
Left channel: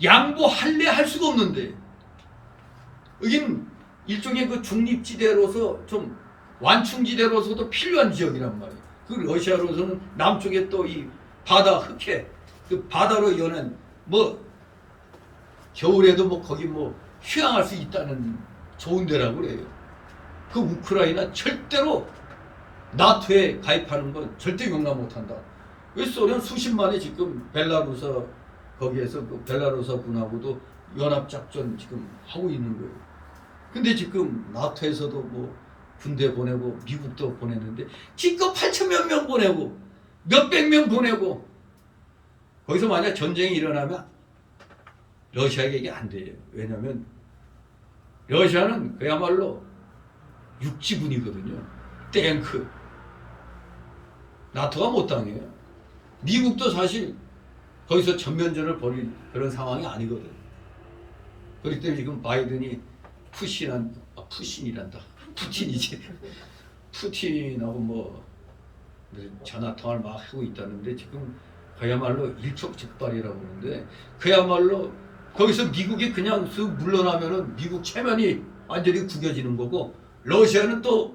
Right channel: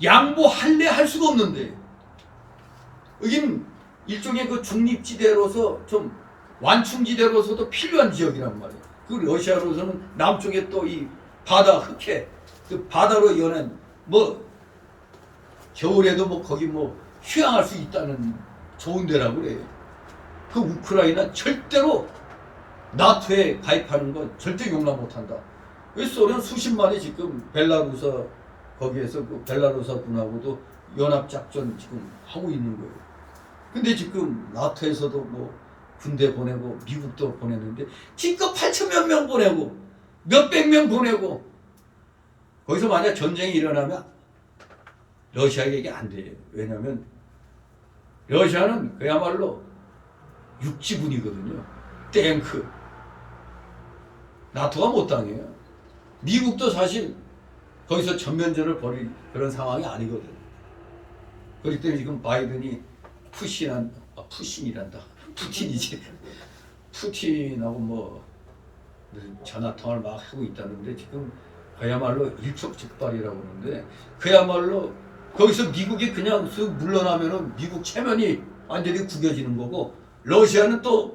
양보할래 할 수가 없는데 여긴 일종의 그 중립지대로서 좀 완충지대로서도 필요한 지역이란 말이에요. 그 러시아로서는 남쪽에 또 이 바다 흑해 그 바다로 연한 뭐 겨울에도 뭐 거기 뭐 휴양할 수 있다는 좋은 데라고 그래요. 그 우크라이나 절대로 나토에 가입하는 건 절대 용납 못한다. 소련 수십만이 지금 벨라루사 거기에서 그 벨라루사 군하고도 연합작전 지금 하고 있는 거예요. 근데 지금 나토에서도 뭐 군대 보내고 미국도 보내는데 지금 8천몇 명 보내고 몇백 명 보내고 거기서 만약 전쟁이 일어나면 러시아에게 이게 안 돼요. 왜냐하면 러시아는 그야말로 육지군이거든요. 탱크. 나토가 못 당해요. 미국도 사실 거기서 전면전을 벌일 그런 상황이 아니거든. 그렇기 때문에 지금 바이든이 푸신이란다. 푸틴이지. 푸틴하고 뭐 전화 통화를 막 하고 있다는데 지금 그야말로 일촉즉발이라고 그러는데 그야말로 거기서 미국이 그냥 쓱 물러나면은 미국 체면이 완전히 구겨지는 거고 러시아는 또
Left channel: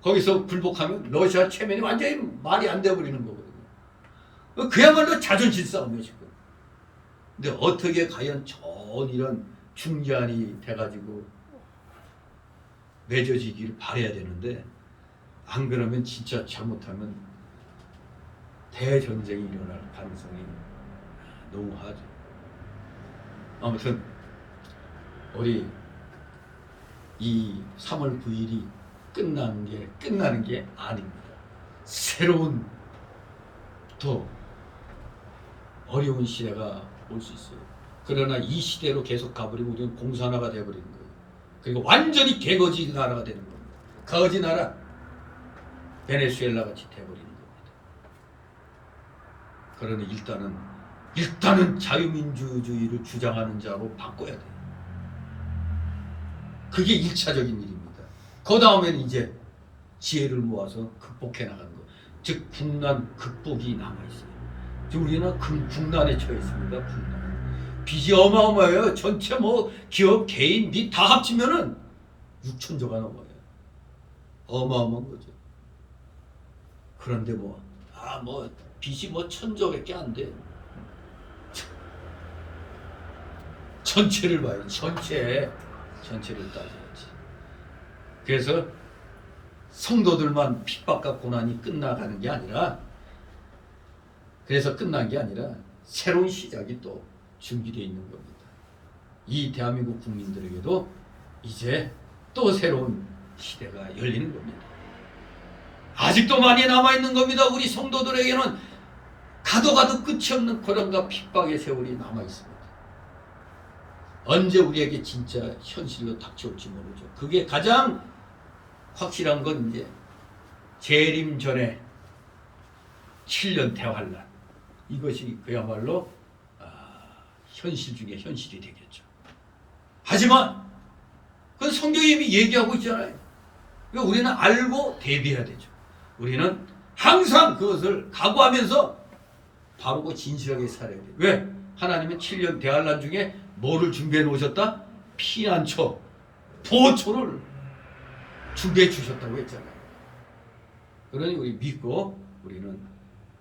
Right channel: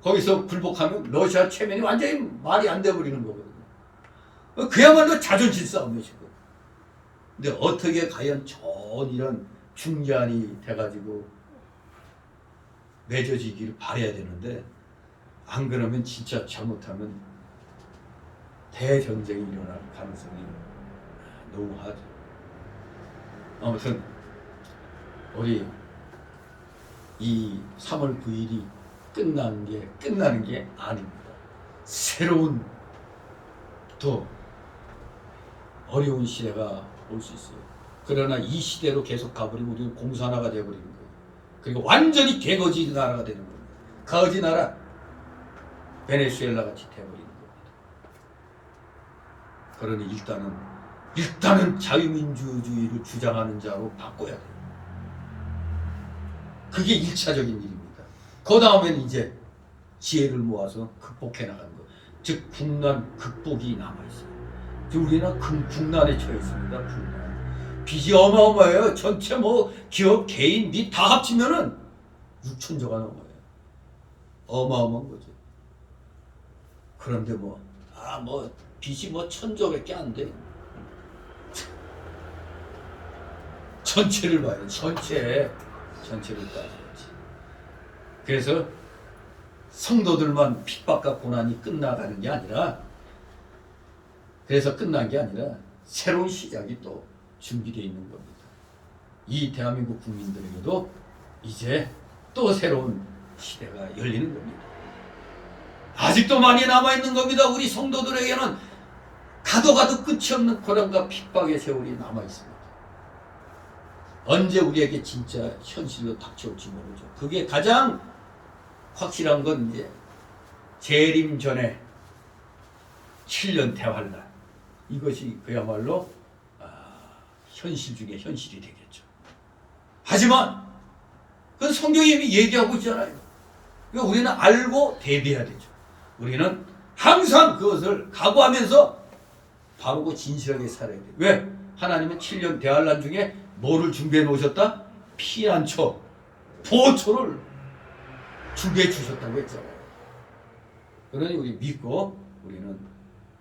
거기서 굴복하면 러시아 체면이 완전히 말이 안 돼버리는 거거든요. 그야말로 자존심 싸움이에요 지금. 근데 어떻게 과연 전 이런 중재안이 돼가지고 맺어지기를 바라야 되는데 안 그러면 진짜 잘못하면 대전쟁이 일어날 가능성이 농후하죠. 아무튼 우리 이 3월 9일이 끝나는 게 아닙니다. 새로운 또 어려운 시대가 올 수 있어요. 그러나 이 시대로 계속 가버리면 우리는 공산화가 되어버리는 거예요. 그리고 완전히 개거지 나라가 되는 겁니다. 거지 나라 베네수엘라 같이 되어버리는 겁니다. 그러니 일단은 자유민주주의를 주장하는 자로 바꿔야 돼요. 그게 1차적인 일입니다. 그 다음엔 이제 지혜를 모아서 극복해 나가는 것. 즉 국난 극복이 남아있어요. 우리는 국난에 처해 있습니다. 국난. 빚이 어마어마해요. 전체 뭐 기업, 개인, 빚 다 합치면은 6천조가 넘어요. 어마어마한 거죠. 그런데 빚이 1,000조밖에 안 돼. 전체를 봐요. 전체를 따져야지. 그래서 성도들만 핍박과 고난이 끝나가는 게 아니라, 그래서 끝난 게 아니라 새로운 시작이 또 준비되어 있는 겁니다. 이 대한민국 국민들에게도 이제 또 새로운 시대가 열리는 겁니다. 아직도 많이 남아있는 겁니다. 우리 성도들에게는 가도 끝이 없는 고난과 핍박의 세월이 남아있습니다. 언제 우리에게 진짜 현실로 닥쳐올지 모르죠. 그게 가장 확실한 건 이제 재림 전에 7년 대환란, 이것이 그야말로 현실 중에 현실이 되겠죠. 하지만 그건 성경이 이미 얘기하고 있잖아요. 그러니까 우리는 알고 대비해야 되죠. 우리는 항상 그것을 각오하면서 바르고 진실하게 살아야 돼요. 왜? 하나님은 7년 대환란 중에 뭐를 준비해 놓으셨다? 피난처, 보초를 준비해 주셨다고 했잖아요. 그러니 우리 믿고 우리는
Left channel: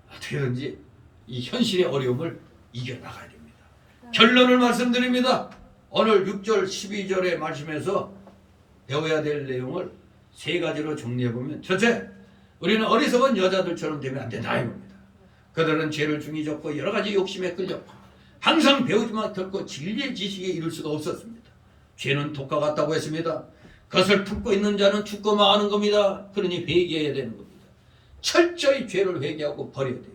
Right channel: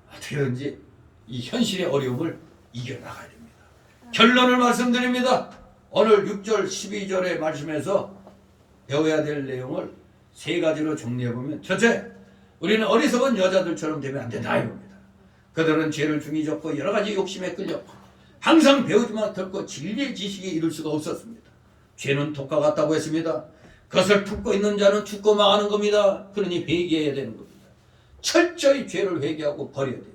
어떻게든지 이 현실의 어려움을 이겨나가야 됩니다. 결론을 말씀드립니다. 오늘 6절 12절의 말씀에서 배워야 될 내용을 3가지로 정리해보면, 첫째, 우리는 어리석은 여자들처럼 되면 안 된다 이겁니다. 그들은 죄를 중히 졌고 여러 가지 욕심에 끌렸고 항상 배우지만 결코 진리의 지식에 이를 수가 없었습니다. 죄는 독과 같다고 했습니다. 그것을 품고 있는 자는 죽고 망하는 겁니다. 그러니 회개해야 되는 겁니다. 철저히 죄를 회개하고 버려야 돼요.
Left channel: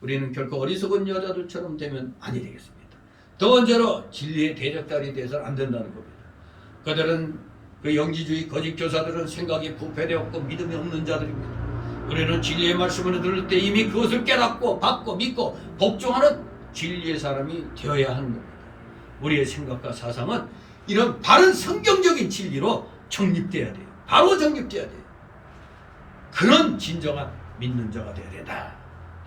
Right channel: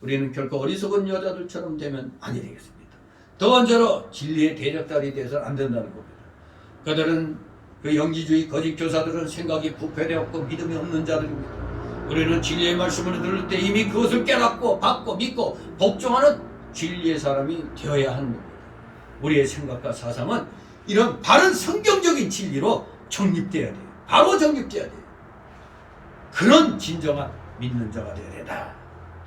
우리는 결코 어리석은 여자들처럼 되면 아니 되겠습니다. 두 번째로 진리의 대적달이 되어서는 안 된다는 겁니다. 그들은 그 영지주의 거짓 교사들은 생각이 부패되었고 믿음이 없는 자들입니다. 우리는 진리의 말씀을 들을 때 이미 그것을 깨닫고 받고 믿고 복종하는 진리의 사람이 되어야 하는 겁니다. 우리의 생각과 사상은 이런 바른 성경적인 진리로 정립돼야 돼요. 바로 정립돼야 돼요. 그런 진정한 믿는 자가 되어야 된다.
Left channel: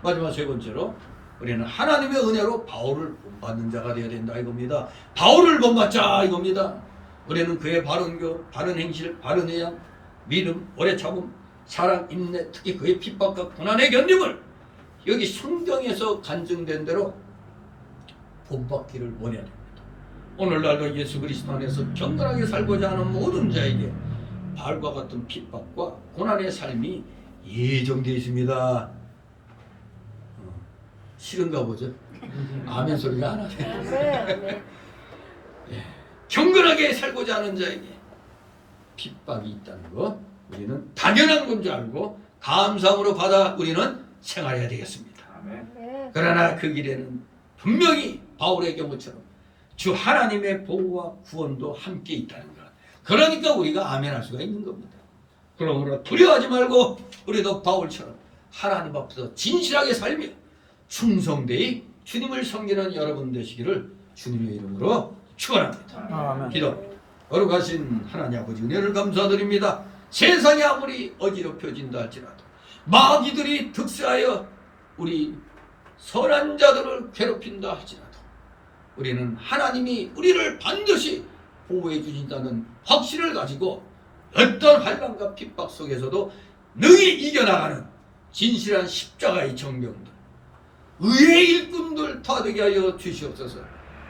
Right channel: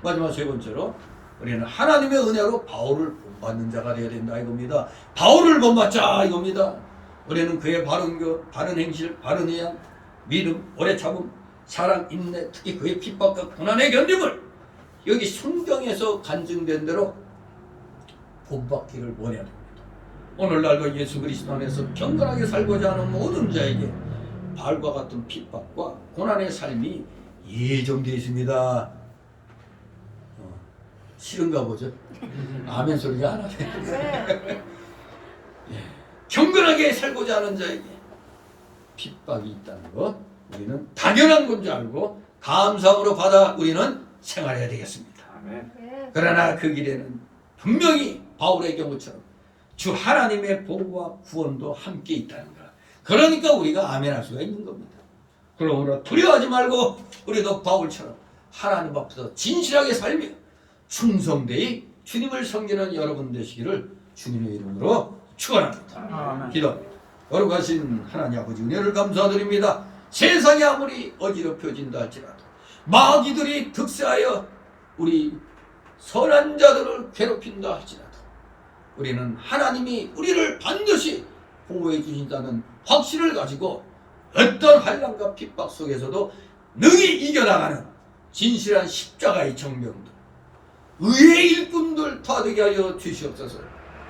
마지막 3번째로 우리는 하나님의 은혜로 바울을 본받는 자가 되어야 된다 이겁니다. 바울을 본받자 이겁니다. 우리는 그의 바른 교, 바른 행실, 바른 의향, 믿음, 오래 참음, 사랑, 인내, 특히 그의 핍박과 고난의 견딤을 여기 성경에서 간증된 대로 본받기를 원해야 됩니다. 오늘날도 예수 그리스도 안에서 경건하게 살고자 하는 모든 자에게 바울과 같은 핍박과 고난의 삶이 예정되어 있습니다. 싫은가 보죠? 아멘 소리가 안 하네. 예. 경건하게 살고자 하는 자에게 핍박이 있다는 거 우리는 당연한 건 줄 알고 감사함으로 받아 우리는 생활해야 되겠습니다. 그러나 그 길에는 분명히 바울의 경우처럼 주 하나님의 보호와 구원도 함께 있다는 것. 그러니까 우리가 아멘할 수가 있는 겁니다. 그러므로 두려워하지 말고 우리도 바울처럼 하나님 앞에서 진실하게 살며 충성되이 주님을 섬기는 여러분 되시기를 주님의 이름으로 축원합니다. 기도합니다. 거룩하신 하나님 아버지 은혜를 감사드립니다. 세상이 아무리 어지럽혀진다 할지라도 마귀들이 득세하여 우리 선한 자들을 괴롭힌다 할지라도 우리는 하나님이 우리를 반드시 보호해 주신다는 확신을 가지고 어떤 환난과 핍박 속에서도 능히 이겨나가는 진실한 십자가의 정병들, 의의 일꾼들 다 되게 하여 주시옵소서.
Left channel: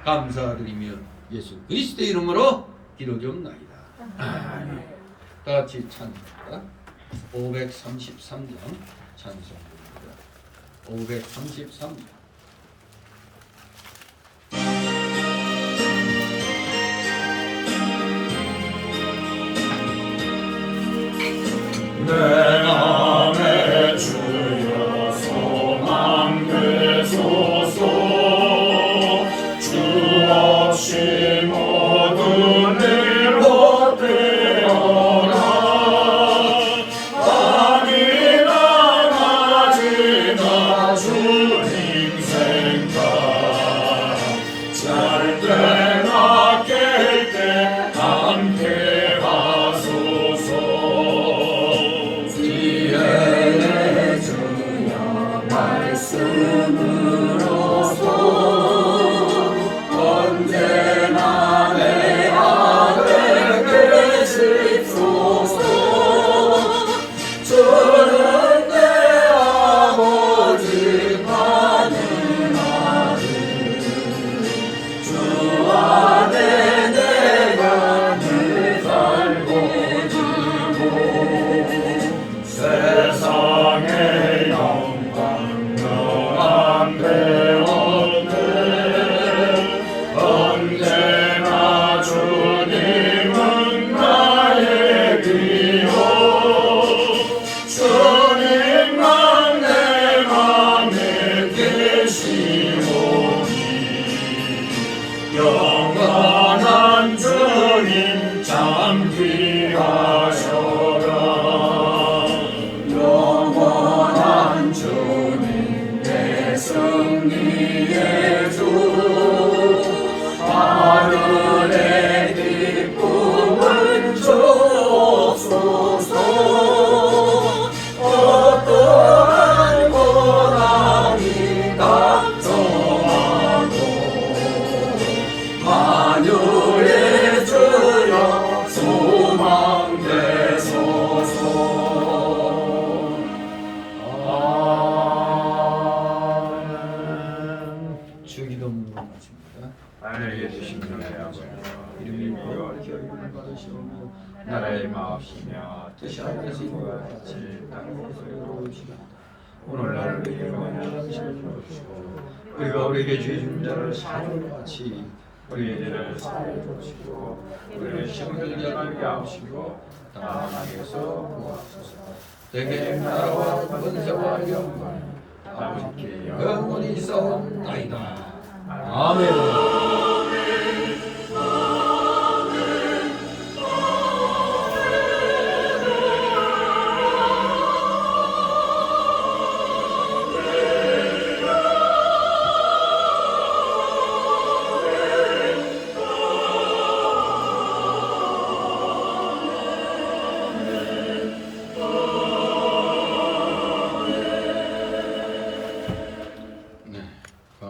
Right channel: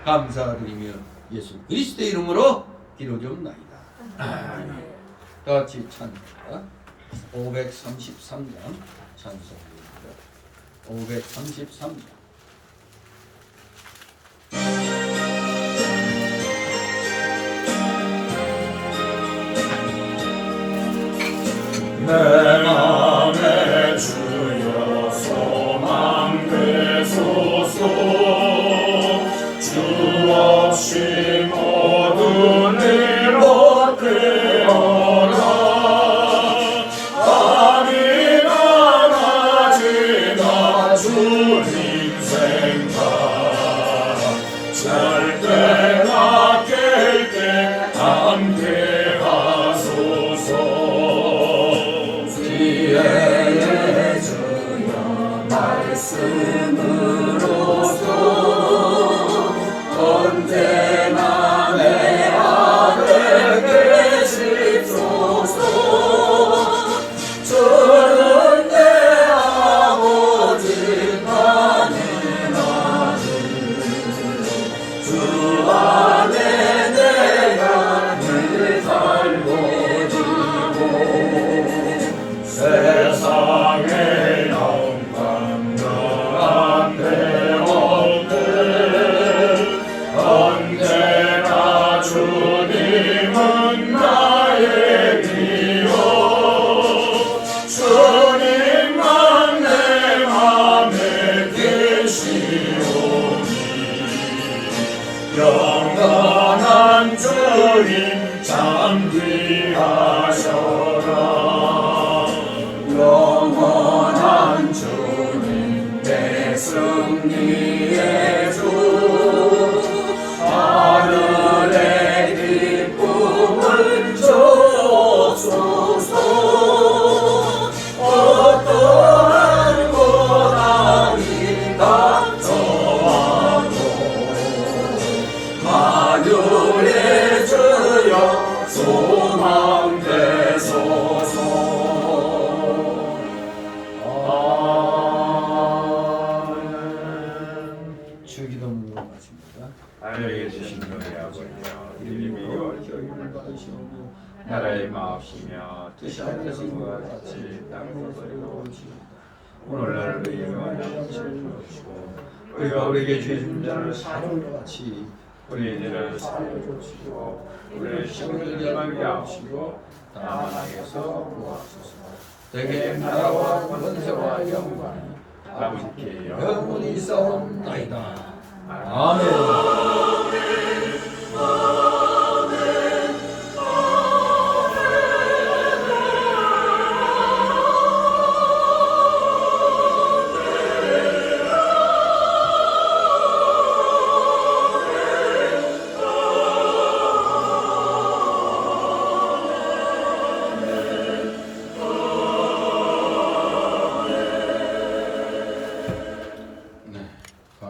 감사드리며 예수 그리스도의 이름으로 기도드리옵나이다. 아멘. 다 같이 찬송합니다. 533장 찬송입니다. 533장. 내 맘에 주여 소망 되소서. 주 없이 모든 일 헛되어라. 밤이나 낮이나 주 힘세 말씀으로서 언제나 내 안에 계십소서. 주는 내 아버지 가능하니 주 안에 내가 늘 살고 세상의 영광당한 대원들 언제나 주님은 나의 기여 주님만 내 맘에 계시오니 영원한 주님 잠귀하셔라. 영원한 주님 내 승리의 주 하늘의 기쁨을 주옵소서. 어떠한 고난이 닥쳐와도 만유의 주여 소망 되소서. 주기도문으로 마칩니다. 하늘에 계신 너희 아버지 이름이 거룩히 받으시오며 나라의 마옵시며 뜻이 하늘에서 이와 같이 땅에서 이루어지이다. 오늘날 우리에게 원하는 양식을 주시고 우리가 우리에게 죄진 자를 사하는 것 같이 우리의 죄를 사하여 주시고 우리를 시험을 하게 하시고 다만 악에서 구하소서. 대개 나라와 권세와 영광이 아버지께 영원히 싸움나이다. 아멘.